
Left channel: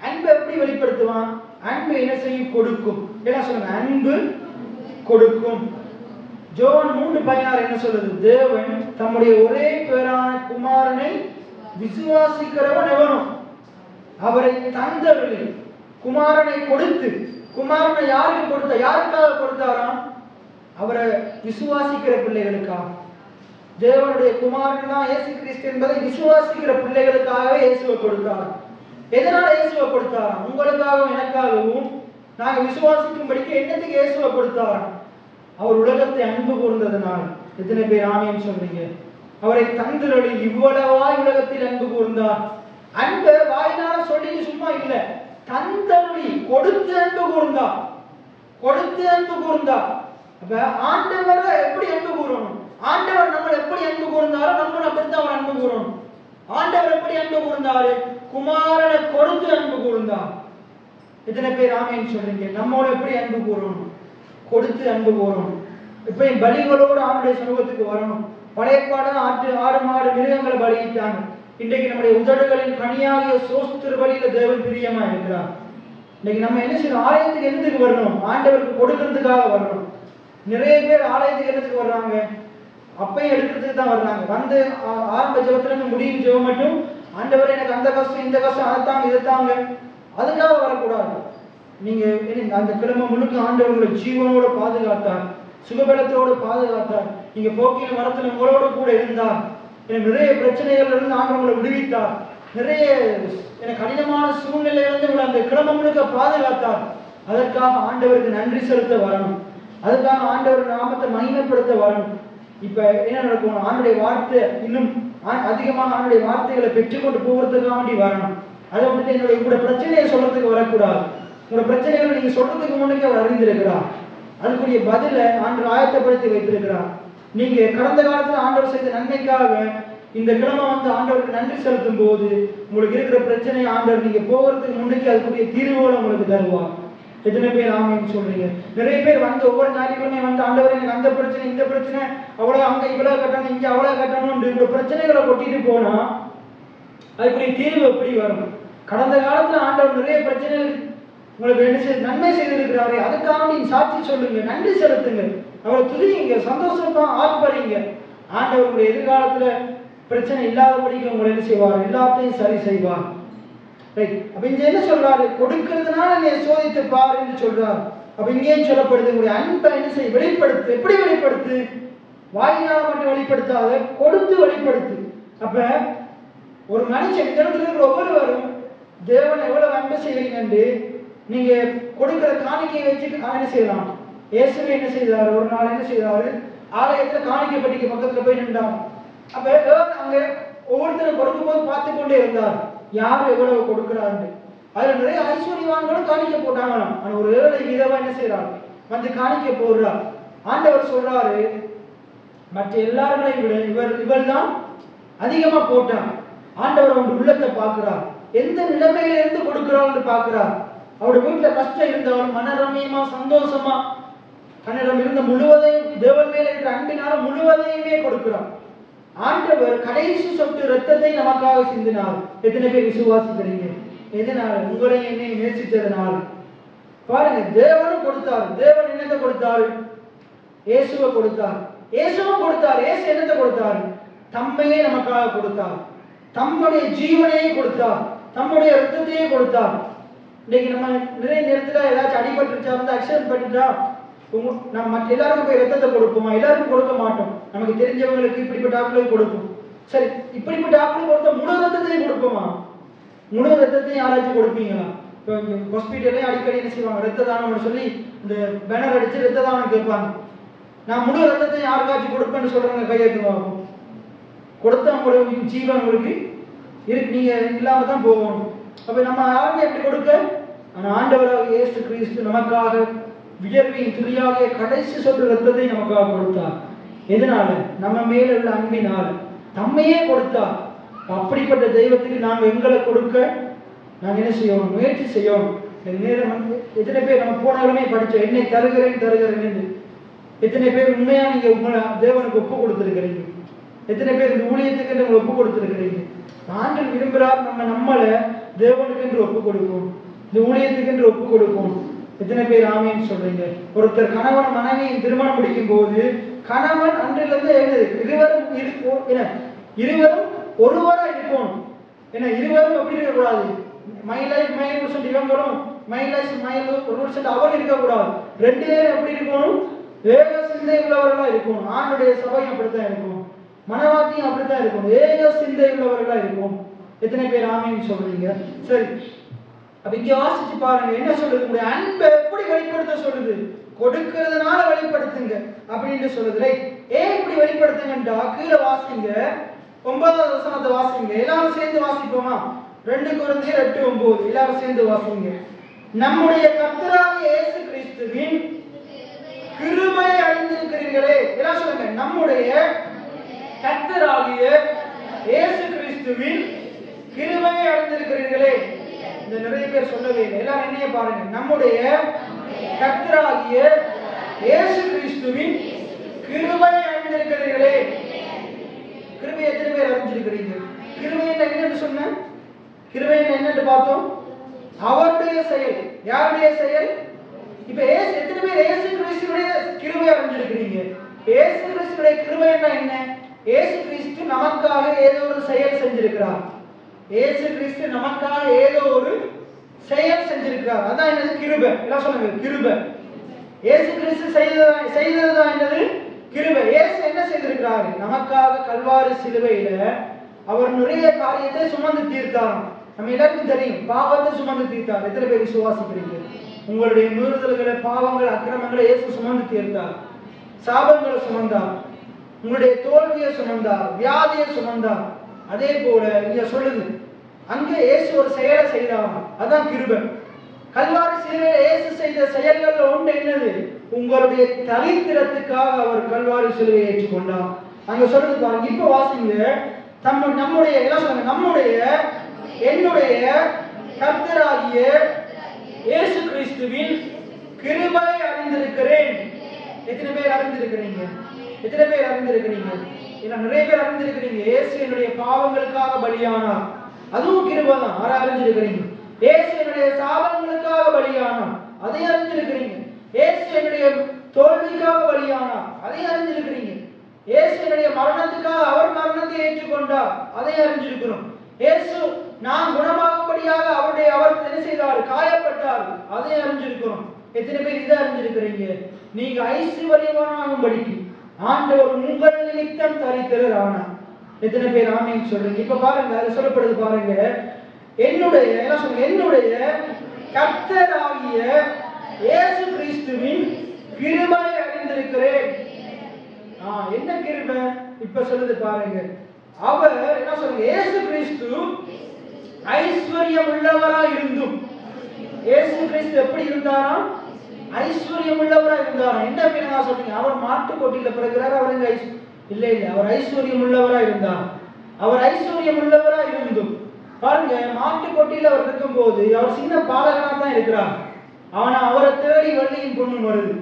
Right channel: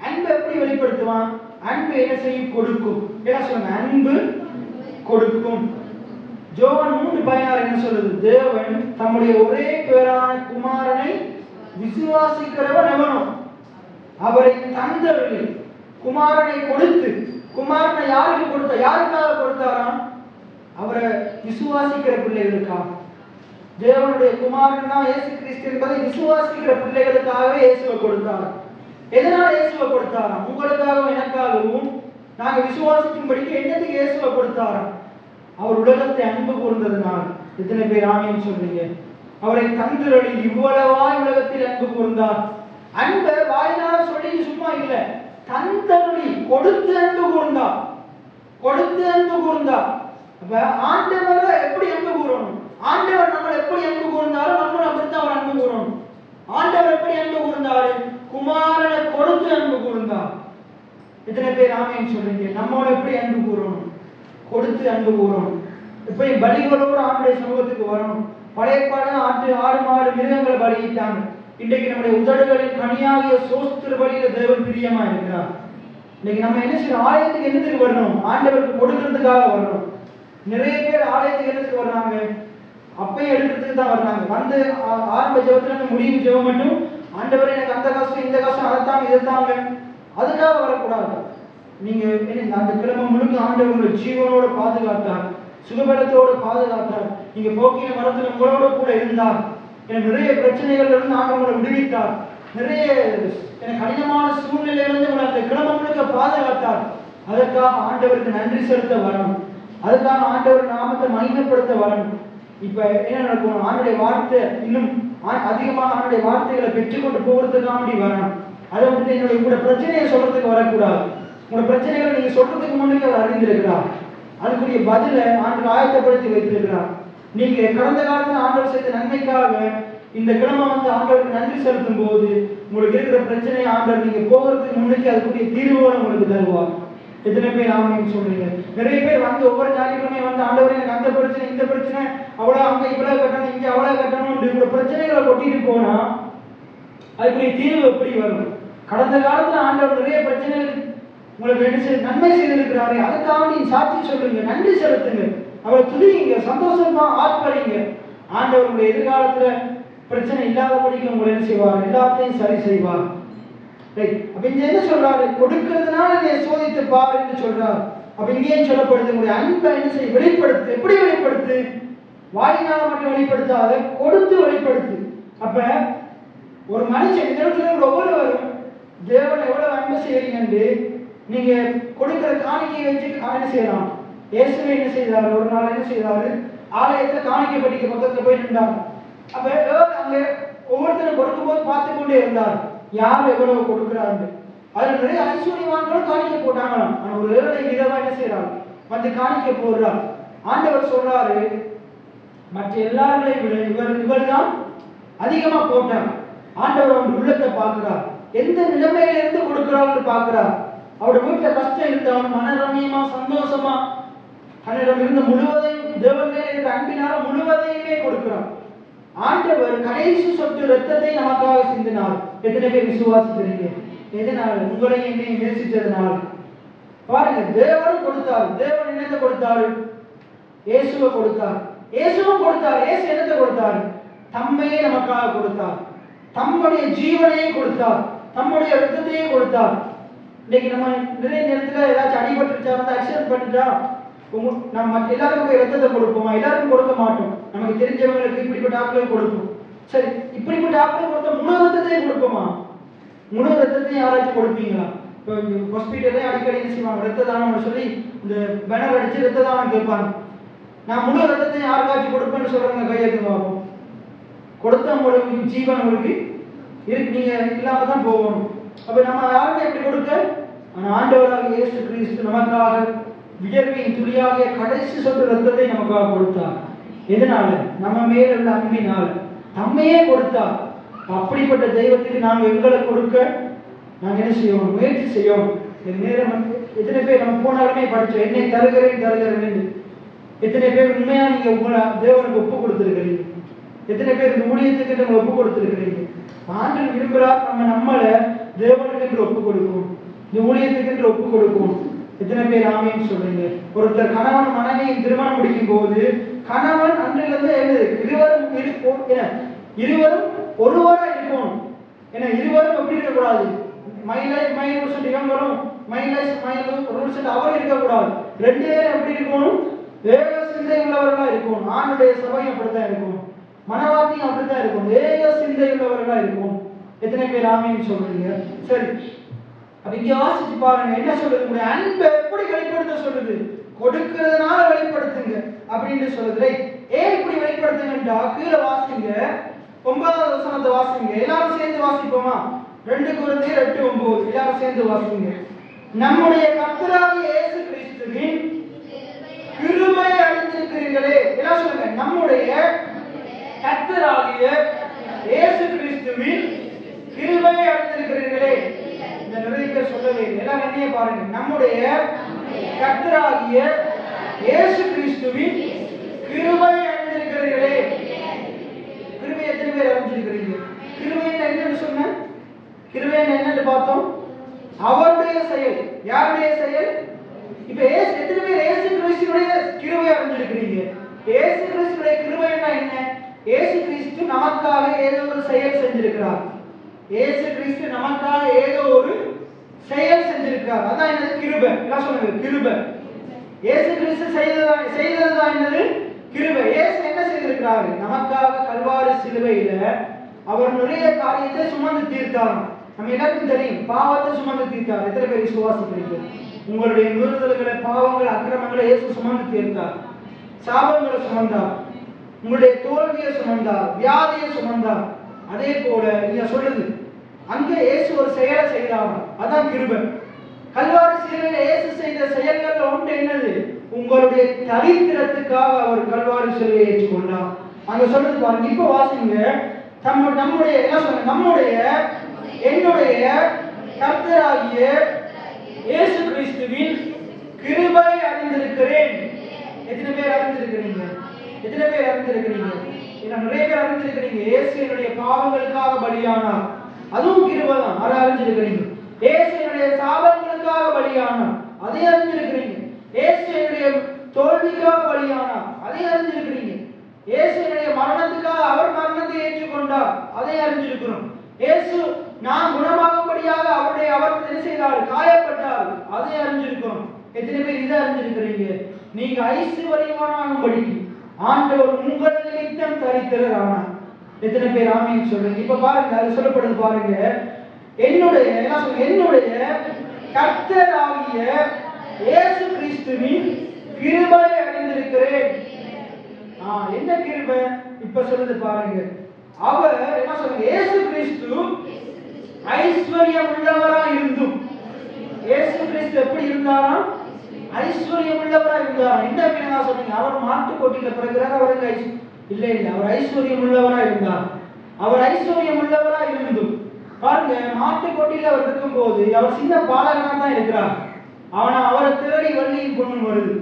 அன்பை எப்படி வெளிப்படுத்துவான்? அன்பு என்ன செய்யும்? கொடுக்கும். என்ன சொல்ற? அன்பு கொடுக்கும். யோவான் 3:16 என்ன சொல்றது? தேவன் தம்முடைய ஒரே பேரான குமாரனை விசுவாசிக்கிறவன் எவனோ அவரை தந்தவர்கள். குமாரனை கொடுத்து, குமாரனை யாருக்கு கொடுத்த? யாருக்காக கொடுத்தாராம்? அவரை விசுவாசிக்கிற பிள்ளைகளுக்காக. தேவனுடைய குமாரன் தான் இயேசு கிறிஸ்து என்பதை விசுவாசிக்கிற பிள்ளைகளுக்காகவே இயேசுவை கொடுத்தார். எதனால இயேசுவை கொடுத்தாராம்? உங்களுக்காகவும் எனக்காகவும் நாங்க விசுவாசிக்கும்படிக்கு என்னத்துக்கு இயேசுவை கொடுத்தாராம்? அவர் உலகத்தை அன்பு கூர்ந்ததனால். எத்தனை பேர் ஆமேன் சொல்றீங்க? அவரை தந்தருளி இவ்வளவாய் உலகத்தில் அன்பு கூர்ந்தார். அன்பு வாயினால சொல்லி சும்மா இல்ல, தந்தருளி கொடுத்து அன்பு கூர்ந்தார். கொடுத்து அன்பு கூர்ந்தார். அப்ப ஆண்டவரை எப்படி அன்பு கூறணும்? ஆண்டவர் நம்மளை எப்படி அன்பு கூர்ந்தாரோ நம்மளும் அப்படித்தான் அவர் அன்பு கூறணும். ஆண்டவர் எப்படி அன்பு கூர்ந்தாரு? குமாரனை கொடுத்து அன்பு கூர்ந்தார். எத்தனை பேர் ஆமேன் சொல்றீங்க? நம்மளோட எப்படி அன்பு கூறணும்? கொடுத்து அன்பு கூறணும். இப்ப பலிகளோடு ஆண்டுடைய சமூகத்துக்கு வரணும். பழைய பாடம் ஆடு மாடு மிருகங்களை பலியிட்டாங்க. இன்றைக்கு நம்முடைய உதடுகளின் கனியாகிய சோஸ்திர பலியில தேவன் பிரியமா இருக்கிறார். இன்னைக்கு நம்ம என்ன செய்யணும்? ஆலயத்துக்கு என்னத்துக்கு வரணும்? ஆண்டவருக்கு கொடுக்கறதுக்காக வரணும். நிறைய பேர் ஆலயத்துக்கு என்னத்துக்கு வர்றாங்க? அப்பையும் எடுக்கிறதுக்கு தான் வர்றாங்க. வந்து ஆரம்ப ஜெபத்துல இருந்து முடிவு ஜெபம் மட்டும், ஆண்டவர் எனக்கு அந்த கஷ்டம் இந்த கஷ்டம் அதைத்தாங்க இதைத்தாங்க, அதுக்காக வரக்கூடாது. நீங்க அந்த கிழமை முழுக்க ஆண்டவர் உங்களை ஜீவனோட பாதுகாத்தார், சுகபலத்தோடு பாதுகாத்தார். நீங்க போக்கின மரத்துல உங்களோட கூட இருந்தார். நிறைய பிரச்சனைகள் இருந்து ஆண்டவர் உங்களை விடுவித்தார். நிறைய கடினமான சூழ்நிலையிலிருந்து உங்களை அந்த கிழமை முழுக்க பாதுகாத்தார். அதற்காக ஆண்டவருக்கு நன்றி செலுத்த வரணும். அதுக்காக ஆண்டவர் நாமத்தை மகிமைப்படுத்த வரணும். இப்ப என்ன நடக்கும்? ஆண்டுடைய வார்த்தை இன்னும் அதிகமாக ஆண்டுடைய வார்த்தைகளை பெற்றுக்கொண்டு போகிறதுக்காக வரணும். அதை வந்துட்டு என்னுடைய உங்களோட பிரச்சனையை சொல்றதுக்கு வரக்கூடாது. உங்களோட பிரச்சனைகளை நீங்க சொல்றதுக்கு முன்னாடி அவர் அறிந்திருக்கிறார். அதுக்குரிய பதில ஆண்டு ஆயத்தப்படுத்தி வைத்திருக்கிறார். நீங்க கடந்த காலத்துல ஆண்டவர் செய்த நன்மைக்காக இந்த கிழமை வந்து ஆண்டவருக்கு நன்றி செலுத்தும் போது உங்களுக்கு இருக்கிற பிரச்சனையை ஆண்டவர் நீங்க போகிறதுக்கு முன்னாடி அதுக்குரிய தீர்வுகளை உங்களுக்கு தருவார். எத்தனை பேர் ஆமான்னு சொல்றீங்க? நிறைய பேர் வந்து ஒவ்வொரு ஞாயிற்றுக்கிழமை வந்து ஆண்டவர் எனக்கு அந்த பிரச்சனை இந்த பிரச்சனை, அவ்வளவு அங்க இவ்வளவு கட்டணும் இங்க அவ்வளவு கட்டணும் இந்த பிரச்சனைகளை கொட்டிட்டு போனா அதுக்குரிய தீர்வு எப்படி வரும்? கடந்த காலத்துல ஆண்டவர் நிறைய பிரச்சனைகளுக்கு உங்களுக்கு என்ன செய்ய நன்மை செய்திருக்கிறாரே, அதுக்காக நீங்க சாட்சி சொல்லுங்க, நன்றி செலுத்துங்க, அவரை துதிங்க, சந்தோஷமா ஆர்ப்பரிங்க. ஆண்டவர் உங்களுடைய எதிர்காலத்துல பிரச்சனை இல்லாதபடிக்கு உங்களை என்ன செய்வார்? எல்லாத்தையும் சரி செய்வார். அப்ப இங்க என்ன சொல்றாரு? கொடுக்கிறதுனால நீ சோதித்து பாரு என்று சொல்றாரு. அப்ப இங்கேயும் சொல்லப்படுது, உங்களுடைய அன்பை என்ன செய்ய? வெளிப்படுத்து. எப்படி வெளிப்படுத்து? வாயினால மட்டும் வெளிப்படுத்தாத, கொடுத்து வெளிப்படுத்து. அப்ப ஒரு மனுஷன் இந்த இடத்துல இருக்கிற ஒவ்வொருவரும் தேவனை எவ்வளவு அன்பு செய்யறீங்க நீங்க கொடுக்கிற காணிக்கையை வச்சு என்ன செய்யலாம்? இயேசுவே என்ன செய்தாரு? ஒரு நாள் என்ன செய்தாரு? ஆலயத்துல காணிக்கை படிக்க பக்கத்துல போய் நின்றாங்க. அப்ப அங்க ஒவ்வொருத்தரும் கொடுக்கும்போது பார்த்து கொண்டே இருந்தார், யார் எவ்வளவு கொடுக்கிறாரு. அதுல நிறைய ஐஸ்வர்யவான்களும் காணிக்கை போட்டாங்க. ஆனா ஒரு ஏழை விதமா என்ன செய்யறாரு? மற்ற காணிக்கை போடுறார். ஆண்டவர் சொல்றாரு, மற்ற எல்லாரையும் விட இவர் தான் அதிகமா போட்டாங்க. ஆண்டவர் அவங்க உள்ளத்தை பார்க்கிறார், எந்த நிலைமையில இருந்து கொடுக்கிறான்னு பார்க்கிறார். அவருடைய வீட்டுல கஷ்டம் இருந்தாலும் மனரமியமா சந்தோஷமா தன்னிடம் இருந்த முழுவதையும் தேவன் மேல இருக்கிற அன்பினால முழுவதையுமே கொடுக்கிறார். ஆண்டவர் கடைசி சொட்டு ரத்தத்தை நமக்காக சிந்தினார். எத்தனை பேர் விசுவாசிக்கிறீங்க? எதனால? உங்களை என்னை நேசித்ததனால. பாருங்க, தேவனும் கொடுத்தார். தேவன் என்னத்தை கொடுத்தாரு? இயேசுவை கொடுத்தார். இயேசுவும் கொடுத்தார். இயேசு என்னத்தை கொடுத்தாரு? தம்மையே நமக்காக கொடுத்தார், தம்முடைய ஜீவனையே கொடுத்தார், தம்முடைய ரத்தத்தையே கொடுத்தார். இன்னைக்கு நம்ம நிறைய நேரத்துல ஏதாச்சும் அடிபட்டுருச்சா வந்து ஆக்சிடென்ட் பண்ணிட்டா நம்ம எல்லாருக்கும் போய் ரத்தத்தை கொடுப்போமா? எல்லாருக்கும் கொடுக்க மாட்டோம். நமக்கு தெரிஞ்சவங்களுக்கு இப்படிப்பட்ட ஆட்களுக்கு கொடுப்போம். சரி, இப்படிப்பட்ட ஆட்களுக்கு கொடுத்த முழு ரத்தத்தையும் கொடுப்போமா? முழு ரத்தத்தையும் யாராச்சும் கொடுப்பீங்களா? இப்போ ஹாஸ்பிட்டலே அடிக்கடி என்ன செய்வாங்க, ரத்த தானம் சொல்லி இந்த பேனர் அடிச்சு ரத்த தானம் கேட்பாங்க. நான் முழு ரத்தத்தையும் யாருக்காச்சும் கொடுப்பேன்னு சொல்றேங்க, கையெழுத்து கொடுத்த உங்களுக்கு ஜீவன் உங்களுக்கு இருக்கு, நீங்க இல்லாம தான் போகணும். அப்ப நம்ம யாருக்கு எப்படி கொடுக்க? ஆண்டவராக இயேசு கிறிஸ்து நமக்காக வியர்வையின் துளியாகிய கடைசி சொட்டு ரத்தத்தை நமக்காக கொடுத்தார். எதனால? நம்ம மேல உள்ள அன்பினால் தம்மையே கொடுத்தார். அப்படிப்பட்ட தெய்வத்துக்கு நாங்கள் எங்களை கொடுக்க நாங்கள் என்ன செய்யணும்? முயற்சி செய்யணும். நேரம் எத்தனை பேர் நம்ம போனாலுமே படிச்சோம், என்னை தருகிறேன். எத்தனை பேர் உண்மையா நீங்க உங்களை தேவனுக்கு ஒப்பு கொடுத்திருக்கிறீங்க? எத்தனை பேர் இந்த ஊழியத்துக்கு நம்ம ஒப்பு கொடுத்திருக்கிறீங்க? ஆண்டவர் விரும்புகிறார் நம்மளை தேவனுக்கு என்று ஒப்பு கொடுக்கும், இந்த ஊழியத்துக்கு என்று ஒப்பு கொடுக்கும். எத்தனை பேர் ஆமீன்னு சொல்றீங்க? ஒருத்தர் கணவன் மனைவி திருமணம் முடிக்கும் போது கணவன் அன்றிலிருந்து இருவரும் ஒருவரா இருக்கணும். ஏன்னா இருவரும் எப்படி இருக்கக்கூடாது? இவங்களும் அவர் இருக்கக்கூடாது. ரெண்டு பேரும் எப்படி இருக்கணும்? ஏக சிந்தை உள்ளவர்களா இருக்கணும். ஆணுடைய சபையும் அப்படித்தான் இருக்கணும், மனவாட்டியும் அப்படித்தான் இருக்கணும், ஏக சிந்தை உள்ளவர்களா இருக்கணும். எத்தனை பேர் ஆமீன்னு சொல்றீங்க? சரி, அப்ப இங்க வாசிச்சு பாருங்க என்ன சொல்றது? உங்களுடைய அன்பை எப்படி வெளிப்படுத்த சொல்றது? கொடுக்கிறதுனால வெளிப்படுத்துங்க அப்படின்னு சொல்றது. ஏன் இப்படி வெளிப்படுத்துங்கன்றா கீழே வாசிங்க, 9வது வசனத்தை வாசிங்க. எல்லாரும் சேர்ந்து வாசிப்போமா? 2 கொரிந்தியர் 8:9 எல்லாரும் சேர்ந்து வாசிங்க. நம்முடைய கர்த்தராகிய இயேசு கிறிஸ்துவின் கிருபை அறிந்திருக்கிறீர்களே. எல்லாம் சொல்லுங்க, நம்முடைய கர்த்தராகிய இயேசு கிறிஸ்துவின் கிருபை அறிந்திருக்கிறீர்களே. இந்த நிறைய பேர் சொல்லவே இல்லை, எல்லாம் என்னையே பாருங்க. நம்முடைய கர்த்தராகிய இயேசு கிறிஸ்துவின் கிருபை அறிந்திருக்கிறீர்களே. கிருபை எத்தனை பேர் அறிஞ்சிருக்கிறீங்க? கிருபை என்னன்னு சொன்ன? கிருபை என்னன்னு பார்த்தோம், அவருடைய செயல். யாருடைய செயல்? இப்ப எத்தனை பேர் இயேசு கிறிஸ்துவுடைய கிருபை அறிஞ்சிருக்கிறீங்க? இயேசு கிறிஸ்துடைய கிருபை என்ன? இயேசு கிறிஸ்து நமக்காக ஏதோ ஒரு செயல் செஞ்சிருக்கிறார். இயேசு கிறிஸ்து நமக்காக ஏதோ ஒரு செயல் செஞ்சிருக்கிறார். அதான் என்னது? கிருபை. என்ன சொல்லுங்க? கிருபை. இயேசு கிறிஸ்து செய்ததுதான் என்னது? கிருபை. இயேசு என்ன செய்திருக்கிறார்? நமக்காக கல்வாரி சிலுவையில அவர் நிறைய காரியத்தை சுமந்து தீர்த்தார். நம்ம எல்லாருக்கும் தெரியும், பாவத்தை சுமந்து தீர்த்தார். எத்தனை பேர் விசுவாசிக்கிறீங்க? உங்களுடைய மீறுதல்களை, பாவங்கள், அக்கிரமங்களை இயேசு சுமந்து தீர்த்தார். சாபங்களை சுமந்தார், உங்களுடைய தோல்வியை சுமந்தார், வியாதியை சுமந்தார். அதே போல இங்க சொல்லுது, அங்க இயேசு ஒரு செயலை செய்தார். அதான் கிருபை. கல்வாரி சிலுவையில இயேசு செய்த செயல்கள் ஒன்று என்னது? உங்களுடைய தரித்திரத்துக்காக அவர் கல்வாரி சிலுவையை ஏற்றுக்கொண்டார். அங்க சொல்றது பாருங்க. இப்ப வாசிங்க, நம்முடைய என்ன சொல்லுங்க? நம்முடைய என்னுடைய கர்த்தராகிய இயேசு கிறிஸ்துவின் கிருபை அறிந்திருக்கிறேன். எத்தனை பேர் அறிந்திருக்கிறீங்க? எத்தனை பேர் அறிந்திருக்கிறீங்க? நிறைய பேர் அறிந்திருக்கிறீங்க. இயேசு என்னுடைய பாவங்களுக்காக பலியானார், அதுவும் கிருபை தான். அறிஞ்சிருக்கிறீங்க. இயேசு என்னுடைய சாபங்களுக்காக பலியானார், அதை அறிஞ்சிருக்கிறீங்க. இயேசு என்னுடைய தோல்விக்காக பலியானார், அதை அறிஞ்சிருக்கிறீங்க. இயேசு என்னுடைய மரணத்துக்காக அவர் மரணத்தை ஏற்றுக்கொண்டார், அதை அறிஞ்சிருக்கிறோம். இயேசு நான் குணமாகும்படியாக அவர் என்ன செய்தார்? காயப்பட்டார், அதை அறிஞ்சிருக்கிறோம். எத்தனை பேர் இதை அறிஞ்சிருக்கிறீங்க? நீங்க ஐஸ்வர்யவானாகும்படி ஆண்டவர் உங்கள் நிமித்தம் தரித்திரரானார். எத்தனை பேர் ஆமீன் சொல்லுங்க? இப்ப பாருங்க, அது சொல்லப்படுது பாருங்க. என்னுடைய கர்த்தராகிய இயேசு கிறிஸ்துவின் கிருபை அறிந்திருக்கிறேன். என்ன கிருபை? இப்ப சொல்லுது பாருங்க. அவர் என்ன சொல்லுங்க? இயேசு கிறிஸ்து ஐஸ்வர்யம் உள்ளவராய் இருந்தும். இயேசு கிறிஸ்து எப்படி இருந்தாரா? ஐஸ்வர்யம் உள்ளவராய் இருந்தாரா? என்ன பேருங்க சொல்றீங்க? அவர் மாட்டுக்கொட்டில பிறகுறாரு, அவருக்கு இல்லை, அவர் ஐஸ்வர்யம் உள்ளவராய் இருந்தார். அவர் ஐஸ்வர்யம் உள்ளவராய் இருந்தும் பாருங்க, மாட்டுக்கொட்டில அவர் இருக்கும் போது அவர் சின்ன பாலகனா தான் இருக்கிறார். ஆனா அவரை தேடி வெள்ளியும் பொண்ணும் வருது.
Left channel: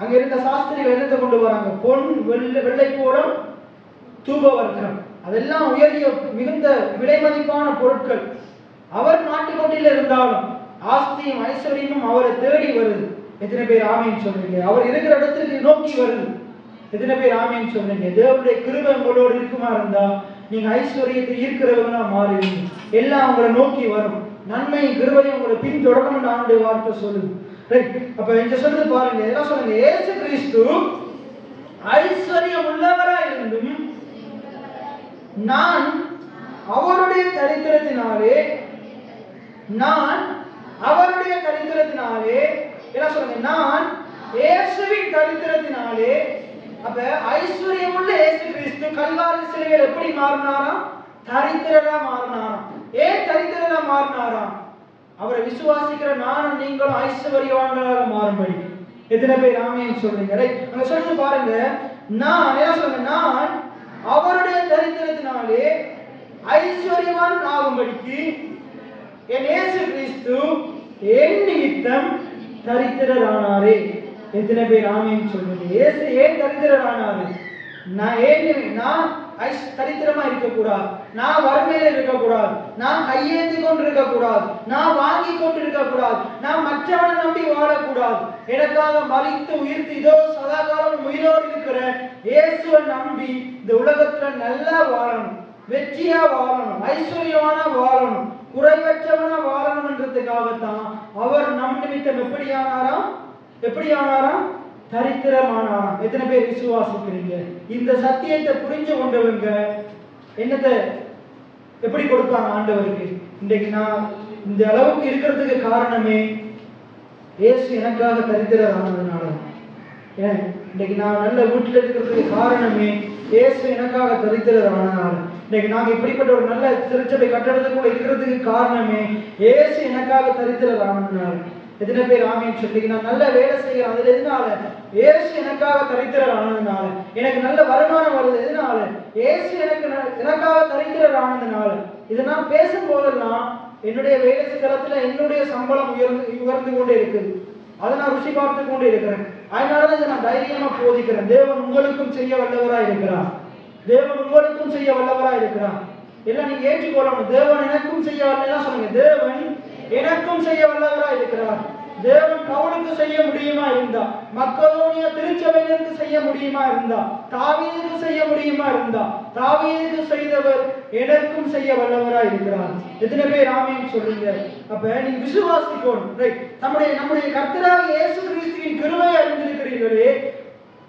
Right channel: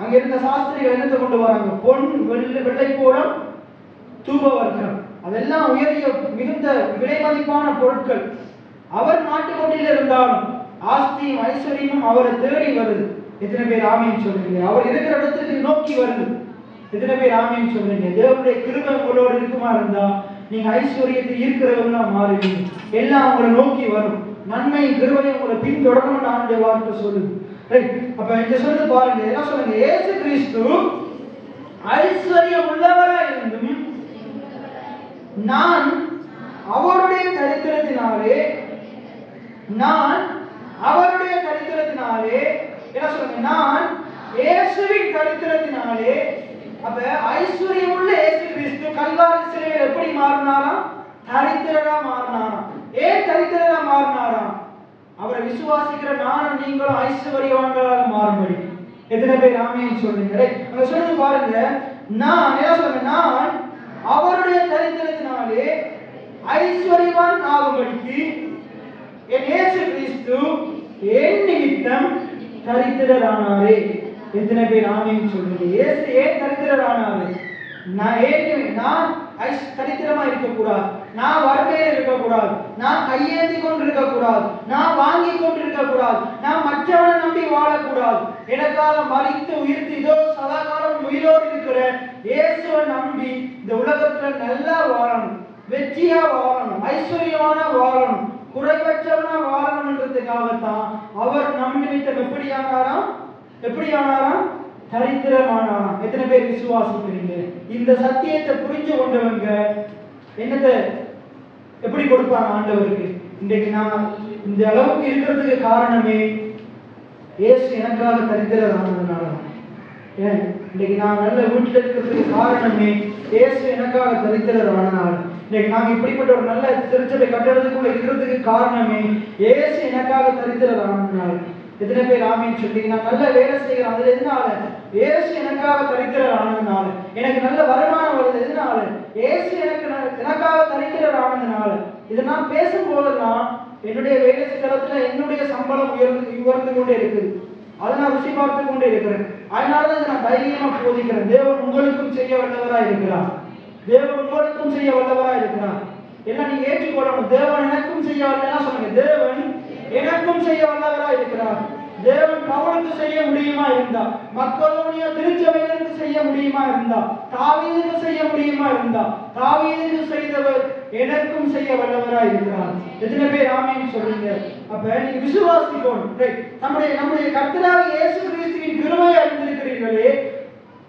அங்க இருந்த சாஸ்திரிகள் என்னத்தை கொண்டு வராங்க? பொன், வெள்ளை போலம், தூபவர்க்கம், அதெல்லாம் உயரிய மிகுந்த விலை மதிப்பான பொருட்கள். அவர் மாட்டுக்கொட்டில இருந்தாலும் ஆஸ்தியும் ஐஸ்வர்யமும் அவரை தேடி வருது. எத்தனை பேர் ஆமீன் சொல்றீங்க? அவர் இருக்கிற இடத்துக்கு நோக்கி வருது. எத்தனை பேர் ஆமீன் சொல்றீங்க? தேவனுடைய கிருபை உங்களோடு இருக்குமா இருந்தா நீங்க ஐஸ்வர்யத்தை ஈர்க்கிறவங்களா மாறுவீங்க. எல்லாம் உங்களை நோக்கி வரும். நன்மை கிருபை உங்களை பின்தொடரும் ஆண்டுடைய வார்த்தை சொல்லுது. அப்ப இங்க சொல்றது பாருங்க, என்ன சொல்லுங்க? இயேசு கிறிஸ்து ஐஸ்வர்யம் உள்ளவரா இருந்தும் நான் அவருடைய தரித்திரத்தினாலே என்ன சொல்லுங்க? நான் இயேசுவின் தரித்திரத்தினாலே. அப்ப ஐஸ்வர்யம் உள்ள இயேசு கிறிஸ்து கல்வாரி சிலைகள் எப்படி மாறினாராம்? தரித்திரரா மாறினாராம். ஏன் தரித்திரரா மாறினாராம்? அவரை விசுவாசிக்கிற நானும் நீங்களும் ஐஸ்வர்யவான்களாக மாறும்படி. எத்தனை பேர் ஆமீன் சொல்றீங்க? அங்க சொல்லுங்க பாருங்க, நான் என்ன சொல்றேன்? நான் அவருடைய தரித்திரத்தினாலே ஐஸ்வர்யவான் ஆகும்படிக்கு என் இயேசு கிறிஸ்து என் நிமித்தம் தரித்திரரானாரே. எத்தனை பேர் ஆமீன் சொல்றீங்க? இயேசு ஏன் தரித்திரரானாரு? நான் தரித்திரமா இருக்கக்கூடாது, நான் வறுமையில இருக்கக்கூடாது, நான் கையேந்தி கொண்டு இருக்கக்கூடாது, நான் வாங்கி கொண்டு இருக்கக்கூடாது, நான் மற்றவனை நம்பி வாழக்கூடாது. எனக்காக மரித்து உயிர்த்து இதோ சதாகாலம் உயிரோடு இருக்கிற இயேசுவை நம்பி இந்த உலகத்துல நல்லா வாழணும், வெற்றியா வாழணும், ஐஸ்வர்யமான வாழணும், குறைவற்றவனா வாழணும்ன்றதுக்காகத்தான் அவர் நம் நிமித்தம் எப்படி ஆனாராம்? தரித்திரமானாராம். எத்தனை பேர் விசுவாசிக்கிறீங்க? இந்த சத்தியத்தை புரிஞ்சு கொண்டவங்க என்னத்தை எப்படி கொடுப்பாங்க ஆண்டவருக்கு? இன்றைக்கு நான் இந்த அளவுக்கு இருக்கிறதுக்கு காரணமே இயேசு எனக்காக தரித்திரரானதுனால. இன்னைக்கு நான் நல்ல வீட்டில் இருக்கிறதுக்கு காரணமே இயேசு எனக்காக தரித்திரரானதுனால. இன்னைக்கு நாங்க இப்படிப்பட்ட ஒரு நல்ல திருச்சபை கட்டடத்துக்குள்ள இருக்கிறதுக்கு காரணமே இயேசு எனக்காக தரித்திரரானதுனால. எத்தனை பேர் ஆமீன் சொல்றீங்க? நான் நல்ல வேலை செய்யறேன், அதுல எதனால? இயேசு எனக்காக தரித்திரரானதுனால. எனக்கு நல்ல வருமானம் வருது, எதனால? இயேசு எனக்காக தரித்திரரானதுனால. இதை நான் பேசும் போதெல்லாம் என்னுடைய வேலை ஸ்தலத்துல என்னுடைய சம்பளம் உயர்ந்து கொண்டே இருக்குது. அதை நான் ருசி பார்த்து கொண்டே இருக்கிறேன். அதனாலதான் நான் தைரியமா போதிக்கிறேன். தேவன் உங்களுக்கும் செய்ய வல்லவரா இருக்கிறார். தேவன் உங்களுக்கும் செய்ய வல்லவரா இருக்கிறார். எல்லாம் நீங்க ஏற்றுக்கொள்ளணும். தேவன் எனக்கும் செய்ய வல்லவரா சொல்லுங்க. தேவன் எனக்கும் செய்ய வல்லவரா இருக்கிறார். தேவன் பவுலுக்கு செய்ய முடியுமா இருந்தா, மக்களோனிய திருச்சபையிலிருந்து செய்ய முடியுமா இருந்தா, தாவீதுக்கு செய்ய முடியுமா இருந்தா, தாவீதுக்கு செய்தவர் எனக்கும் செய்ய வல்லவரா இருக்கிறார். எத்தனை பேர் ஆமீன் சொல்றீங்க? அப்ப நீங்க விசுவாசிக்கணும். நம்முடைய கர்த்தராகிய இயேசு கிறிஸ்துவின் கிருபையை அறிந்திருக்கிறீர்களே,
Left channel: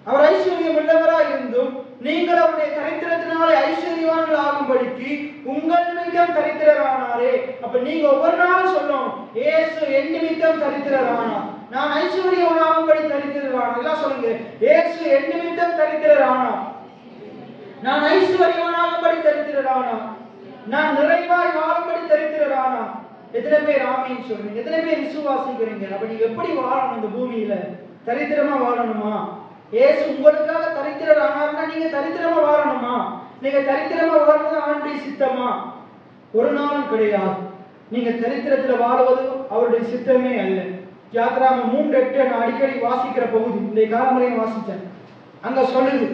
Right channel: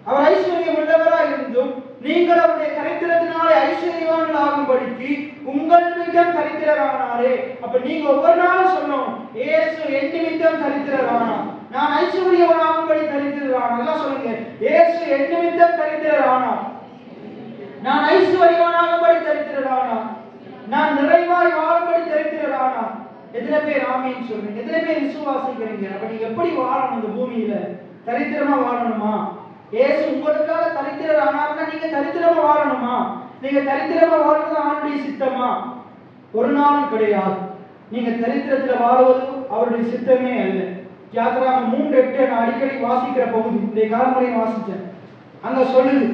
அவர் ஐஸ்வர்யம் உள்ளவரா இருந்தும் நீங்கள் அவருடைய தரித்திரத்தினாலே ஐஸ்வர்யவான்கள் ஆகும்படிக்கு உங்கள் நிமித்தம் தரித்திரரானாரே. அப்ப நீங்க ஒவ்வொரு நாளும் சொல்லணும், இயேசு என் நிமித்தம் தரித்திரரானார், நான் ஐஸ்வர்யவானாகும்படி தரித்திரரானார். எல்லாம் சொல்லுங்க, இயேசு என் நிமித்தம் தரித்திரரானார், நான் ஐஸ்வர்யவானாகும்படி தரித்திரரானார், நான் நிறைவாய் வாழும்படி தரித்திரரானார். எத்தனை பேர் ஆமீன் சொல்றீங்க? எத்தனை பேர் விசுவாசிக்கிறீங்க? அப்ப நீங்க எப்படி வாழணும் இந்த பூமியில? தரித்திரமா வாழணுமா? இயேசு உங்களுக்காக தரித்திரரானார்னா நீங்க தரித்திரமா வாழணுமா? நீங்க தரித்திரமா வாழ்றது ஆண்டுடைய சித்தமா? ஒரு நாளும் கிடையாது. நீங்க தரித்திரத்துல வாழ்வது அவருடைய சித்தமே அல்ல. யாத்திராகமம் 3:8 நான் அடிக்கடி வாசிக்கிற பகுதி, இந்த காலமுறையை வாசிச்சேன். அங்க சொல்லுது,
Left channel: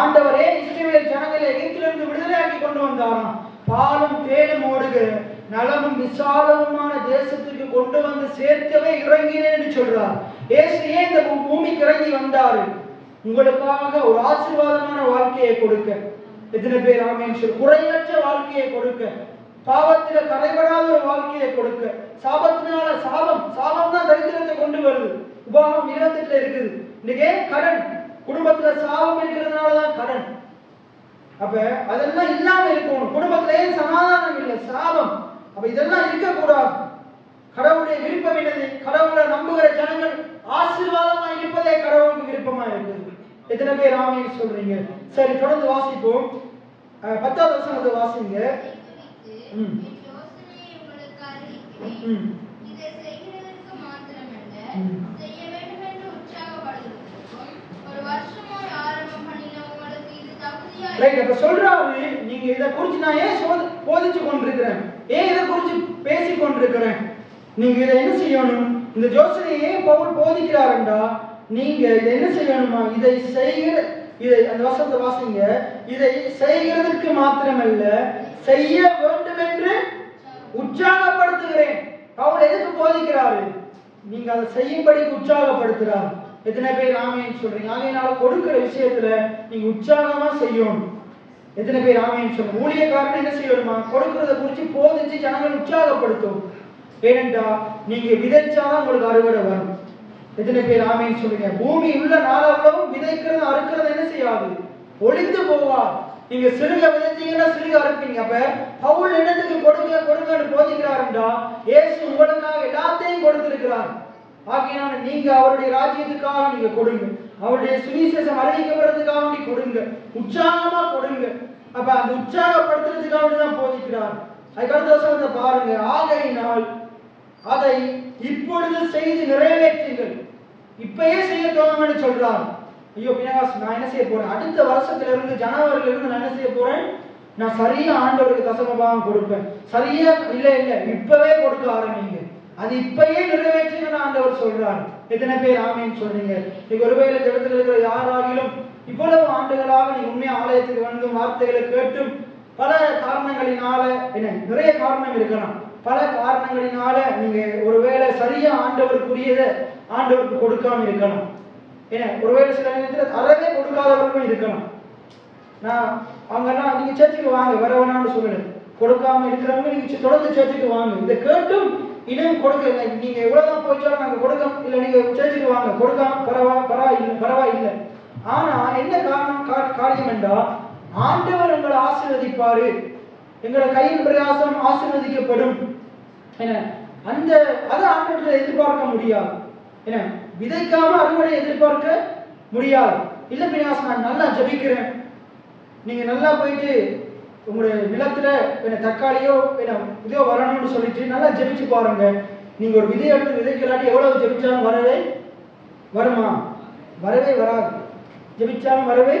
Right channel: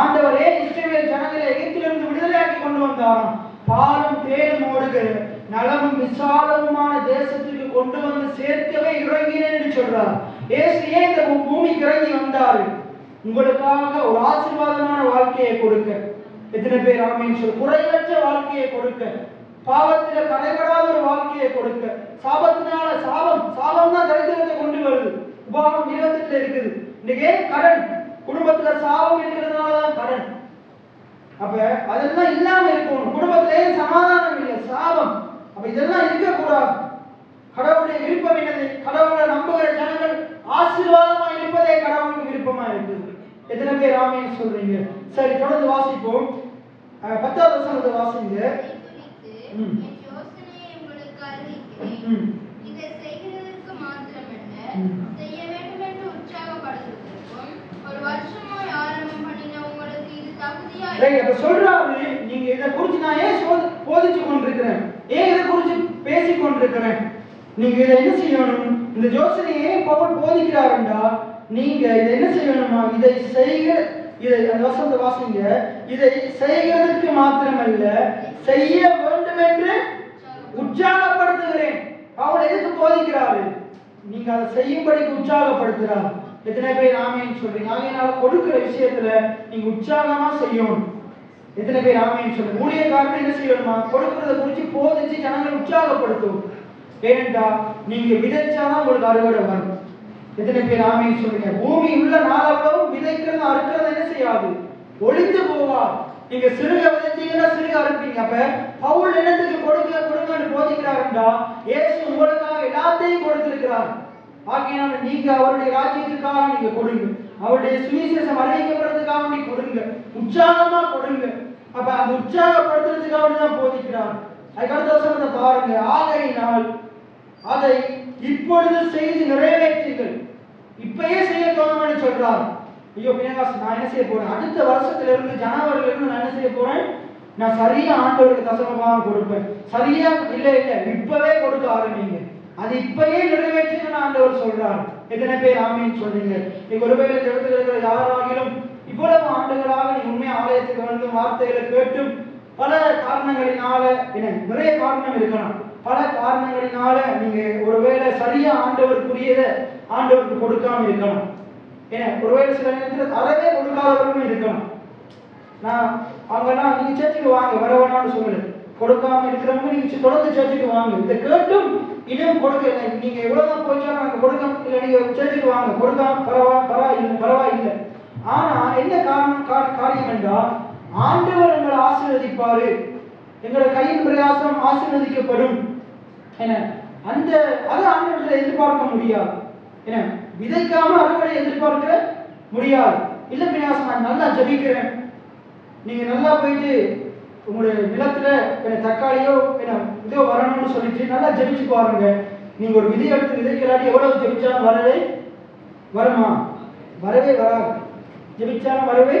ஆண்டவரே இஸ்ரவேல் ஜனங்களை எகிப்திலிருந்து விடுதலையாக்கி கொண்டு வந்தாராம், பாலும் தேனும் ஓடுகிற நலமும் விசாலமுமான தேசத்துக்கு கொண்டு வந்து சேர்க்கவே இறங்கினேன் என்று சொல்றார். இயேசு ஏன் இந்த பூமிக்கு இறங்கி வந்தாரு? உங்களுக்காக ஒரு ஆசீர்வாதமான வாழ்க்கையை கொடுக்க. எத்தனை பேர் ஆமீன் சொல்? குறைவற்ற வாழ்க்கையை கொடுக்க, பாவத்தில தலைபடாத ஒரு வாழ்க்கையை கொடுக்க. சாபத்தினால சாபம் தான் தரித்திரத்தை கொண்டு வருது. உபாகம் 28 இருக்குது. இன்னைக்கு கடன், குடும்பத்துல சாபம் இருக்கிறதுனாலதான் கடன். அப்ப அதெல்லாம் இல்லாம இருக்கணும். குடும்பத்திலே சமாதானம் இல்லை, சாபம். அப்ப இதெல்லாம் இருக்கக்கூடாது. கடவுளுடைய விருப்பம் என்னது? கடவுளை நம்புகிற ஜனங்கள் ஆசீர்வாதமா இருப்பதே கடவுளுக்கு விருப்பமா இருக்குது. எத்தனை பேர் ஆமீன் சொல்றீங்க? சரி, தொடர்ந்து வாசிப்போம். 10வது வசனத்தை வாசிங்க. சொல்றாரு, நீங்க இதை குறிச்சு நான் ஏன் போதிச்சு கொண்டிருக்கிறேன், ஏன் இதை குறிச்சு பேசிக் கொண்டிருக்கிறேன், நீங்க இதை என்ன செய்யணும்? இந்த யோசனையை ஏன் பவுல் போதிக்கிறாருண்டா, நீங்க இதை என்ன செய்யணுமா? இதை அந்த வசனத்தை வாசிங்க. இதை செய்கிறதுக்கு மாத்திரமல்ல, செய்ய வேண்டும் என்று உற்சாகப்படுத்துகிறேன். பவுல் எதுக்கு போதிக்கிறாரு? நீங்க அதை செய்யும்படிக்கு உற்சாகப்படுத்துறாரு. எத்தனை பேர் ஆமேன்னு சொல்றீங்க? ஆகையினால கொடுக்கிற விஷயத்துல நீங்க உற்சாகமா செய்யணும். எத்தனை பேர் ஆமேன்னு சொல்றீங்க? ஊழியக்காரன் என்ன செய்யணுமா? கொடுக்கறத குறித்து போதிச்சு ஜனங்களை உற்சாகப்படுத்தும். ஏனென்றா நீங்க விதைச்சாதான் உங்களுக்கு அறுவடை வரும். எத்தனை பேர் ஆமேன்னு சொல்றீங்க? பூமி உள்ள நாளாகவும் விதைக்கிறது அறுக்கிறது என்ன செய்யாது, ஒழித்து போவா. நீங்க சிறுக விதைச்சீங்கன்னா சிறுக அறுப்பீங்க. அப்ப பவுல் என்னத்துக்கு கொடுங்க கொடுங்கன்னு போதிக்கிறாருன்றா, இயேசு உங்களுக்காக எல்லாத்தையும் கொடுத்திருக்கிறார். ஆகையினால நீங்க அவருடைய ராஜ்யத்துக்காக நீங்க கொடுங்க, அவருடைய சுவிசேஷம் அறிவிக்கப்படுறதுக்காக நீ கொடுங்க, உற்சாகமா கொடுங்க. அப்ப அந்த உற்சாகப்படுத்துறதுக்காக தான் போதிக்கிறார். அதுக்கடுத்த வசனத்தை பாருங்க. ஆகையினால் அதை இப்பொழுது செய்து நிறைவேற்றுங்கள். இப்பயே செய்ய தொடங்கணும்னு சொல்றார். ஐயோ பினகாஸ், நான் என்ன செய்ய போறேன்? அடுத்த வருஷத்துல இருந்து ஜனவரியில இருந்து நான் என்ன செய்ய போறேன்? நான் சரியா ஆண்டவருக்கு தசமபாகம் கொடுப்பேன். சரியா இல்ல இப்பவே கொடுக்க ஆரம்பிங்க. அது இப்பயே நிறைவேற்றுன்னு ஆண்டவர் சொல்றார். எத்தனை பேர் ஆமேன்னு சொல்றீங்க? நீங்க ஒருவேளை இடத்துல இருக்கிற யாராகிலும் இவ்வளவு ஆண்டுகளாக நீங்க உண்மையா ஆலயத்துக்கு வந்து வார்த்தைகளை கேட்டும் பல காரணங்களினால, நிறைய காரணம் இருக்கலாம், பல காரணங்களினால நீங்க ஒருவேளை சரியா ஆண்டவருக்குரியதை ஆண்டவருக்கு கொடுக்காம இருக்கலாம். ஒருவேளை சில நேரத்தில் அறவே கொடுக்காதவர்களும் இருக்கலாம். நான் அவங்கெல்லாம் நீங்க சேர்த்துக்கு வாங்க வரவனான்னு சொல்லல, கொடுக்காம இருக்கிறவங்க நீங்க தொடர்ந்து சேர்த்துக்கு வாங்க. இதை கேட்டும் இன்னும் கொடுக்க, நீங்க எவ்வளவுதான் போச்சாலும் நாங்க கொடுக்க இல்லை, நீங்க சேர்த்துக்கு வாங்க, கொடுக்காம பரவாயில்லை. ஆனா என்ன காரியம் என்றால், ஆண்டவர் எங்களை ஆசீர்வதிப்பாரு, எங்களை கையின் பிரயாசம் ஆசீர்வதிக்கப்படும். அந்த அதை ஆண்டவர்களை எதிர்பார்க்க முடியாது. விதைக்காம அறுவடை எதிர்பார்க்க முடியாது. இல்ல பிரயாசம், நான் நல்லா ஜபிக்கிறேன், நீங்க நல்லா போயிட்டு உங்களுடைய நிலத்துல தக்காளியோ இதோ வரணும்னு சொல்லிட்டு நல்லா ஜபிச்சு பாருங்க. நீங்க ஒரு விதை எடுத்து விதைக்கலாட்டி எவ்வளவு ஜபிச்சாலும் வருமா? வரவே வராது. ஜபிச்சாலும் வரவே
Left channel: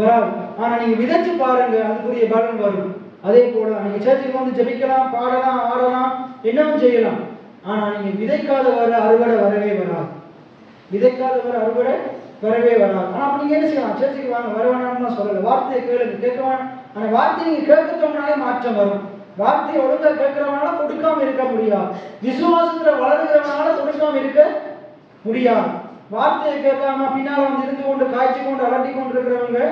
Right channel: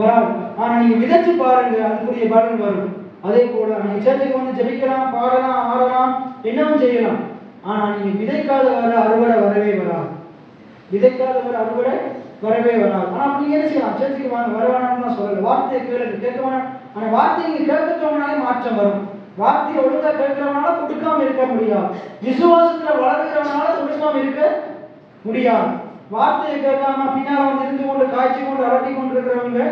வராது. ஆனா நீங்க விதைச்சு பாருங்க, அதுக்குரிய பலன் வரும். அதே போல நீங்க சேர்த்துக்கு வந்து ஜபிக்கலாம், பாடலாம், ஆடலாம், என்னவும் செய்யலாம். ஆனா நீங்க விதைக்காதவர அறுவடை வரவே வராது. விதைக்காதவர அறுவடை வரவே வராது. ஆனா நீங்க என்ன செய்யலாம்? சேர்த்துக்கு வாங்க, வரவேணாம்னு சொல்ற வார்த்தையை கேளுங்க, கேட்க வேணாம். ஆனா வார்த்தையை நீங்க கேட்கறவனாலே மாற்றம் வரும். வார்த்தையை ஒழுங்கா கேட்கிறவனால கொடுக்காம இருக்க முடியாது. விசுவாசத்துல வளர்கிறவனால கொடுக்காம இருக்க முடியாது. வார்த்தையை கேட்காம பின்னால வந்து இருந்து கொண்டு காய்ச்சி கொண்டு அலட்டி கொண்டிருக்கிறவங்க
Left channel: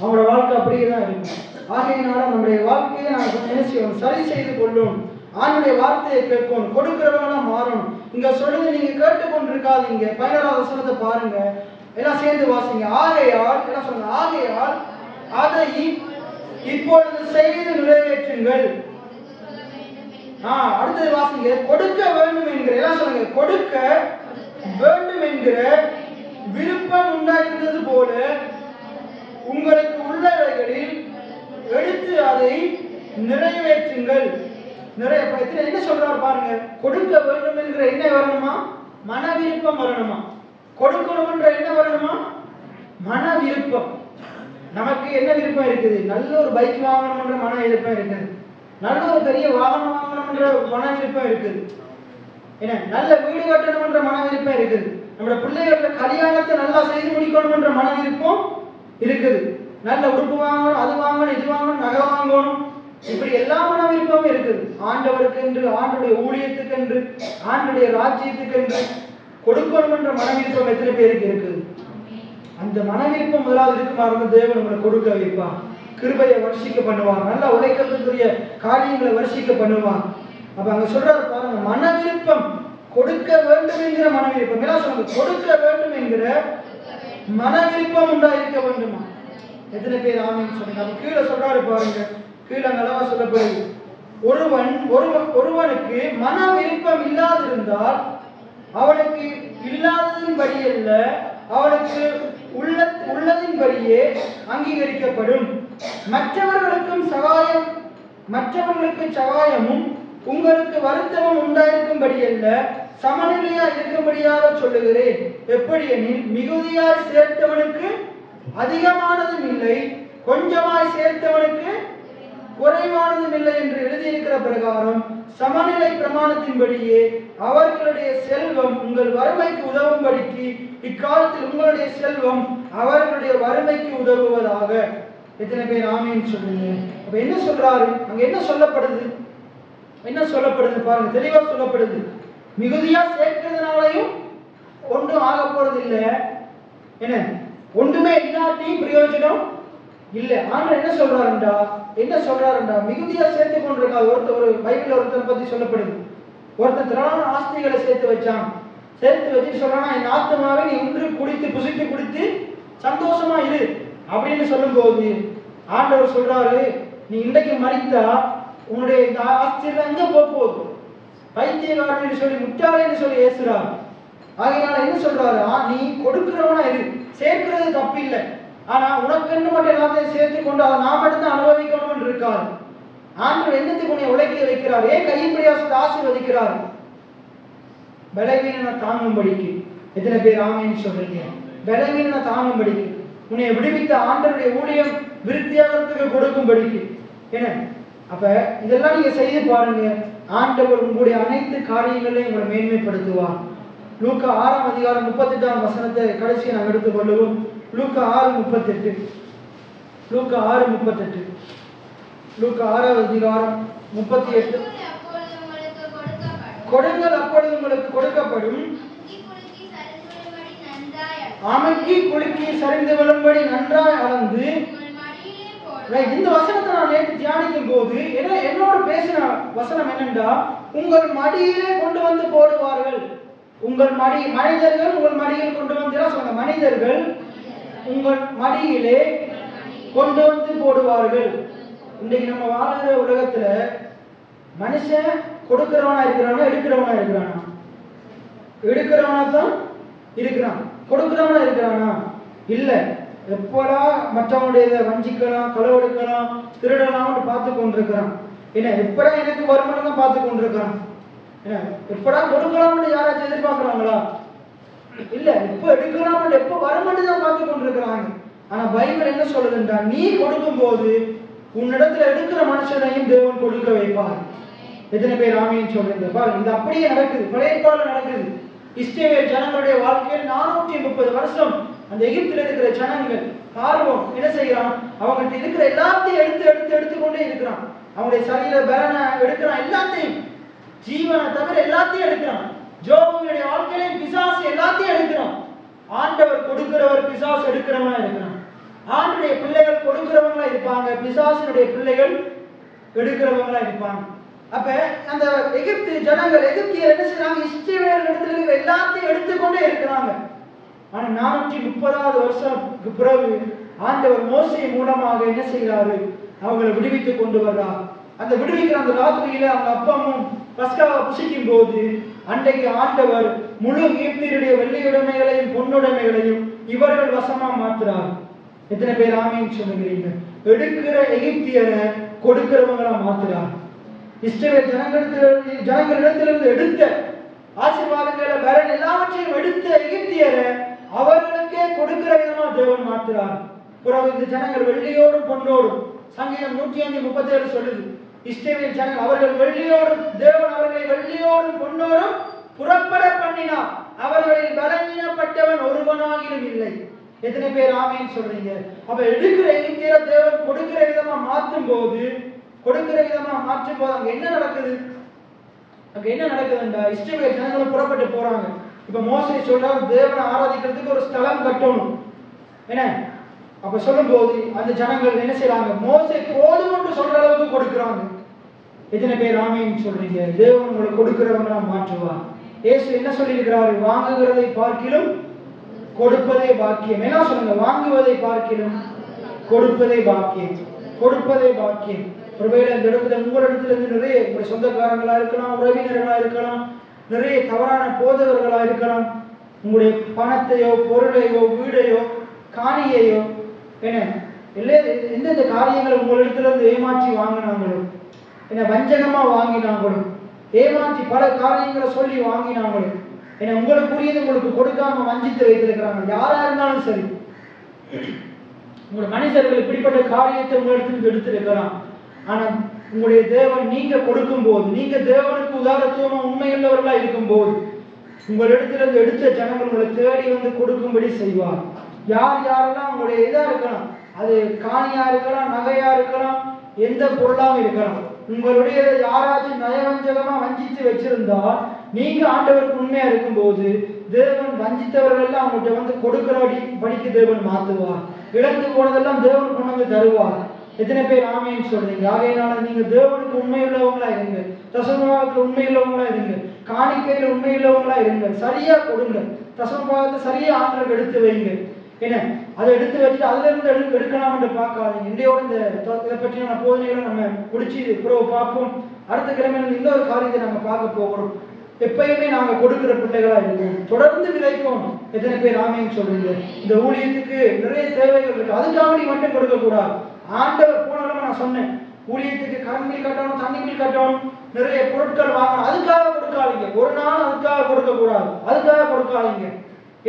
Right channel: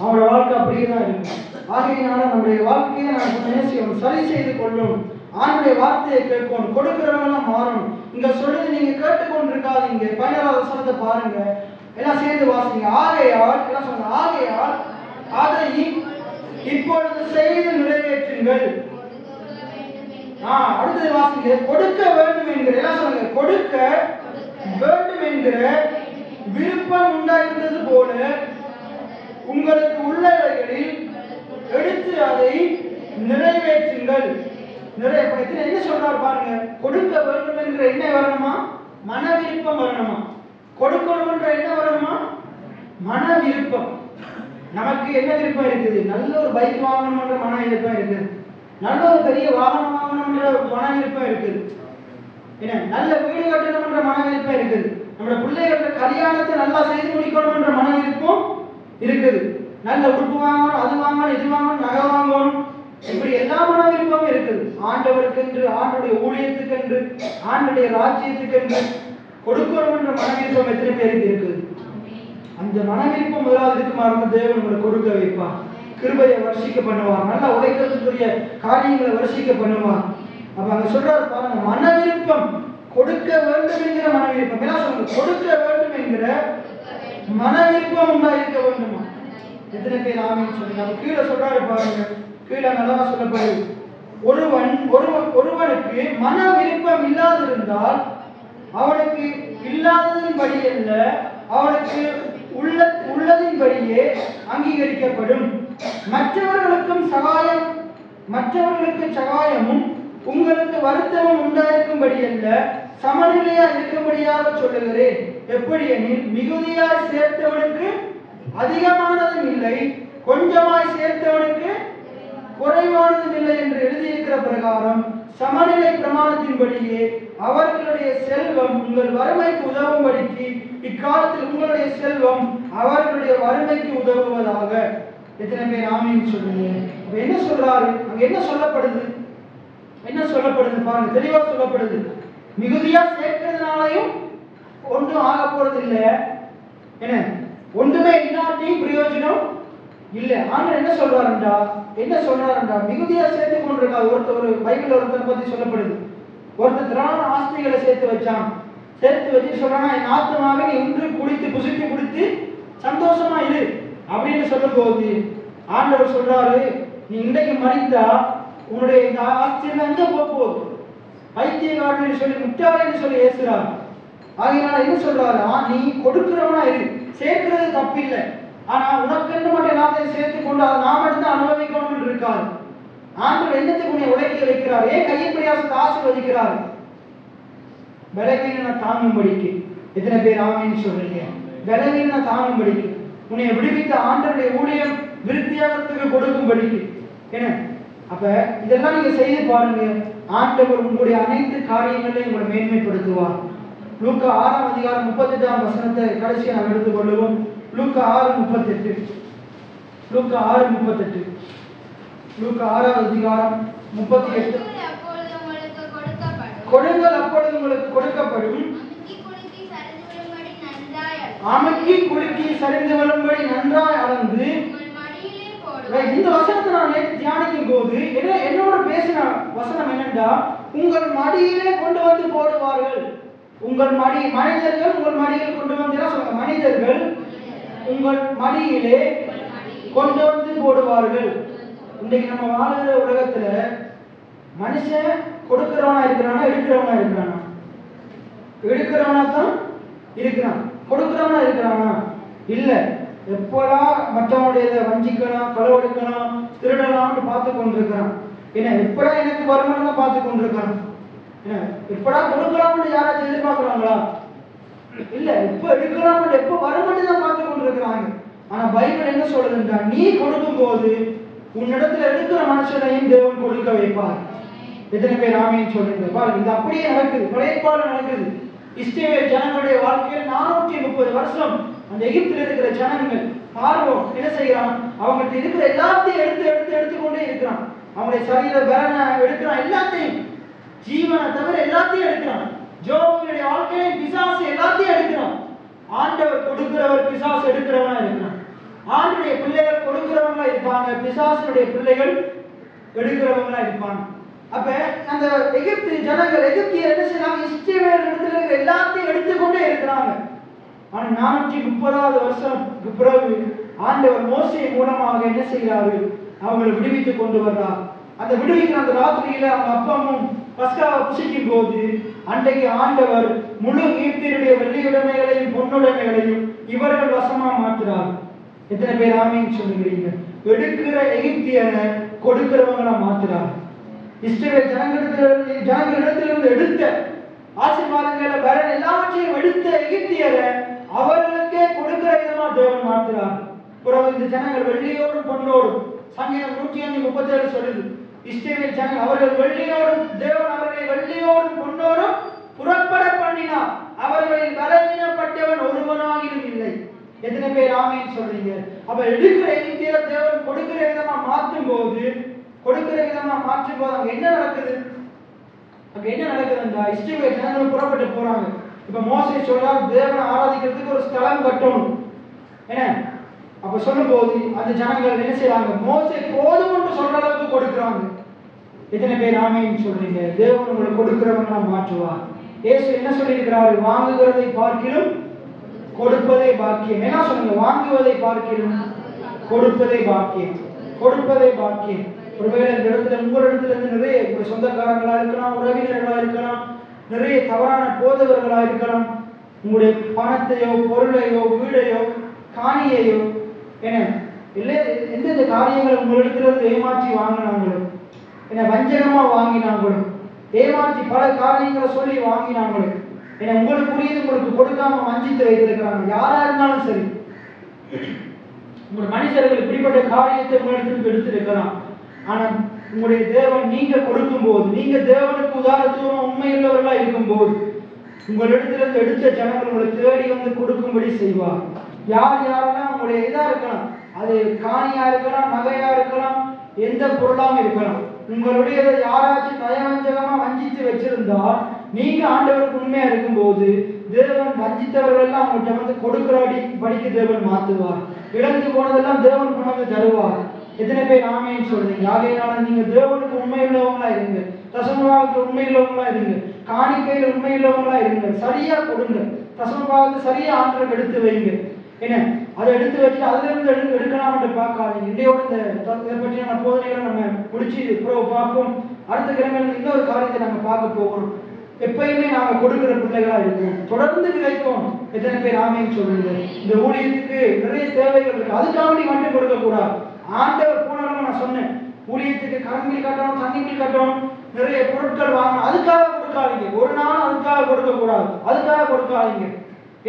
அவங்களோட வாழ்க்கை அப்படியேதான் இருக்கும். ஆகையினால நம்முடைய வாழ்க்கையை நாம் என்ன செய்யணும்? சரி செய்து கொள்ளணும். ஆண்டுடைய வார்த்தையை கேட்கணும், கொடுக்கிறவங்களும் மாறணும். இங்க சொல்லுங்க, நீங்க கேட்டுக்கொண்டிருக்காதீங்க. 16வது வசனத்தை பாருங்க, எல்லாம் சேர்ந்து வாசிங்க. ஆகையால் என்ன சொன்ன? ஆகையால் அதை இப்பொழுது செய்து நிறைவேற்றுங்கள். அடுத்தது வாசிங்க. கொடுக்க வேண்டும் என்கிற, எல்லாம் சொல்லுங்க, கொடுக்க வேண்டும் என்கிற விருப்பம் உண்டாயிருந்தது போல உங்களுக்கு உள்ளவைகளில் எடுத்து அதை நிறைவேற்றுங்கள். என்ன சொல்றாரு பாருங்க. கொடுக்க வேண்டும் என்கிற என்ன வரணுமா? மன விருப்பம் வரணுமா? கொடுக்கணும் என்ற என்ன வரணுமா? மன விருப்பம். நமக்கு என்ன விருப்பம் இருக்குது? நல்ல ஒரு பைக் வாங்கணும் என்ற மன விருப்பம் இருக்குது. நல்ல ஒரு பெரிய வாகனம் வாங்கணும் என்ற மன விருப்பம் இருக்குது. நல்ல வீடு கட்டணும் என்ற மன விருப்பம் இருக்குது. நம்முடைய பிள்ளைகளோட கல்யாணத்தை நல்லா செய்து முடிக்கணும் என்ற மன விருப்பம் இருக்குது. நல்ல உடுப்பு வாங்கணும், அது வாங்கணும், இது வாங்கணும், நகை வாங்கணும், இப்படி எல்லா மன விருப்பமும் இருக்குது. ஆண்டவருக்கு என்று, ஆண்டுடைய ஊழியத்துக்கு என்று, ஆண்டுடைய ராஜ்யத்துக்கு என்று கொடுக்கணும் என்ற மன விருப்பம் எத்தனை பேருக்கு இருக்குது? அந்த மன விருப்பம் முதலாவது இருக்குமாறு தேவன் உங்களை கொடுக்க வைப்பார். கிருபையை வருஷிக்க பண்ணுவார். நல்ல உழைக்கிறதுக்குரிய காரியங்களை வருஷிக்க பண்ணுவார். அப்ப அங்க சொல்றாரு பாருங்க, மன விருப்பம், கொடுக்க வேண்டும் என்கிற மன விருப்பம். என்ன சொல்லுங்க? கொடுக்க வேண்டும் என்கிற மன விருப்பம் உண்டாயிருக்க வேண்டுமா? எத்தனை பேர் ஆமீன் சொல்லுங்க? நம்ம கீழே சொல்றாரு பாருங்க, கீழே நல்லவா சொல்லப்படுது, ஒருவனுக்கு மன விருப்பம் இல்லாதிருந்தால் அவனுக்கு இல்லாததின்படி அல்ல, அவனுக்கு உள்ளதின்படியே அங்கீகரிக்கப்படும். மற்றவர்களுக்கு சகாயமும் உங்களுக்கு வருத்தமும் உண்டாயிருக்கும்படி அல்ல, சமநிலையா இருக்கும்படியாக சொல்லுகிறேன். எப்படி எனில், மிகுதியாய் சேர்த்தவனுக்கு அதிகமானதும் இல்லை, கொஞ்சமாய் சேர்த்தவனுக்கு குறைவானதும் இல்லை என்று எழுதியிருக்கிற பிரகாரம் சமநிலை பிரமாணத்தின்படியே அவர்களுடைய செல்வம் உங்கள் வறுமைக்கு உதவும்படிக்கு இக்காலத்தில் உங்களுடைய செல்வம் அவர்களுடைய வறுமைக்கு உதவுவதாக. எத்தனை பேர் ஆமீன் சொல்லுங்க? என்ன சொல்றாரு அங்க? என்ன சொல்லப்படுது? என்ன சொல்லப்படுது பாருங்க, தெளிவா சொல்லப்படுது. மிகுதியா சேர்க்கிறதுனாலையும் ஒன்றும் ஆக போறது இல்லை. என்ன ஒன்றுமே இல்லாட்டி பிரயோஜனம் இல்லை. ஆனா என்ன சொல்றாருண்டா மிகுதியா சேர்த்து கொண்டிருக்காரு. ஒரு பைபிள் ஒருத்தர் பத்தி சொல்லப்படுது. ஒருத்தர் திராண ஆஸ்திகளை சேர்த்து வச்சான். சேர்த்து வச்சு சொல்றானா, என் ஆத்மாவை நீ இன்று குடித்து புசித்து குடித்து சந்தோஷமா இரு அப்படின்னு சொல்லும் போது ஆண்டவர் சொல்றாரு, நீ இன்றைக்கு மறித்தா உன்னுடைய இந்த ஆஸ்தியெல்லாம் எங்க போகுது? பைத்தியக்காரன் சொல்லி முட்டாளன்னு சொல்லி ஏசுறாரு. ஆகையால என்ன சொல்றாரு, நீ கொடுக்கிறவனா இரு, சேர்க்கிறது தப்பு இல்லை. ஆனா உனக்கு என்ன மட்டும் எல்லாத்தையும் சேர்த்து கொண்டு அதை நாம் எடுத்து அனுபவிக்கணும்னு இருக்காரு. ஆண்டவர் என்னத்துக்கு உன்னை உழைக்க வைக்கிறார்? ஏன் கையை பிரயாசத்தை ஆசீர்வதிக்கிறார்? பலவீனனை தாங்கும்படிக்கு. எத்தனை பேர் ஆமேன்னு சொல்றீங்க? பலவீனனை தாங்கும்படிக்கு, உன்னை விடுவித்த ஆண்டவருடைய ஊழியம் விருத்தியாகத்துக்கு கொடுக்கும்படிக்கு. என்ன அப்ப இதெல்லாம் நீங்க செய்ய பாருங்க, ஆண்டவர் உங்களுடைய அனைத்து காரியங்களையும் உங்களை மேன்மைப்படுத்துவார். லூக்கா 6ஆம் அதிகாரம் 38ஆம் வசனத்தை கடைசி நாம் எடுத்துக் கொள்ளுவோம். லூக்கா 6:38. லூக்கா 6:38. லூக்கா 6ஆம் அதிகாரம் 38. கொடுங்கள் அப்பொழுது உங்களுக்கு கொடுக்கப்படும், அமுக்கி குலுக்கி சரிந்து விழும்படி நன்றாய் அளந்து. இந்த வசனத்தை நான் நேற்று தியானிக்கும் போது என்னோட பேசின வசனம் என்னென்றா, உங்கள் மடியிலே கொண்டு வந்து போடுவார்கள். உங்கள் மனிதர்கள் உங்கள் மடியில் கொண்டு வந்து சொல்லுங்க, மனிதர்கள் உங்கள் மடியிலே கொண்டு வந்து போடுவார்கள். இன்றைக்கு நம்ம வாழ்கிற உலகத்துல மனுஷன் கொடுக்கிறவனா இருக்கிறானா, எடுக்கிறவனா இருக்கிறானா? எடுக்கிறவனா தான் இருக்கிறான். கொடுக்கிறவனா இருக்கிறானா? இல்ல. எப்படா மற்றவனுடைய வஞ்சிக்கலாம், களவெடுக்கலாம், திருடலாம்னு பார்த்து கொண்டிருக்கிறான். என்ன எப்படா எனக்கு வருமானம் தான் பார்த்து கொண்டிருக்கிறான். எப்படா கொடுக்கலாம்னு யாராச்சும் எதிர்பார்க்கிறாங்களா? இல்ல. எப்ப எடுக்கலாம், எப்ப வருமானம் தான் பார்த்து கொண்டிருக்கிறாங்க. ஆனா பைபிள் என்ன சொல்றதுன்னா, நீ கொடுக்கும் போது உன்னிடத்துல எடுக்கிற மனுஷனையும் தேவன் கொடுக்க வைப்பார். எத்தனை பேர் ஆமேன்னு சொல்றது? பாருங்க, இது அப்படியே நடக்குது, பழையப்பாடு நடக்குது. இஸ்ரவேல் ஜனங்களுடைய வாழ்க்கையில் 430 வருஷம் அந்த எகிப்தில் இருக்கிற ஜனங்கள் பார்வோன் என்ன செய்யறான்? அவங்கள்ட்ட இருக்கிற எல்லாத்தையும் எடுத்துக்கொண்டே இருக்கிறான். அவங்களுடைய சரீர பலனை எடுக்கிறான், எல்லாத்தையும், ஜீவனை தவிர எல்லாத்தையும் எடுக்கிறான். ஜோபுடைய வாழ்க்கையை பிசாசு எல்லாத்தையும் எடுக்கிறான். ஆண்டவர் கொடுக்கிறவர், பிசாசு எடுக்கிறவனா இருக்கிறான். ஆண்டுடைய பிள்ளைகள் கொடுக்கிறவங்களா இருப்பாங்க, பிசாசுடைய பிள்ளைகள் எடுக்கிறவங்களா இருப்பாங்க. அப்ப அந்த எகிப்து ஜனங்கள், எகிப்தியர் என்ன செய்யறாங்க? இஸ்ரவேல் இடத்துல இருக்கிற எல்லாத்தையும் எடுத்துக்கொண்டே இருக்கிறாங்க. ஆனா 430வது வருஷத்துக்கு பிறகு ஆண்டவர் மோசே மூலமாக என்ன செய்யறாரு? அவங்களை விடுவித்துக் கொண்டு வர்றார். அந்த விடுவிக்கிற அந்த ராத்திரியில அவங்க அப்பமும் பஸ்காவை புசிக்கும் போது அன்றைக்கு ஆண்டவர் முழு எகிப்தியருடைய வெள்ளியுடைமைகளையும் பொன்னுடைமைகளையும் இவர்கள் வசமா மாற்றுறார். எத்தனை பேர் ஆமேன்னு சொல்லுகிறீங்க? எடுக்கிற எகிப்தியரை கொடுக்கிறவங்களா மாற்றுறார். இஸ்ரவேல் ஜனங்களிடத்திலிருந்து எடுத்த ஆசீர்வாதங்களை வேற எல்லாவற்றையும் எடுத்த எகிப்தியரை அவர்களுக்கே கொடுக்கிற விதமா தேவன் மாற்றுறார். பிறகு இந்த ஜனங்கள் வெள்ளியோடும் பொன்னோடும், சங்கீதம் 137 சொல்லுது, இஸ்ரவேல் ஜனங்கள் அவர்கள் வெள்ளியோடும், தேவன் அவர்களை வெள்ளியோடும் பொன்னோடும் புறப்பட பண்ணினார். அவர்களில் பலவீனப்பட்டவன் ஒருவனாகிலும் இல்லை. எத்தனை பேர் ஆமேன்னு சொல்றீங்க? அப்ப எடுக்கிற எகிப்தியரை தேவன் கொடுக்கிற விதமா மாற்றும் போது அங்க என்ன நடக்குது? அங்க என்ன நடக்குதுன்னா, இஸ்ரவேல் ஜனங்கள் புறப்பட்டு போறாங்க. இப்ப மோசே சொல்றாரு, தேவனை ஆராதிக்கிறதுக்கு ஒரு ஸ்தலம் கட்டணும். என்ன அப்ப சொல்லும் போது அந்த ஜனங்கள் என்ன செய்யறாங்க? மோசே போதும் என்று சொல்ற அளவுக்கு கொடுக்கிறாங்க. எத்தனை பேர் ஆமேன்னு சொல்றீங்க? தேவன் உங்களுக்கு கொடுக்கிறவங்க மாற்றுவார். இயேசு என்ன சொல்லியிருக்கிறாரு? வாங்குகிறதை பார்க்கிலும் கொடுப்பதே பாக்கியம். என்ன சொல்லுங்க? வாங்குவதை பார்க்கிலும் கொடுப்பதே பாக்கியம். கொடுப்பதே பாக்கியம். ஒருவேளை இந்த இடத்துல உங்களிடத்துல இருந்து நிறைய சொந்தக்காரங்களா இருக்கலாம், உறவினர்களா இருக்கலாம், நிறைய தவறான போதவர்களா இருக்கலாம். உங்களுடைய பணத்தையோ, பொருளையோ, வீடையோ, காணியையோ, எந்தெந்த காரியங்களை உங்களிடத்துல இருந்து ஏமாற்றி வாங்கினாங்களோ, வஞ்சகமா வாங்கினாங்களோ, ஏமாற்றி பல காரியங்களை சொல்லி வாங்கினாங்களோ, உங்களுக்குரியது உங்களுக்கு கொடுக்காம வஞ்சித்து வைத்திருக்கிறாங்க. யாரா இருந்தாலும் சரி, உங்கள் மனிதர்கள் இப்படிப்பட்ட காரியத்தை உங்களிடத்துக்கு எடுத்திருக்கலாம். ஆனா உங்களுடைய தேவன் நீங்க கொடுக்கும் போது, நீங்க தேவனுக்கு உதாரணத்துவமா உண்மையுள்ளவர்களா இருக்கும் போது, உங்களிடத்திலிருந்து எடுத்த ஜனங்கள் உங்களை தேடி வந்து கொடுக்கும்படி செய்வார். யாரெல்லாம் உங்களுடைய இதா இருக்கலாம், அது காணியா இருக்கலாம், நகையா இருக்கலாம், எந்த பொருளாவும் இருக்கலாம். உங்களுடைய யாராச்சும் நயவஞ்சகமா வஞ்சித்து வச்சிருந்தா நீங்க ஆண்டவருக்கு உண்மையா இருக்கும்போது தேவன் வஞ்சித்தவர்கள் எல்லாம் அவங்கள்ட்ட வந்து கொடுக்கிறபடி படிக்க தேவன் மாத்துவார். இழந்து போனதெல்லாம் தேவன் கொண்டு வந்து தருவார். எத்தனை பேர் ஆமேன்னு சொல்றீங்க? ஆகையினால நீங்க தேவனுக்கு உண்மையுள்ளவங்களா இருங்க, தசமபாகத்துல உண்மையுள்ளவங்களா இருங்க, காணிக்கையில உண்மையுள்ளவங்களா இருங்க. சரியா கொடுங்க, தசமபாகத்தை சரியா ஆட்களுக்கு எடுத்து வைங்க. என்ன அதை எடுத்து வச்சு அதுல இருந்து எடுக்கலாம்னு பார்க்காதீங்க. இதையோட இதை பற்றியான போதனைகளை நம்ம முடிச்சு பார்ப்போம். அடுத்த கிழமையில இன்னொரு காரியத்தை நாங்க பார்க்க போகிறோம். எப்பயுமே நாங்க கொடுக்கிற பிள்ளைகளா இருக்கும், தொடர்ந்து கிடைக்கும். எத்தனை பேர் ஆமேன்னு சொல்றீங்க? இந்த ஊழியத்துக்கு நிறைய தேவைகள் இருக்கு, அதுக்காக மட்டும் கொடுக்க கூடாது. ஆண்டவர் போனாலும் நான் சொன்னேன், ஊழியத்துக்கு கரண்டில் கட்டணும், தண்ணிக்கு கட்டணும், நிறைய பொருட்கள் வாங்கணும், அதுக்காக கொடுக்காதீங்க. ஒரு நாள் அதுக்காக கொடுக்க கூடாது, அதுக்காக கொடுக்காதீங்க.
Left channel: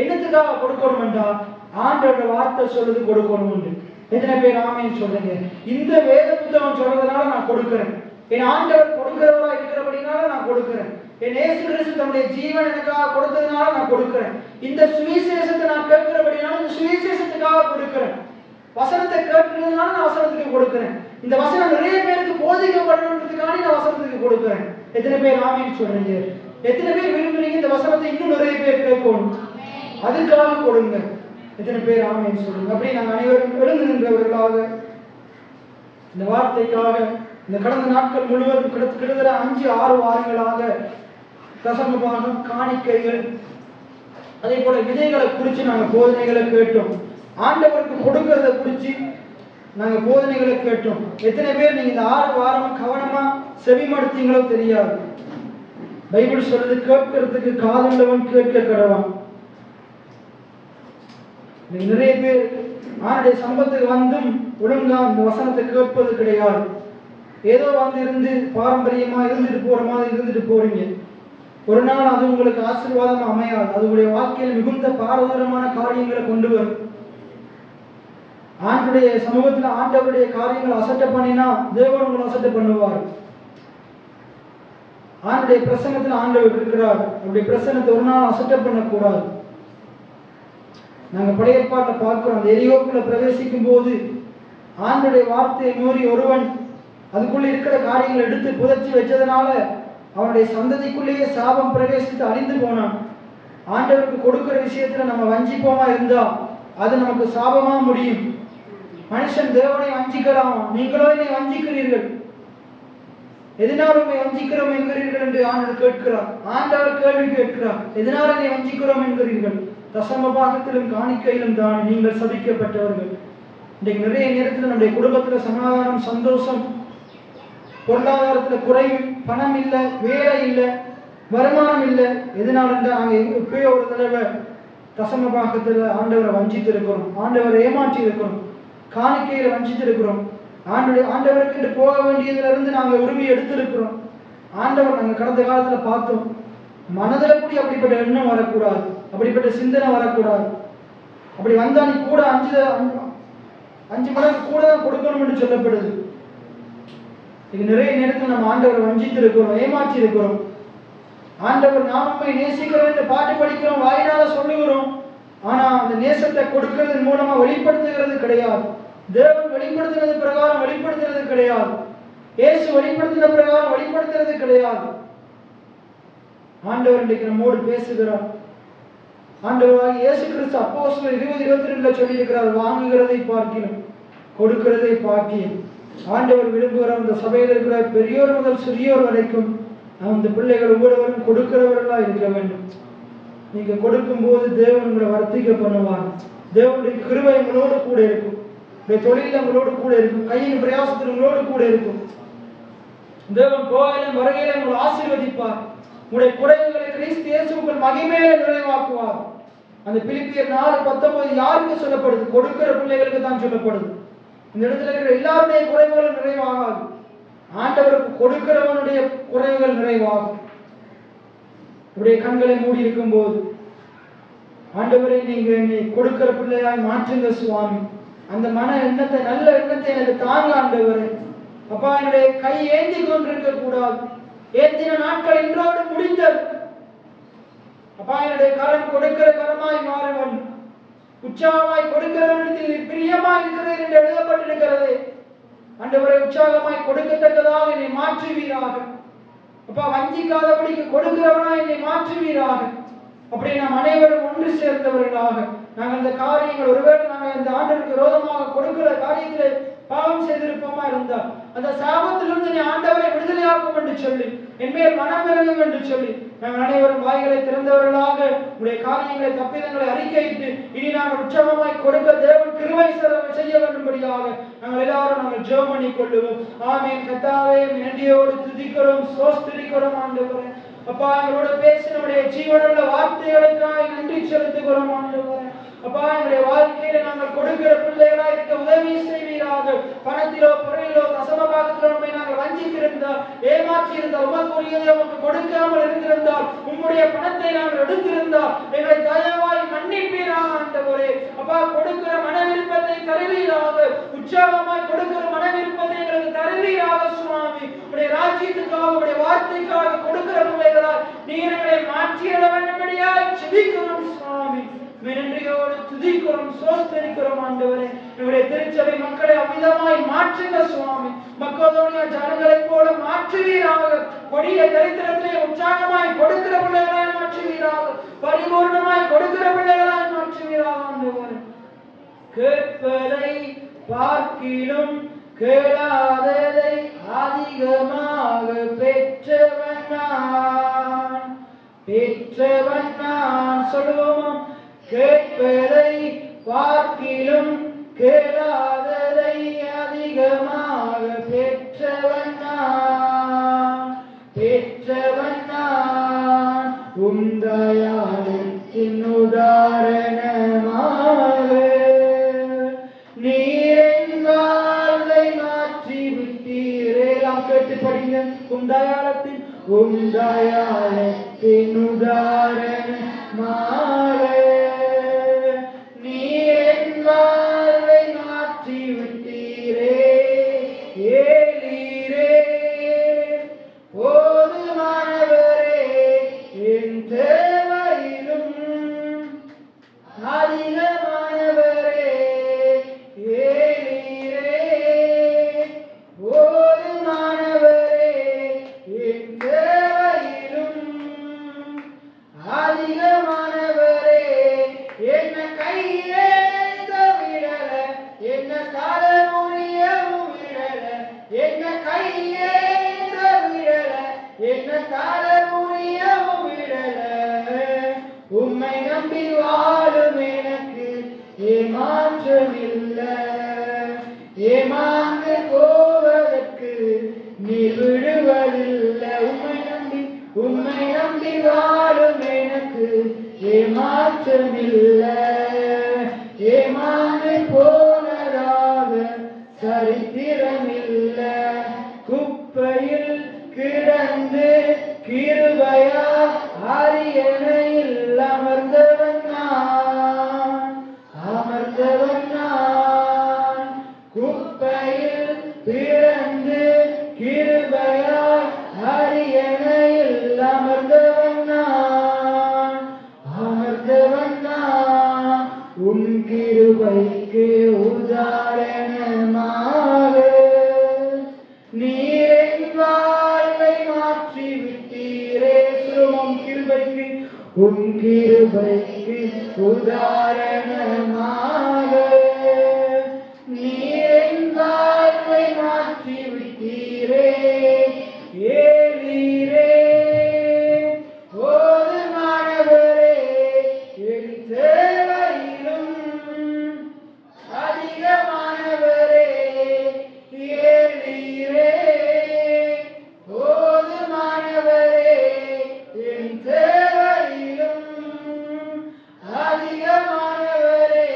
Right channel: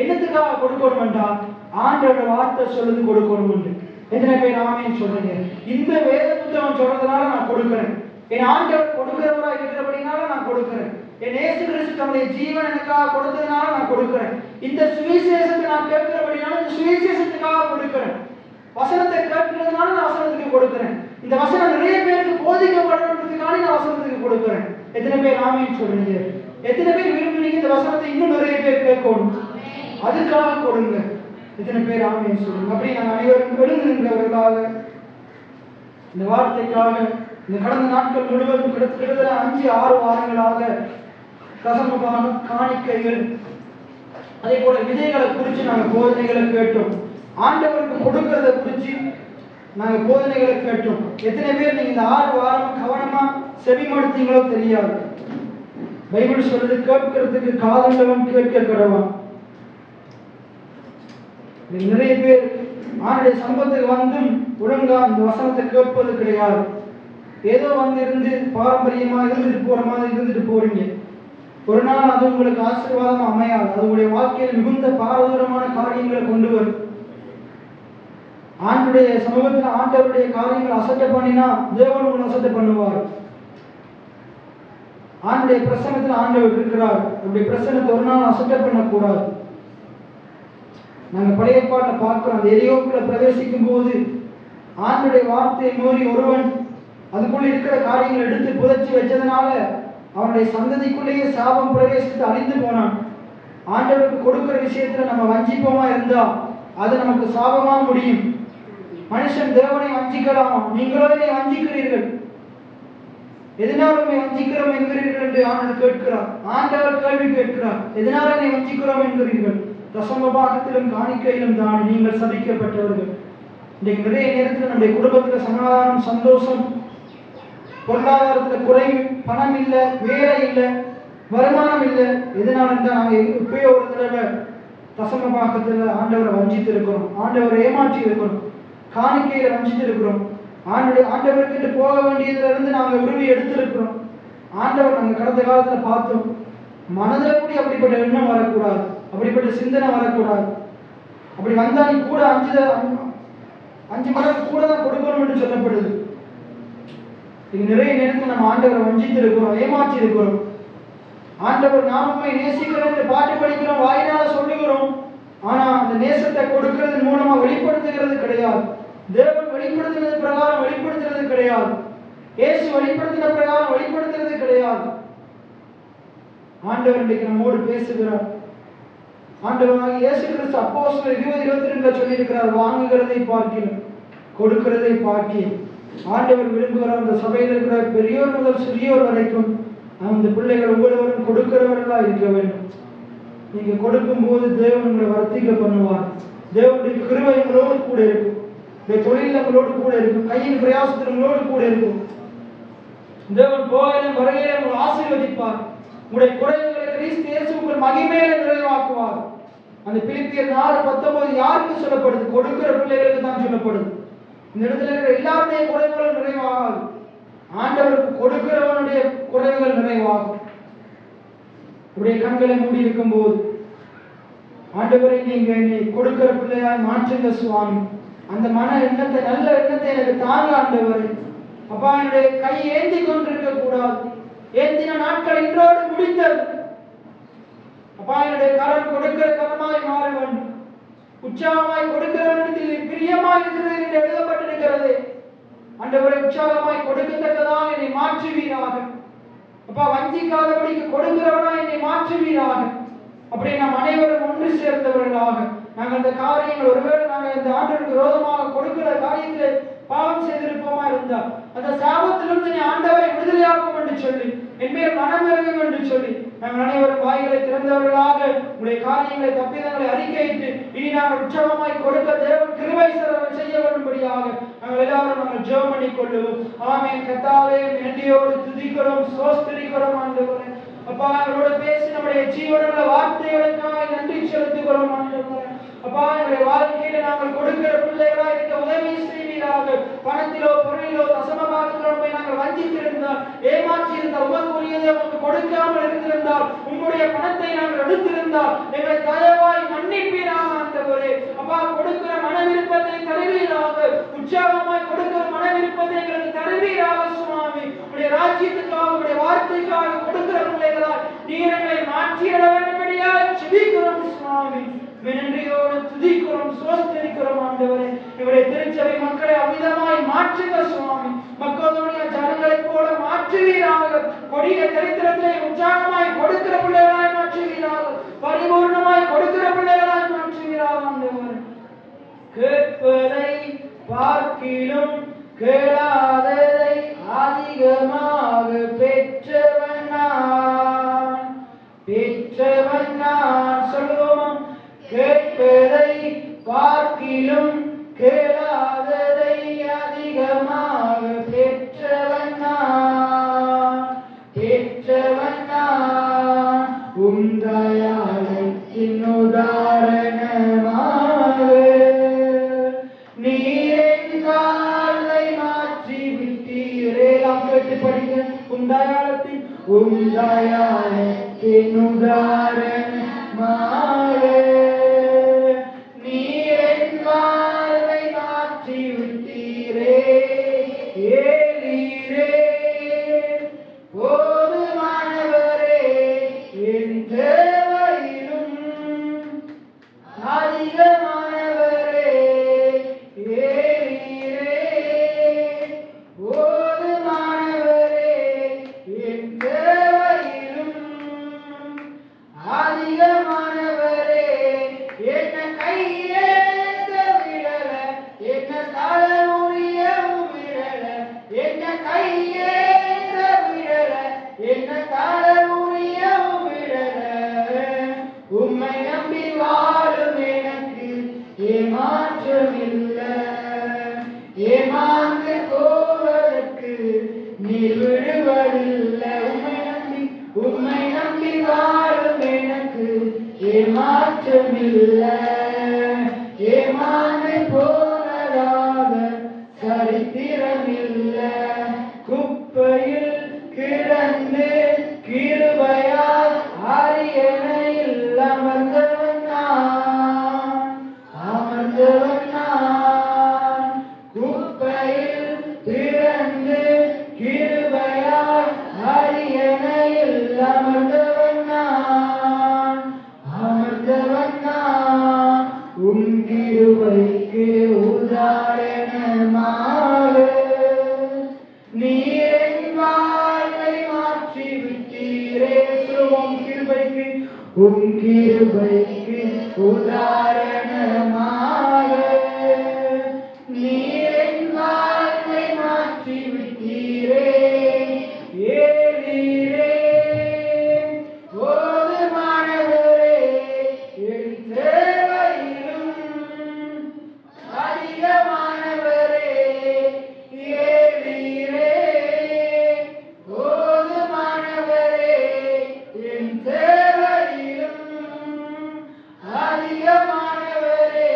என்னத்துக்காக கொடுக்கணும் என்றால் ஆண்டோட வார்த்தை சொல்லுது கொடுக்கணும். எத்தனை பேர் ஆமேன்னு சொல்றீங்க? இந்த வேத புத்தகம் சொல்றதுனால நான் கொடுக்கிறேன், என் ஆண்டவர் கொடுக்கிறவரா இருக்கிறபடினால நான் கொடுக்கிறேன், என் இயேசு கிறிஸ்து தம்முடைய ஜீவன் எனக்காக கொடுத்ததுனால நான் கொடுக்கிறேன், இந்த சுவிசேஷத்தை நான் கேட்கிறபடினால இந்த சுவிசேஷத்துக்காக கொடுக்கிறேன், வசனத்தை கேட்கிறதுனால நான் வசனத்துக்கு கொடுக்கிறேன், இந்த வசனம் நிறைய பேருக்கு போதிக்கப்படுறதுக்காக இந்த வசனத்துக்கு கொடுக்கிறேன். எத்தனை பேர் ஆமேன்னு சொல்றீங்க? எத்தனை பேர் விரும்புறீங்க இந்த வசனத்தை இன்னும் நிறைய பேர் கேட்கணும், அதுக்காக கொடுங்க. எத்தனை பேர் ஆமேன்னு சொல்லுங்க? அப்படி நாங்கள் அனைவரும் எழுந்து நின்றவர்களுக்காக, இந்த வார்த்தைக்காக இந்த கடந்த நாட்கள் முழுவதும் கிட்டத்தட்ட 5-6 வாரங்களாக தசமபாகம், காணிக்கைகள், அதே போல விதைகளை குறித்து நாங்கள் போதனைகளை கேட்டோம். ஆண்டவருக்கு கொடுக்கிறத குறித்து நாங்கள் போதனைகளை கேட்டோம். எத்தனை பேர் நீங்க இந்த 6 வாரம் கவனமா செவிமடுத்தீங்களோ தெரியாது. பைபிள் சொல்றது கேட்கறதுக்கு காதுள்ளவன் கேட்க கடவான். நிறைய பேர் ஆண்டுடைய சம்பத்துக்கு வந்தும் ஒழுங்கா இந்த வசனத்தை கேட்பது கிடையாது. ஏதோ வந்து இருந்து பாரம்பரியமா இருந்துட்டு போற மாதிரி இருந்துட்டு போறீங்க. ஒரு நாள் அது உங்களுக்கு ஆசீர்வாதம் அமையாது, அது உங்களுடைய வாழ்க்கையில் மிகுந்த பாரதூரமான காரியங்களை கொண்டு வரும். ஆண்டுடைய சமூகத்தில் ஆண்டவருடைய காரியங்கள் அசட்டை பண்ணினா தேவன் உங்களை அசட்டை பண்ணுவார். ஆண்டுடைய பிரசனத்தில் ஆண்டவர் இருக்கிறார், நம்முடைய பிரசனத்தை ஒரு நாள் அசட்டை பண்ணக்கூடாது. நாங்கள் பழைய பாட்டை பார்க்கிறோம். அந்த எரியோக்குள்ள பிரவேசிக்கும் போது ஆண்டுடைய வார்த்தையை மீறி ஒருவன் அதுக்குள்ள இருக்கிற காரியங்களை எடுத்து புதைச்சி வச்சதுனால அவனுடைய சந்ததிக்குள்ளேயே சாபம் பிரவேசித்து அழிந்து போனான். ஆண்டவருக்கு கொடுக்கிற விஷயத்துல நம்ம வஞ்சிப்போமா இருந்தா அது நமக்கு சாபமா முடியும். மனுஷன் தேவனை வஞ்சிக்கலாம், நீங்களோ என்னை வஞ்சிக்கிறீர்கள், எதனால் உண்மை வஞ்சிக்கிறோம் என்கிறீர்கள் என்று ஆண்டவர் கேட்கிறார். ஆண்டவர் கேள்வி கேட்கிறார், எதனால் என்னை வஞ்சிக்கிறோம் என்கிறீர்கள்? தசமபாகத்திலும் காணிக்கையிலும் தான் நீங்கள் சபிக்கப்பட்டவர்கள். இன்றைக்கு நிறைய நேரத்தில் நம்முடைய குடும்பத்துல சமாதானம், சந்தோஷம், பொருளாதாரத்துல குறைவு, பணம் இல்லை, வேலை இல்லை, வருமானம் இல்லை. எதனால இருந்தால் நாங்கள் எப்பயோ ஒரு தடவை தசமபாகத்துல ஆண்டவரை வஞ்சித்திருக்கிறோம், ஆண்டவரை ஏமாற்றி இருக்கிறோம், காணிக்கையில வஞ்சித்திருக்கிறோம், ஆண்டவருக்கு போக வேண்டியதுல இருந்து நாங்கள் உரிமை எடுத்திருக்கிறோம். ஆண்டவர் நாங்கள் கடந்த காலத்துல பார்த்தோம், மனதில் கூட அப்படிப்பட்ட எண்ணம் வரக்கூடாது, அப்படிப்பட்ட சிந்தனை வரக்கூடாது. அப்படி வந்தா நீ கூட 5 மடங்கு கூட தான் கொடுக்கணும் என்று சொல்லப்படுது. இது நிறைய நேரத்தில் நம்ம ஆண்டவரை வஞ்சித்திருக்கிறோம், ஏமாற்றி இருக்கிறோம். ஆண்டவர் நாமே நேசிக்கிறோம் என்று பாட்டு படிக்கிறோம், வாயினால சொல்லுகிறோம். ஆனா அந்த நேசத்தை கொடுக்கிறது மூலமா வெளிப்படுத்துகிறது கிடையாது. தேவன் வெளிப்படுத்தினது பிரகாரம் வெளிப்படுத்துறது கிடையாது. இயேசு வெளிப்படுத்தின பிரகாரம் வெளிப்படுத்துறது கிடையாது. ஆண்டவர் இன்னைக்கு நம்மோடு பேசுகிறார். ஆண்டவராகிய இயேசு கிறிஸ்து அப்போஸ்தலர் 20:22 சொல்லி இருக்கிறார், வாங்குகிறதை பார்க்கிறோம், கொடுக்கிறதை பார்க்கிறோம். ஆண்டவர் விரும்புகிற அந்த சபையில் இருக்கிற பெரியோர் முதல் சிறியோர் வரைக்கும் அந்த பிள்ளைகள் ஒவ்வொருவரும் கொடுக்கிறவர்களா இருக்க வேண்டும். நீங்க கொடுக்கும் போது தேவன் உங்களை வர்த்திக்க பண்ணுவார். தேவனுடைய கிருபை உங்களோடு கூட இருக்கும், இந்த தொழில் உங்களோடு கூட இருக்கும், கையின் பிரயாசத்தில் உங்களோடு கூட இருக்கும். தேவன் போகையிலும் வருகையிலும் உங்களை ஆசீர்வதிப்பார். உங்களுடைய குறைவுகளை கிறிஸ்து இயேசு உங்கள் மகிமையை நிறைவாக்குவார். அந்த பிலிப்பியர் 4:19 யாருக்கு சொல்லப்படுது? கொடுக்கிற பிள்ளைகளுக்கு தான் சொல்லப்படுது. இந்த இடத்துல இருக்கிற எல்லாருடைய குறைவுகள் நிறைவாகாது, ஆண்டவருக்கு கொடுக்கிறவனுடைய குறைவுகள் நிறைவாகும். உடைய கண்களை மூடி இருக்கும் போது, ஆண்டவரை நீங்க என்னை கொடுக்கிற பிள்ளையாய் மாற்றுங்க சுவாமி. அந்த மன எண்ணத்தை, நல்ல எண்ணத்தை எனக்கு தாங்க ஆண்டவரே. அப்பா, என்னுடைய கை ஏந்தி கொண்டிருக்க கூடாது, ஏந்தின நாட்கள் இன்றோடு முடிந்தது. அப்பா, என்னுடைய கரம் கொடுக்கிற கரமாய் மாற வேண்டும். உற்சாகமாய் கொடுக்கிறவனிடத்தில் பிரியமாய் இருக்கிறது என்று எழுதப்பட்டிருக்கிறது. ஆண்டவரை உற்சாகமாய் கொடுக்கத்தக்கதாக என்னை மாற்றுவீராக. அப்பா, வஞ்சிக்காதபடிக்கு கொடுக்கிறவனா என்னை அந்த காரியங்கள் ஒருவேளை நாங்கள் இந்த ஆண்டவருக்கு விரோதமாக கொடுக்கிற காரியங்களை பாவம் செய்திருப்போமா இருந்தால் அந்த சாபத்திலிருந்து நீ ஆண்டவரை விடுதலையாக்கும் என்று சொல்லி என்மேல் மனமிறங்கும் என்று சொல்லி நாங்கள் அனைவரும் வாய்களை திறந்தவர்களாக உடைய காரியங்களை தப்பிதங்களை அறிக்கையிட்டு இனி நாங்கள் உற்சாகமாய் கொடுக்க தேவன் கிருபை செய்ய வரும்படியாக நாங்கள் எல்லாரும் நாங்கள் ஜெபம் பண்ணிக் கொள்ளுவோம். ஆமென். கர்த்தாவே நன்றியோடு துதிக்கிறோம், ஸ்தோத்திரிக்கிறோம் ஆண்டவரே. அப்பா எங்களோட பேசி நம்முடைய ஜீவனுள்ள வார்த்தைகளுக்காக நன்றி செலுத்துகிறோம் ஆண்டவரே. அப்பா எங்களுடைய வாழ்க்கையில நாங்கள் கொடுக்கிற பிள்ளைகளாக இருக்க உதவி செய்வீராக. பணத்திலோ பொருளிலோ தசமபாகங்களோ நாங்கள் வஞ்சித்திருந்தால் ஏமாற்றியிருந்தால் உமக்குரியதை உங்களுக்கு கொடுக்காமல் இருந்திருந்தால் உங்களுடைய பணத்தை நாங்கள் எடுத்திருந்தால் எங்களை தயவாய் மன்னிப்பீராக ஆண்டவரே. அப்பா கொடுக்கிற மன விருப்பத்தை தருவீராக, உற்சாகமாய் கொடுக்கிற மன விருப்பத்தை எங்களுக்கு தருவீராக சுவாமி. உடைய ராஜ்யத்துக்காக உடைய வார்த்தைக்காக கொடுக்கிற பிள்ளைகளால் நீர் எங்களை மாற்றிட வேண்டும்படியா ஜெபிக்கிறோம் சுவாமி. நன்றியோடு துதிக்கிறோம், ஸ்தோத்திரிக்கிறோம் ஆண்டவரே. இவருடைய திருச்சபை மக்களை அமிதமாய் மாற்றுங்க சுவாமி. மக்களுடைய ஜனங்களைப் போல மாற்றுவீராக. கொடிய தரித்திரத்தை உற்சாகமாய் கொடுக்கிற பிள்ளைகளாய் மாற்றுவீராக. பரிபூர்ணமாய் கொடுக்கிற பிள்ளைகளாய் மாற்றுவீராக ஆண்டவரே. கேட்பதை பார்க்கிலும் கேளாததை அதிகமாக பெற்றவன் நான் சொல்லுவோம். கேட்பதை பார்க்கிலும் கேளாததை அதிகமாக பெற்றவன் நான் உந்தயாளத்தின் உதாரணமாக நீரின் வாழ்வை மாற்றி விட்டீரே. கேட்டு படிங்க. உந்தயாளத்தின் உதாரணமாக நீரின் வாழ்வை மாற்றி விட்டீரே. ஏலீரே போதுமானவரே என் தேவையிலும் அதிகமானவரே. ஏலீரே போதுமானவரே என் தேவையிலும் அதிகமானவரே. என்ன கையேந்த விடல, என்ன தலைமுடியவும் விடல, என்ன கையேந்த விடல, என்ன தலைமுடியவும் விடல. உம்மை நம்பி வாழும் எனக்கு ஏமாற்றமில்லை. ஏமாந்து போவதற்கு நீர் விடுவதில்லை. உம்மை நம்பி வாழும் எனக்கு ஏமாற்றமில்லை. ஏமாந்து போனதாக சரித்திரமில்லை. குப்பையில் கிடந்து கிருபையால் அரியணையில் அமர்ந்தவன் நான். குப்பையில் கிடந்து கிருபையால் அரியணையில் அமர்ந்தவன் நான். உன் கிருபைக்கு உதாரணமாக நீரின் வாழ்வை மாற்றி விட்டீரே. உன் கிருபைக்கு உதாரணமாக நீரின் வாழ்வை மாற்றி விட்டீரே. ஏலீரே போதுமானவரே என் தேவையிலும் அதிகமானவரே. ஏலீரே போதுமானவரே என் தேவையிலும் அதிகமானவரே.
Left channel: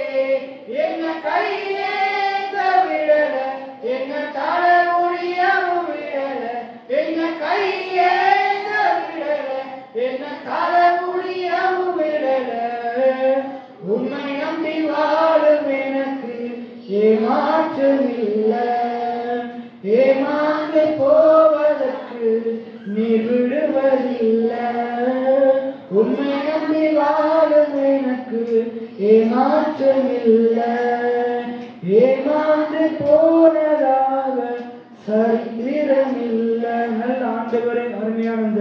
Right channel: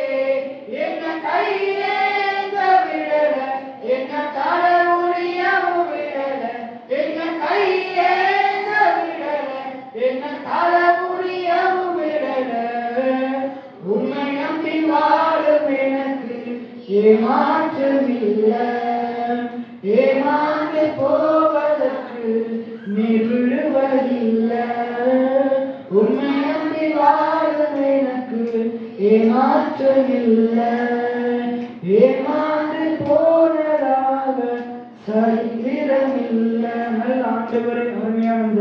என்ன கையேந்த விடல, என்ன தலைமுடியவும் விடல, என்ன கையேந்த விடல, என்ன தலைமுடியவும் விடல. உம்மை நம்பி வாழும் எனக்கு ஏமாற்றமில்லை. ஏமாந்து போவதற்கு நீர் விடுவதில்லை. உம்மை நம்பி வாழும் எனக்கு ஏமாற்றமில்லை. ஏமாந்து போனதாக சரித்திரமில்லை. ஆண்டவரே அருமையான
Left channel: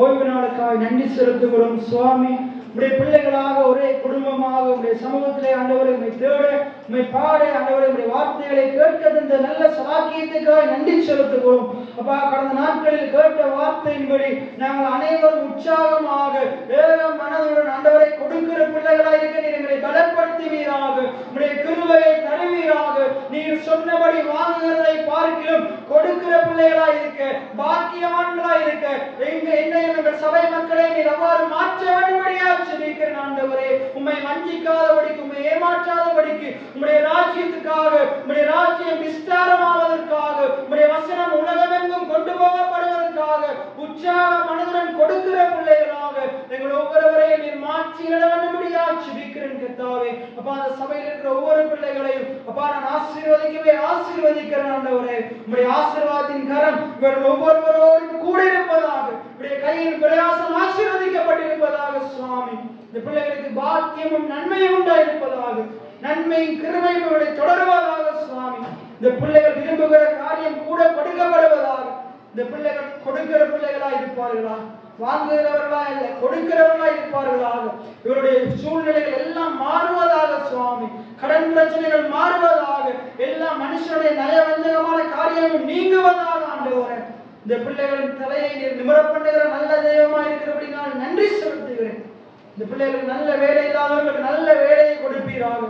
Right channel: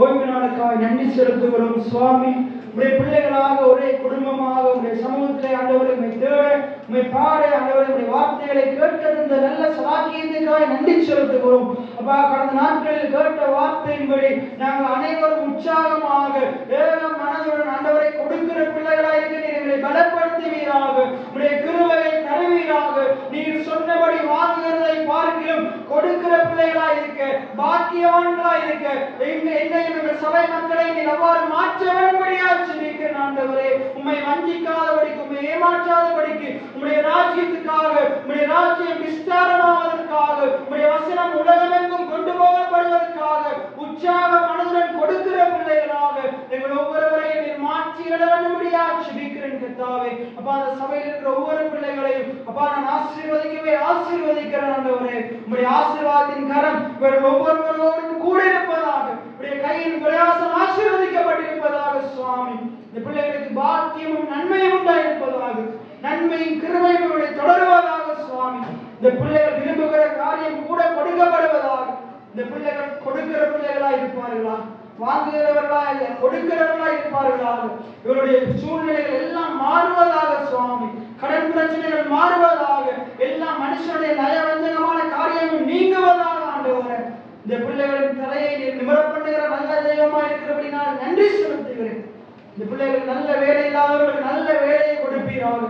ஓய்வு நாளுக்காக நன்றி செலுத்துகிறோம் சுவாமி. உடைய பிள்ளைகளாக ஒரே குடும்பமாக உடைய சமூகத்திலே ஆண்டவரை உம்மை தேட உம்மை பாட ஆண்டவரை உடைய வார்த்தைகளை கேட்க இந்த நல்ல சலாக்கியத்துக்காக நன்றி செலுத்துகிறோம். அப்பா, கடந்த நாட்களில் கேட்ட வார்த்தையின்படி நாங்கள் அனைவரும் உற்சாகமாக ஏக மனதுடன் ஆண்டவரை கொடுக்கிற பிள்ளைகளாக இருக்க எங்களை பலப்படுத்துவீராக. உடைய கிருபையை தருவீராக. நீர் சொன்னபடி வாங்குகிறதை பார்க்கிறோம் கொடுக்கிற பிள்ளைகளாக இருக்க பாக்கியவான்களாக இருக்க எங்கள் சபை மக்களை நீர் அவ்வாறு மாற்ற வேண்டும்படியாக ஜெபிக்கிறேன் ஆண்டவரே. உம்மை வஞ்சிக்காதபடிக்கு உம்மை ஏமாற்றாதபடிக்கு உம்முடைய ராஜ்யத்துக்காக உம்முடைய ராஜ்யம் விஸ்தாரமாவதற்காக உம்முடைய வசனம் உலகமெங்கும் கொண்டு போகப்படுவதற்காக உற்சாக மனதுடன் கொடுக்கிற பிள்ளைகளாக எங்கள் ஒவ்வொருவரையும் நீர் மாற்றிட வேண்டும்படியாக ஜெபிக்கிறேன் கர்த்தாவே. அப்பா, அந்த சபையில் இருக்கிற ஒவ்வொரு பிள்ளைகளையும் அப்பா நான் ஆசீர்வதிக்கிறேன் ஆண்டவரே. உம்முடைய ஆசீர்வாதத்தின் கரம் இவர்கள் ஒவ்வொருவரோடும் கூட இருப்பதாக, உடைய கையின் பிரயாசம் ஆசீர்வதிக்கப்பட்டிருப்பதாக சுவாமி. இந்த பிள்ளைகளுக்கு பாக்கியமும் நன்மையும் உண்டாயிருப்பதாக, நன்மையும் கிருபையும் இவர்களை தொடருவதாக சுவாமி. இந்த பிள்ளைகள் விரும்புகிற காரியம் கூட கொடுக்கப்படுவதாக. இந்த பிள்ளைகள் கொடுக்கிற பிள்ளைகளா இருப்பார்களா, வாங்குகிறவர்களா இல்லை கொடுக்கிறவர்களா இருப்பார்களாக. இவருடைய சூழ்நிலைகள் எல்லாம் மாறுவதாக சுவாமி. கடன் பிரச்சனைகள் மாறுவதாக. எல்லா மனுஷனுடைய நயவஞ்சகமான காரியங்கள் நீங்குவதாக ஆண்டவரே. இந்த பிள்ளைகளின் தலையை நிமிரப் பண்ணுகிற நல்ல தெய்வமா இருக்கிறபடி நான் நன்றி செலுத்துகிறேன். இந்த பிள்ளைகளுக்கு நல்ல வேலை இல்லாதவர்களுக்கு நல்ல வேலையை கொடுப்பீராக.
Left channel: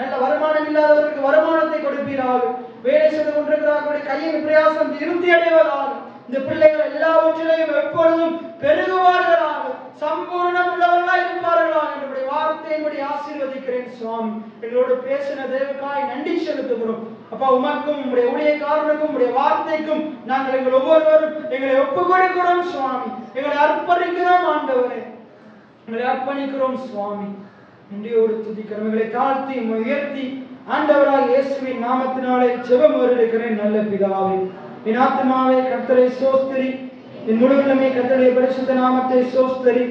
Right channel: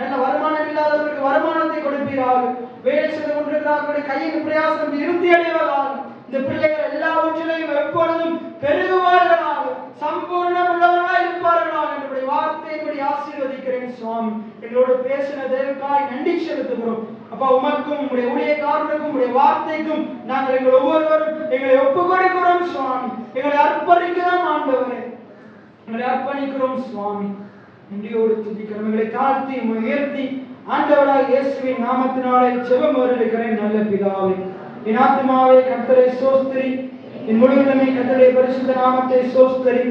நல்ல வருமானம் இல்லாதவர்களுக்கு வருமானத்தை கொடுப்பீராக. வேலை செய்து கொண்டிருக்கிறார்களுடைய கையின் பிரயாசம் இறுதி அடைவதாக. இந்த பிள்ளைகள் எல்லாவற்றிலையும் எப்பொழுதும் பெருகுவார்களாக, சம்பூர்ணம் உள்ளவர்களாக இருப்பார்களாக. என்னுடைய வார்த்தையின்படி ஆசீர்வதிக்கிறேன் சுவாமி. எங்களோடு பேசின தேவனுக்காய் நன்றி செலுத்துகிறோம். அப்பா, உமக்கும் உங்களுடைய ஊழியக்காரனுக்கும் உங்களுடைய வார்த்தைக்கும் நாங்கள் எங்கள் ஒவ்வொருவரும் எங்களை ஒப்புக் கொடுக்கிறோம் சுவாமி. எங்களை அர்ப்பணிக்கிறோம் ஆண்டவரே. எங்களை அர்ப்பணிக்கிறோம் சுவாமி. நன்றியோடு துதிக்கிறோம். எங்களை தாழ்த்தி உயர்த்தி ஆண்டவராய் இயேசுவின் நாமத்தினாலே ஜெபம் வருகிறேன் நல்ல பிதாவே. என் ஆத்துமாவே கர்த்தரை ஸ்தோத்திரி, என் முழுவதுமே கர்த்தருடைய பரிசுத்த நாமத்தை ஸ்தோத்திரி.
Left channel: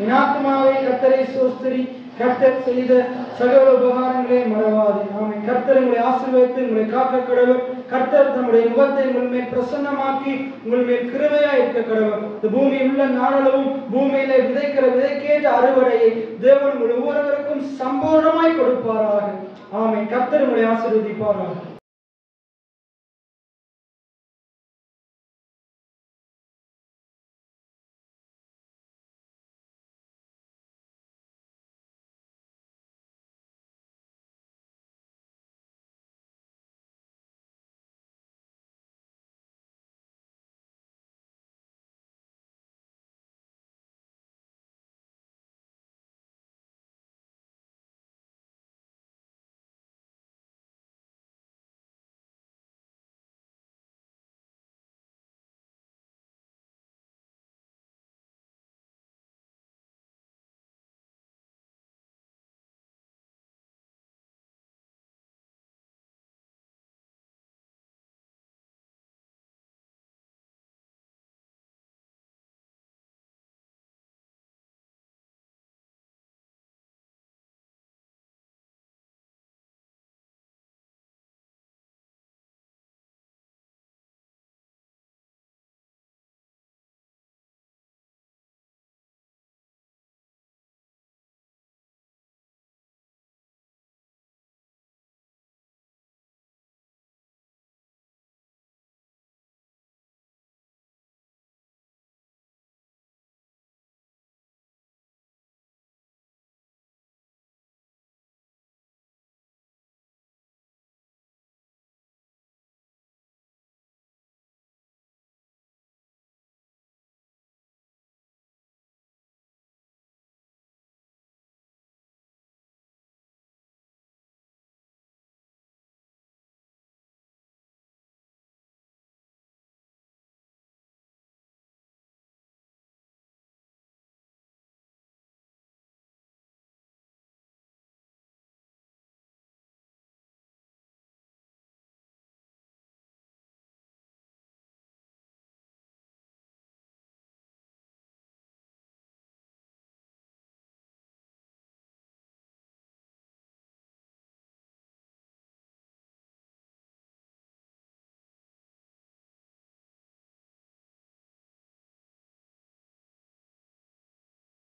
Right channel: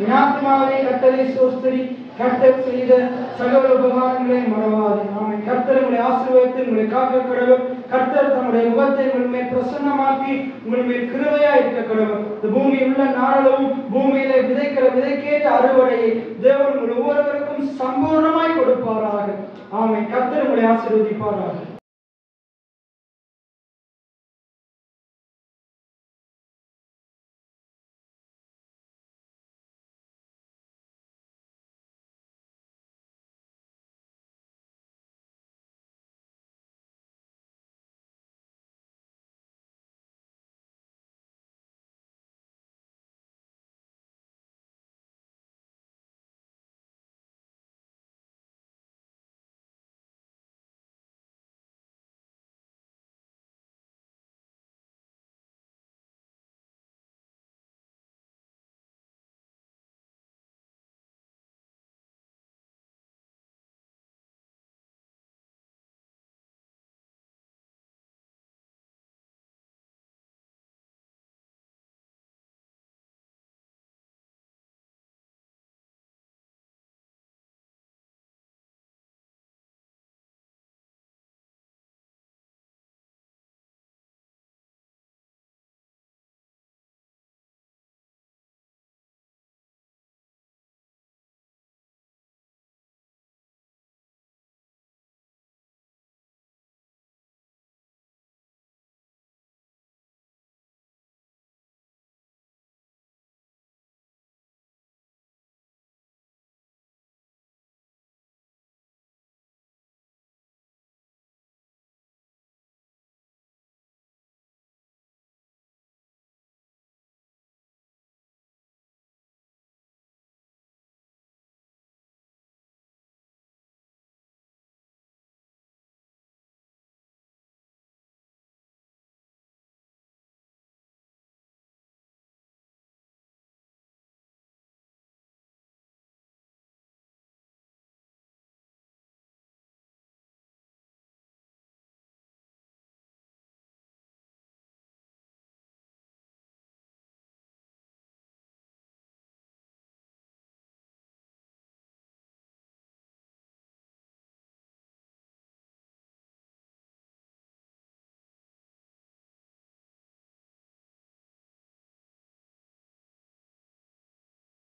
என் ஆத்துமாவே கர்த்தரை ஸ்தோத்திரி, கர்த்தர் செய்த சகல உபகாரங்களை மறவாதே. ஆமென். கர்த்தர் உங்களை ஆசீர்வதித்து உங்களை காக்க கடவுள். கர்த்தர் தம்முடைய முகத்தை உங்கள் மேல் பிரசன்னமாக்கி உங்கள் மேல் கிருபையா இருக்க கடவுள். இந்த பூமியில் உள்ள நாளளவும் பூமியிலே விதைக்கிற விதைக்கேற்ற அறுவடையை தேவன் உங்கள் ஒவ்வொருவருக்கும் சம்பூர்ணமாய் கொடுப்பாராக. ஆமென். கர்த்தர் உங்களை ஆசீர்வதிப்பாராக.